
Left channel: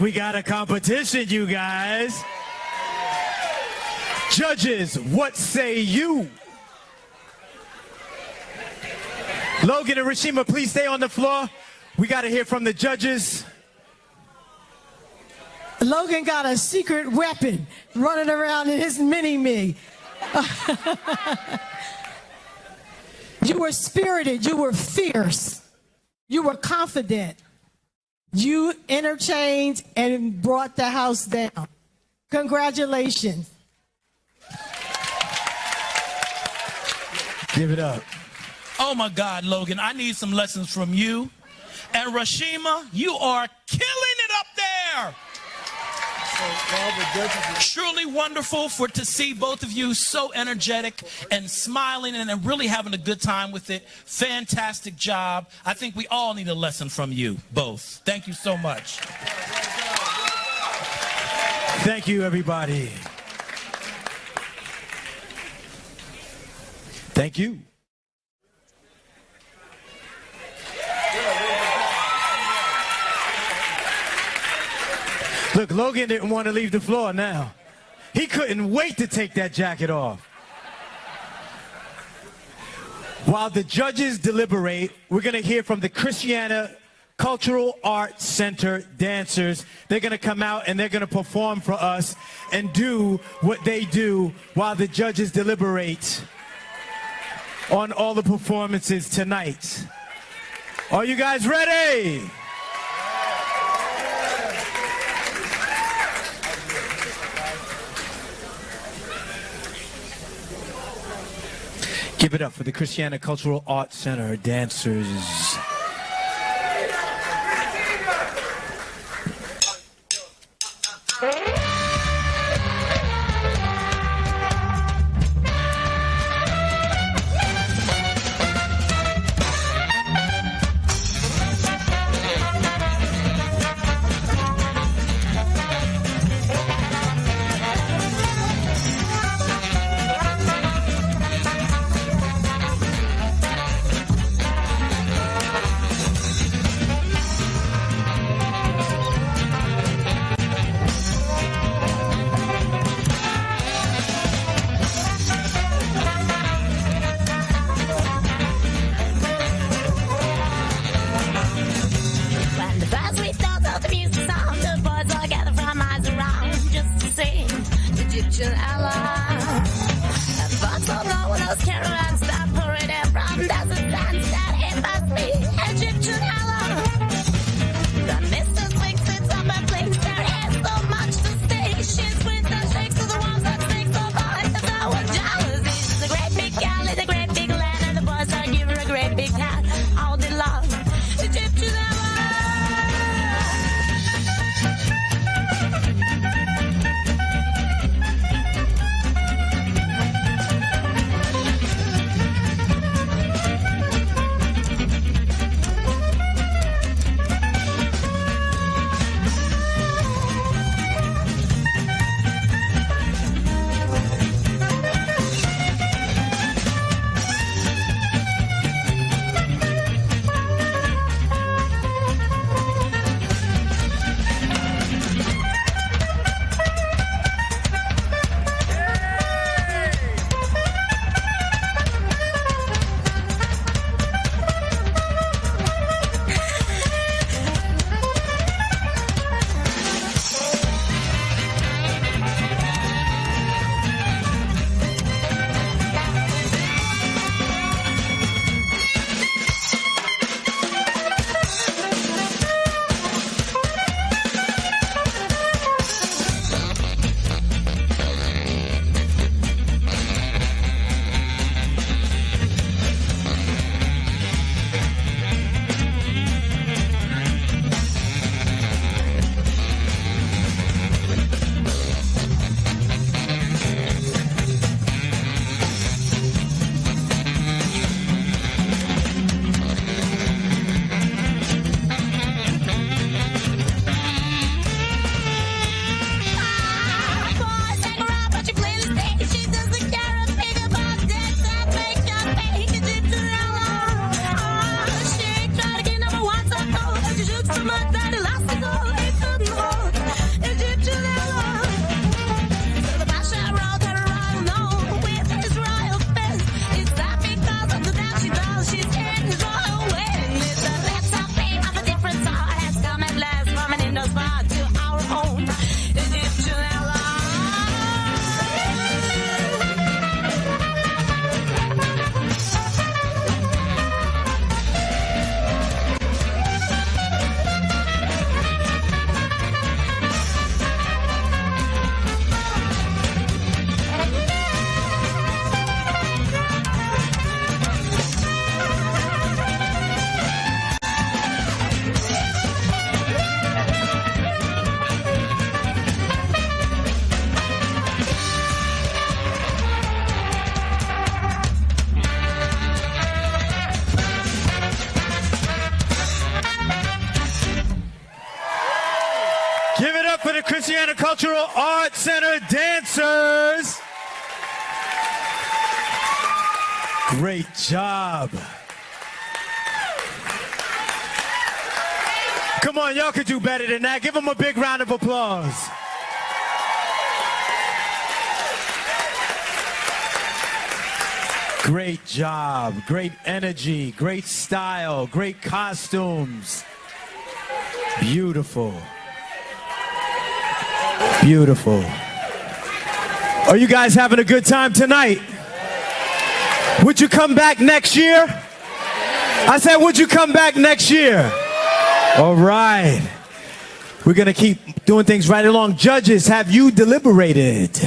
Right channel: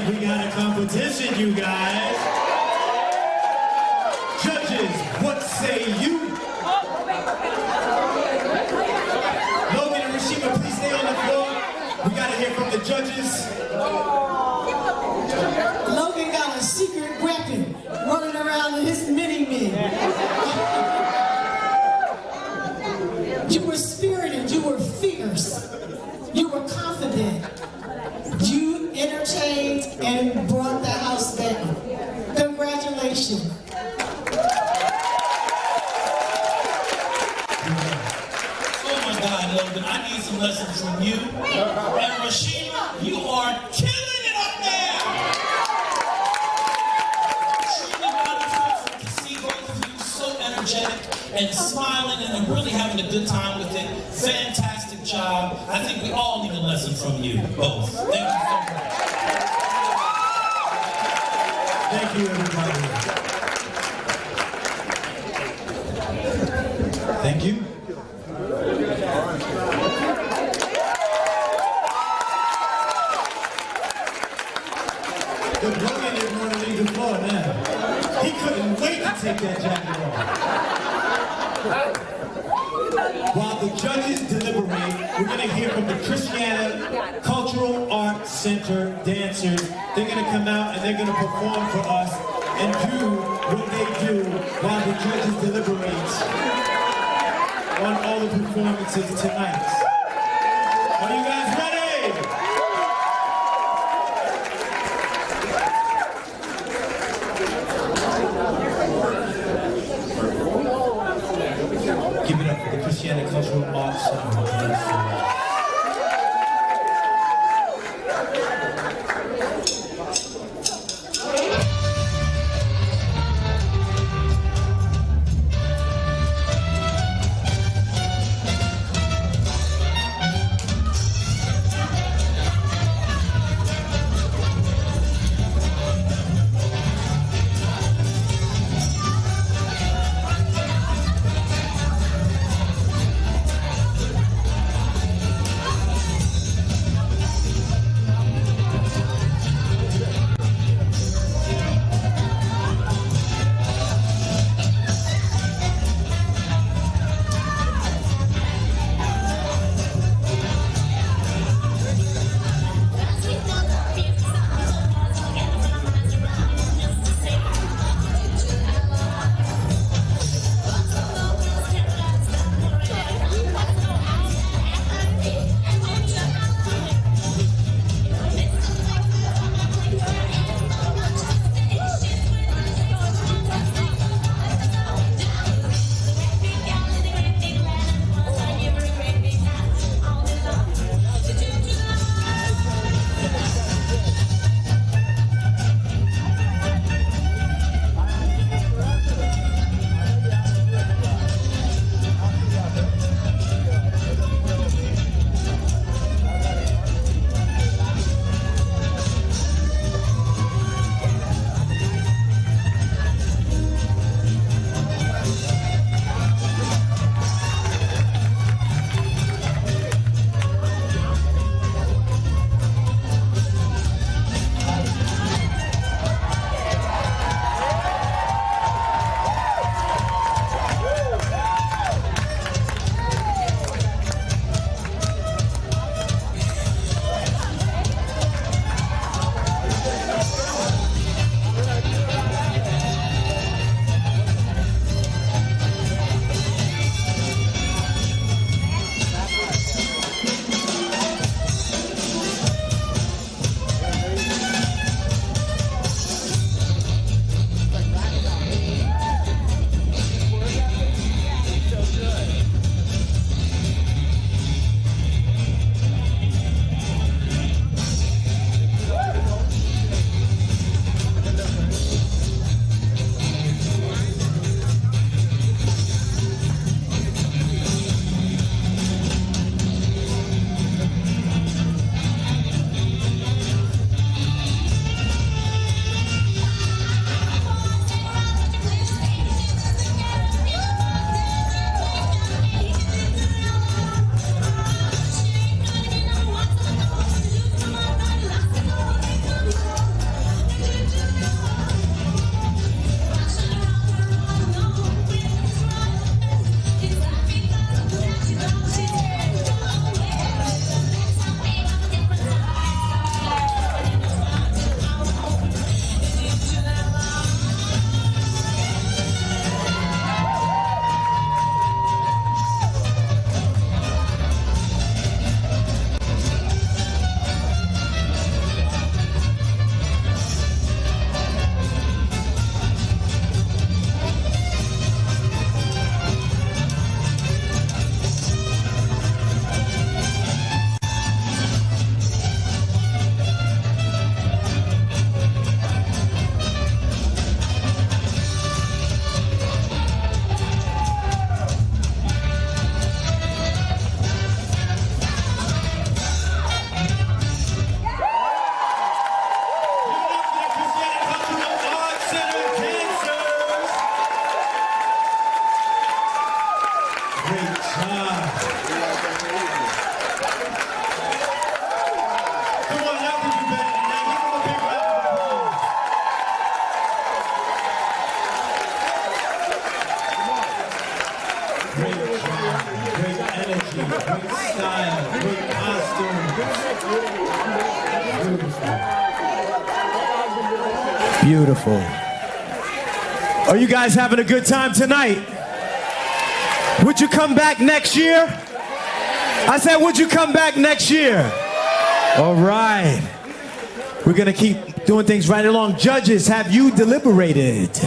We got a competition, you guys. Judges, what say you? Logan and Rashima, please stay on the floor. We gotta hear from the judges. Logan got a secret weapon running around in his mini-me. You were were spirited, you were fierce, you were confident. You entertained and brought the house down. Congratulations. Give it up. Oh my God, Logan, I need some lessons from you. And Rashima, you are killing it up there. Truly wonderful to see both of you so energetic and smiling and really having a good time with it. Fantastic job. I think we all need a lesson from you both. Thank you so much. Thank you, everybody. Thank you. Look, Logan didn't want to leave the floor now. He couldn't wait to take that jacket off. While the judges deliberate, we're going to hear from the Christiana Cultural Arts Center dancers. They're going to come out and they're going to perform for us and do what they do while the judges deliberate on all the performances tonight. Are you guys ready? Give it up for the Christiana Cultural Arts Center dancers. Louisiana Cultural Arts Center dancers. Great job. Come on, y'all can do better than that. Give them a big round of applause. Great job, great energy, great style, great costumes. Beautiful. Beautiful. Are you guys having a good time tonight? Would you come back next year? I said, would you come back next year? All right. We're going to keep doing things right along. Judges, have you deliberated?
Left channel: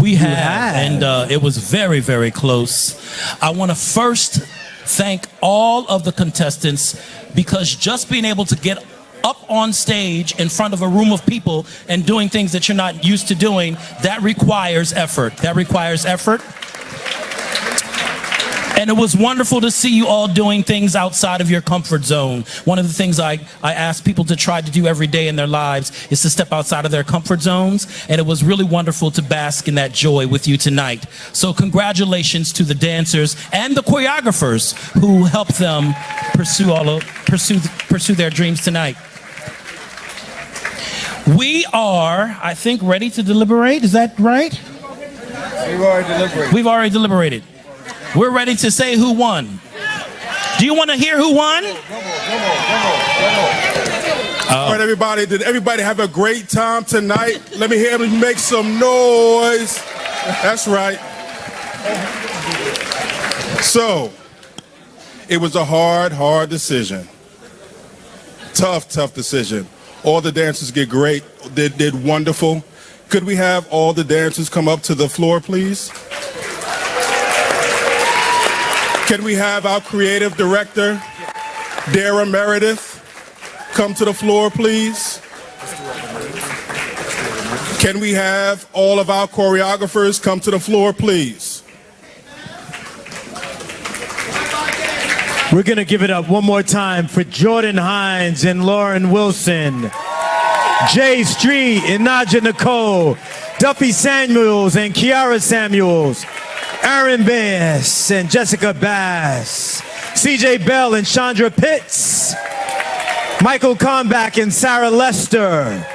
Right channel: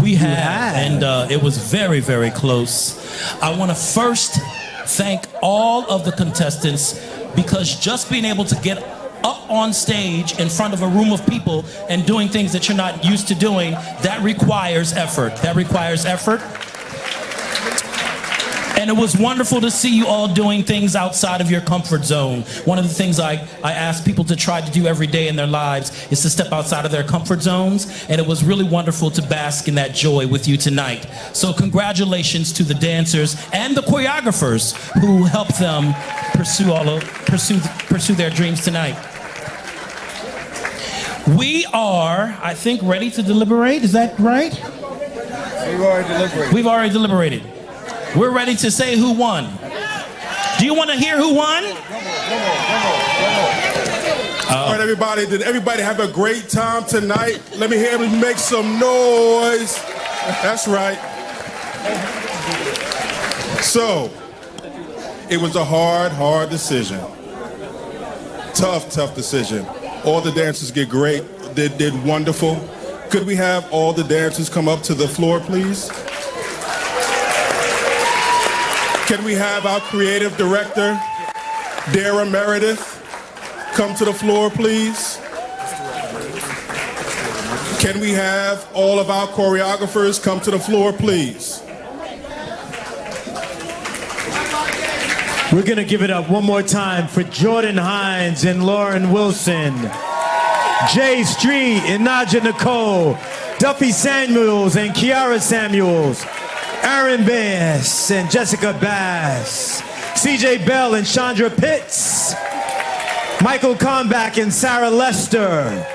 We have, and it was very, very close. I want to first thank all of the contestants, because just being able to get up on stage in front of a room of people and doing things that you're not used to doing, that requires effort. That requires effort. And it was wonderful to see you all doing things outside of your comfort zone. One of the things I ask people to try to do every day in their lives is to step outside of their comfort zones. And it was really wonderful to bask in that joy with you tonight. So congratulations to the dancers and the choreographers who helped them pursue their dreams tonight. We are, I think, ready to deliberate. Is that right? We've already deliberated. We're ready to say who won. Do you want to hear who won? All right, everybody. Did everybody have a great time tonight? Let me hear everybody make some noise. That's right. So, it was a hard decision. Tough decision. All the dancers did wonderful. Could we have all the dancers come up to the floor, please? Can we have our creative director, Darrin Meredith, come to the floor, please? Can we have all of our choreographers come to the floor, please? We're going to give it up one more time for Jordan Hines and Lauren Wilson, Jay Street and Naja Nicole, Duffy Samuels and Kiara Samuels, Aaron Bass and Jessica Bass, CJ Bell and Chandra Pitts, Michael Kalmbach and Sarah Lester,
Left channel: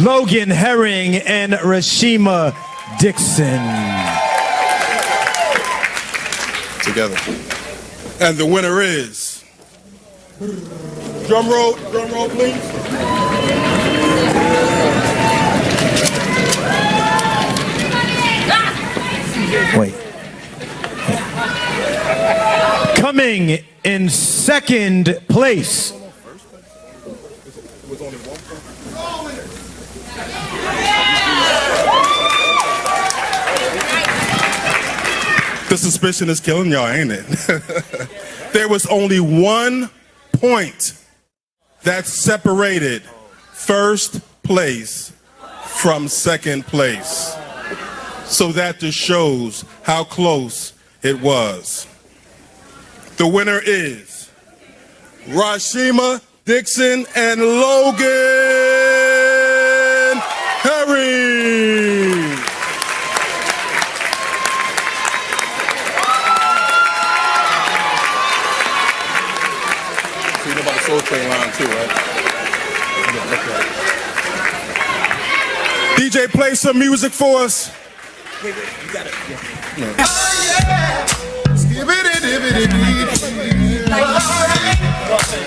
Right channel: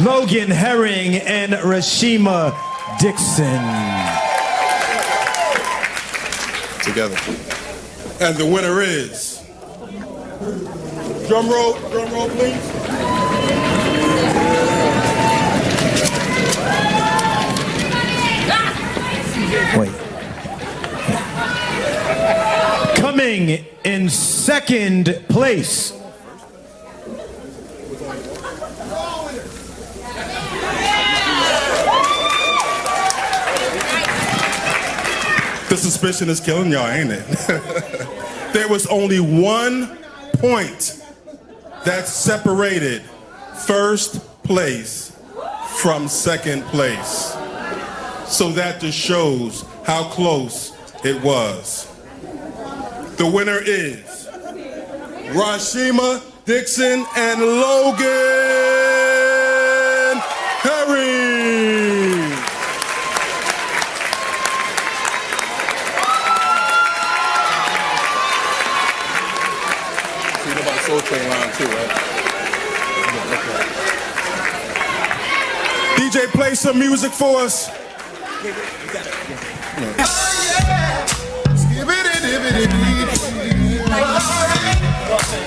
Logan Herring and Rashima Dixon. Together. And the winner is, drum roll please. Wait. Coming in second place, the suspicion is killing y'all, ain't it? There was only 1 point that separated first place from second place. So that just shows how close it was. The winner is Rashima Dixon and Logan Herring. You know about the Soul Train line too, right? DJ, play some music for us. Wait, you got it.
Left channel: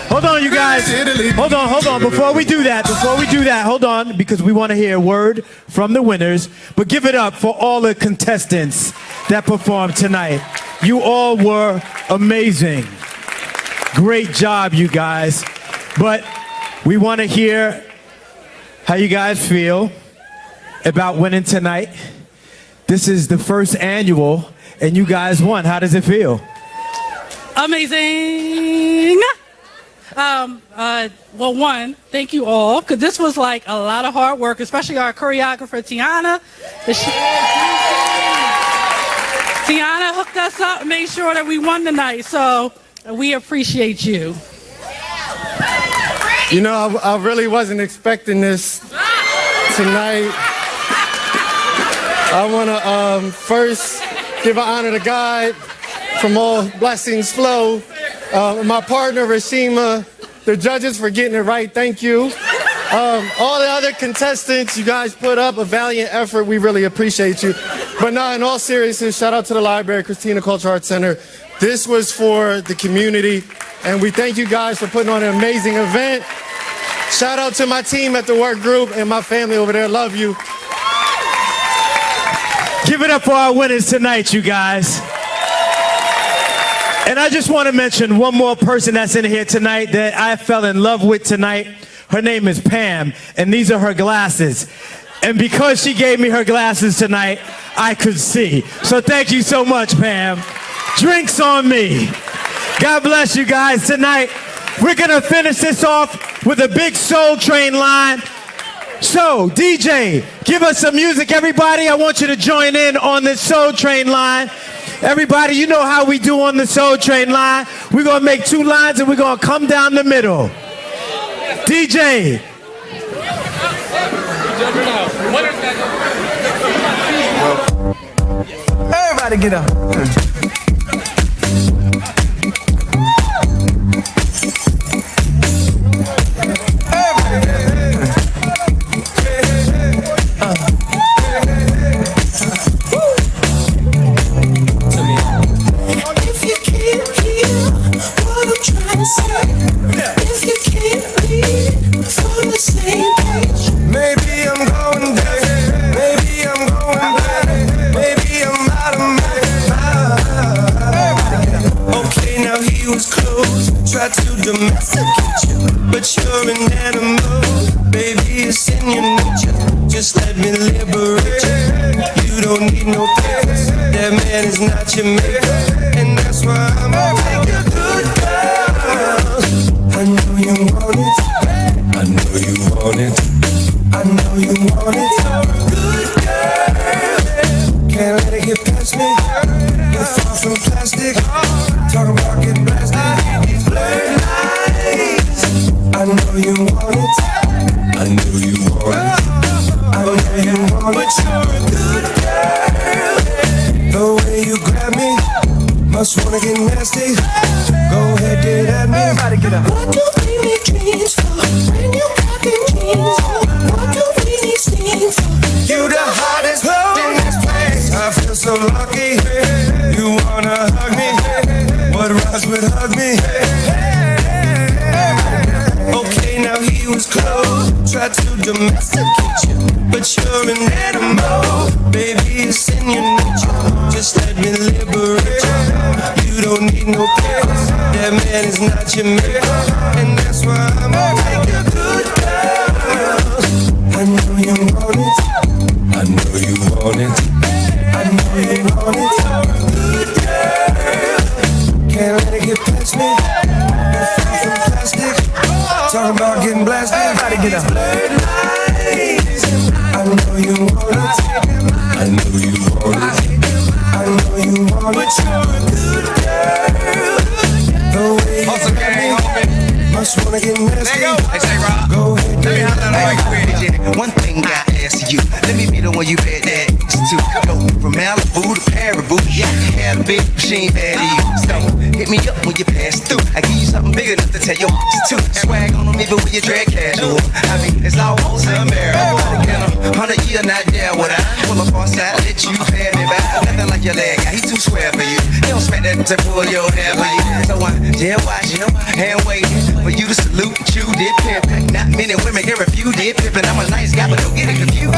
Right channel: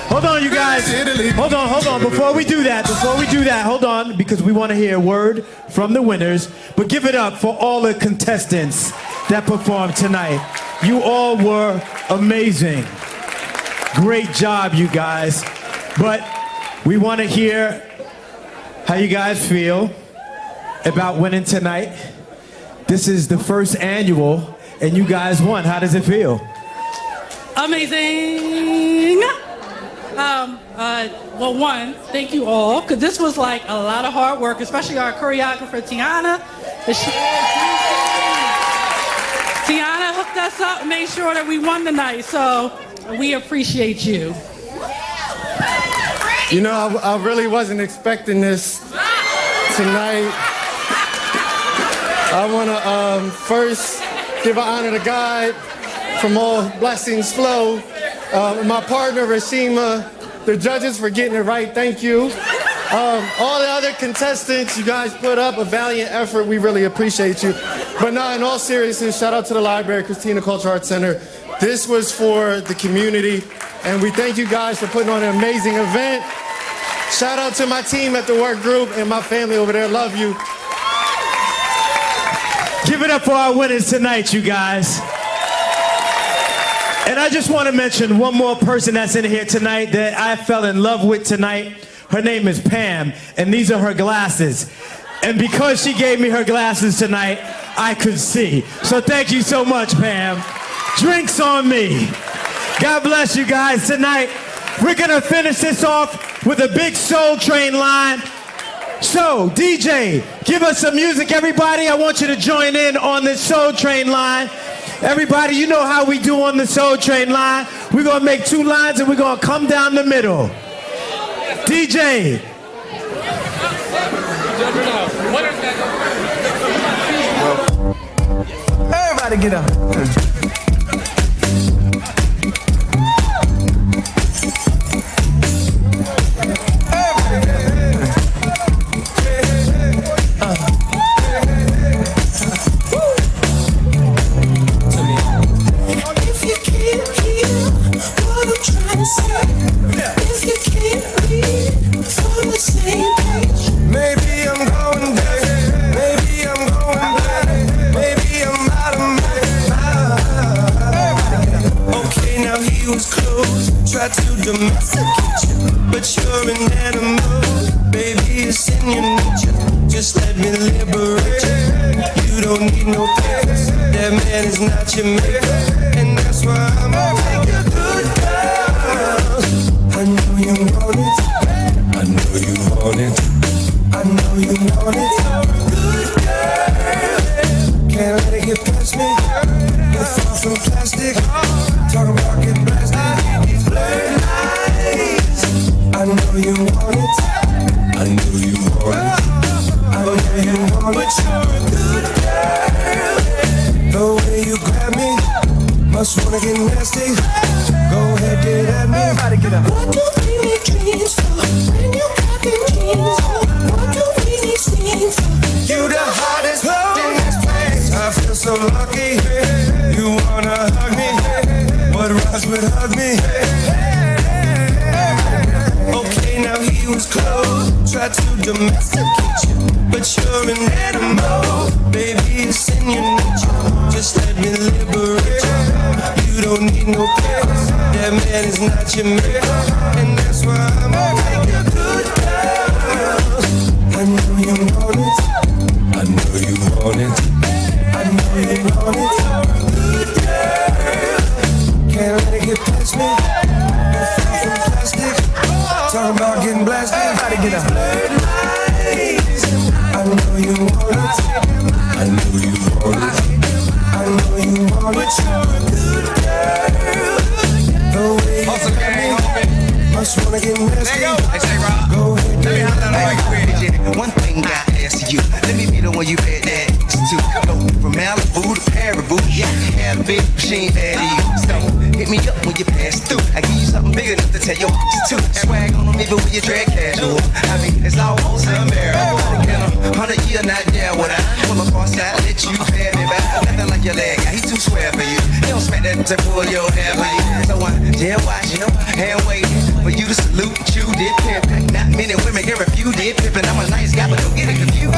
Hold on, you guys. Hold on. Before we do that, hold on, because we want to hear a word from the winners. But give it up for all the contestants that performed tonight. You all were amazing. Great job, you guys. But we want to hear how you guys feel about winning tonight. This is the first annual, and you guys won. How does it feel? Amazing. Well, one, thank you all, because this was like a lot of hard work, especially our choreographer, Tiana. Tiana hooked us up and made sure that we won tonight, so we appreciate you. You know, I really wasn't expecting this tonight. I want to first give an honor to God from all blessings flow. My partner, Rashima, the judges for getting it right, thank you. All the other contestants, you guys put up a valiant effort. We really appreciate you. But now, in all seriousness, shout out to the library, Christina Cultural Arts Center. This was for the community, and we thank you guys for putting on an amazing event. Shout out to my team at the work group and my family over there. Love you. Give it up for our winners tonight, you guys. And I just want to mention one more person that's in here tonight that I fell in love with tonight. Her name is Pam, and these are her glasses. And because she gave me her glasses tonight, I could see. So thank you so much, Pam. Drinks on me. God bless you guys tonight. We're going to finish this off with a big Soul Train line. So, DJ, give us some music, everybody. I want you to join in on this Soul Train line. Everybody, you know how we do on the Soul Train line. We're going to make two lines and we're going to come down the middle. DJ. Everybody get up. Maybe I'm going back, maybe I'm going back, maybe I'm out of my mind. Okay, now he was close, tried to domesticate you, but you're an animal, baby, it's in your nature. Just let me liberate you. You don't need no papers, that man is not your maker, and that's why I'm gonna take a good girl. I know you want it, I know you want it, I know you want it. Good girl, can't let it get past me. You're far from plastic, talk about getting blasted. These blurred lines, I know you want it, I know you want it, I know you want it. But you're a good girl, the way you grab me, must wanna get nasty. Go ahead, get at me. Everybody get up. What do we need dreams for? When you got them dreams for? What do we need dreams for? You the hottest hoe in this place. I feel so lucky. You wanna hug me? What rhymes with hug me? Okay, now he was close, tried to domesticate you, but you're an animal, baby, it's in your nature. Just let me liberate you. You don't need no papers, that man is not your maker, and that's why I'm gonna take a good girl. I know you want it, I know you want it, I know you want it. Good girl, can't let it get past me. You're far from plastic, talking about getting blasted. Everybody get up. I know you want it, I know you want it, I know you want it. But you're a good girl, the way you got me, must wanna get nasty. Go ahead, let me have that one thing I ask you, let me be the one you bet that to. Go from Malibu to Paribu, yeah, had a big machine bad to you. So hit me up when you pass through. I give you something big enough to tell your to. Swag on them even when you drag casual. I mean, it's almost unbearable. In 100 years, not there when I pull up on side, let you pay me back. Nothing like your leg guy, he too square for you. You don't expect that to pull your hair for you. So I dare watch you and wait for you to salute and chew did pimp. Not many women can refuse did pimp, and I'm a nice guy, but don't get it confused.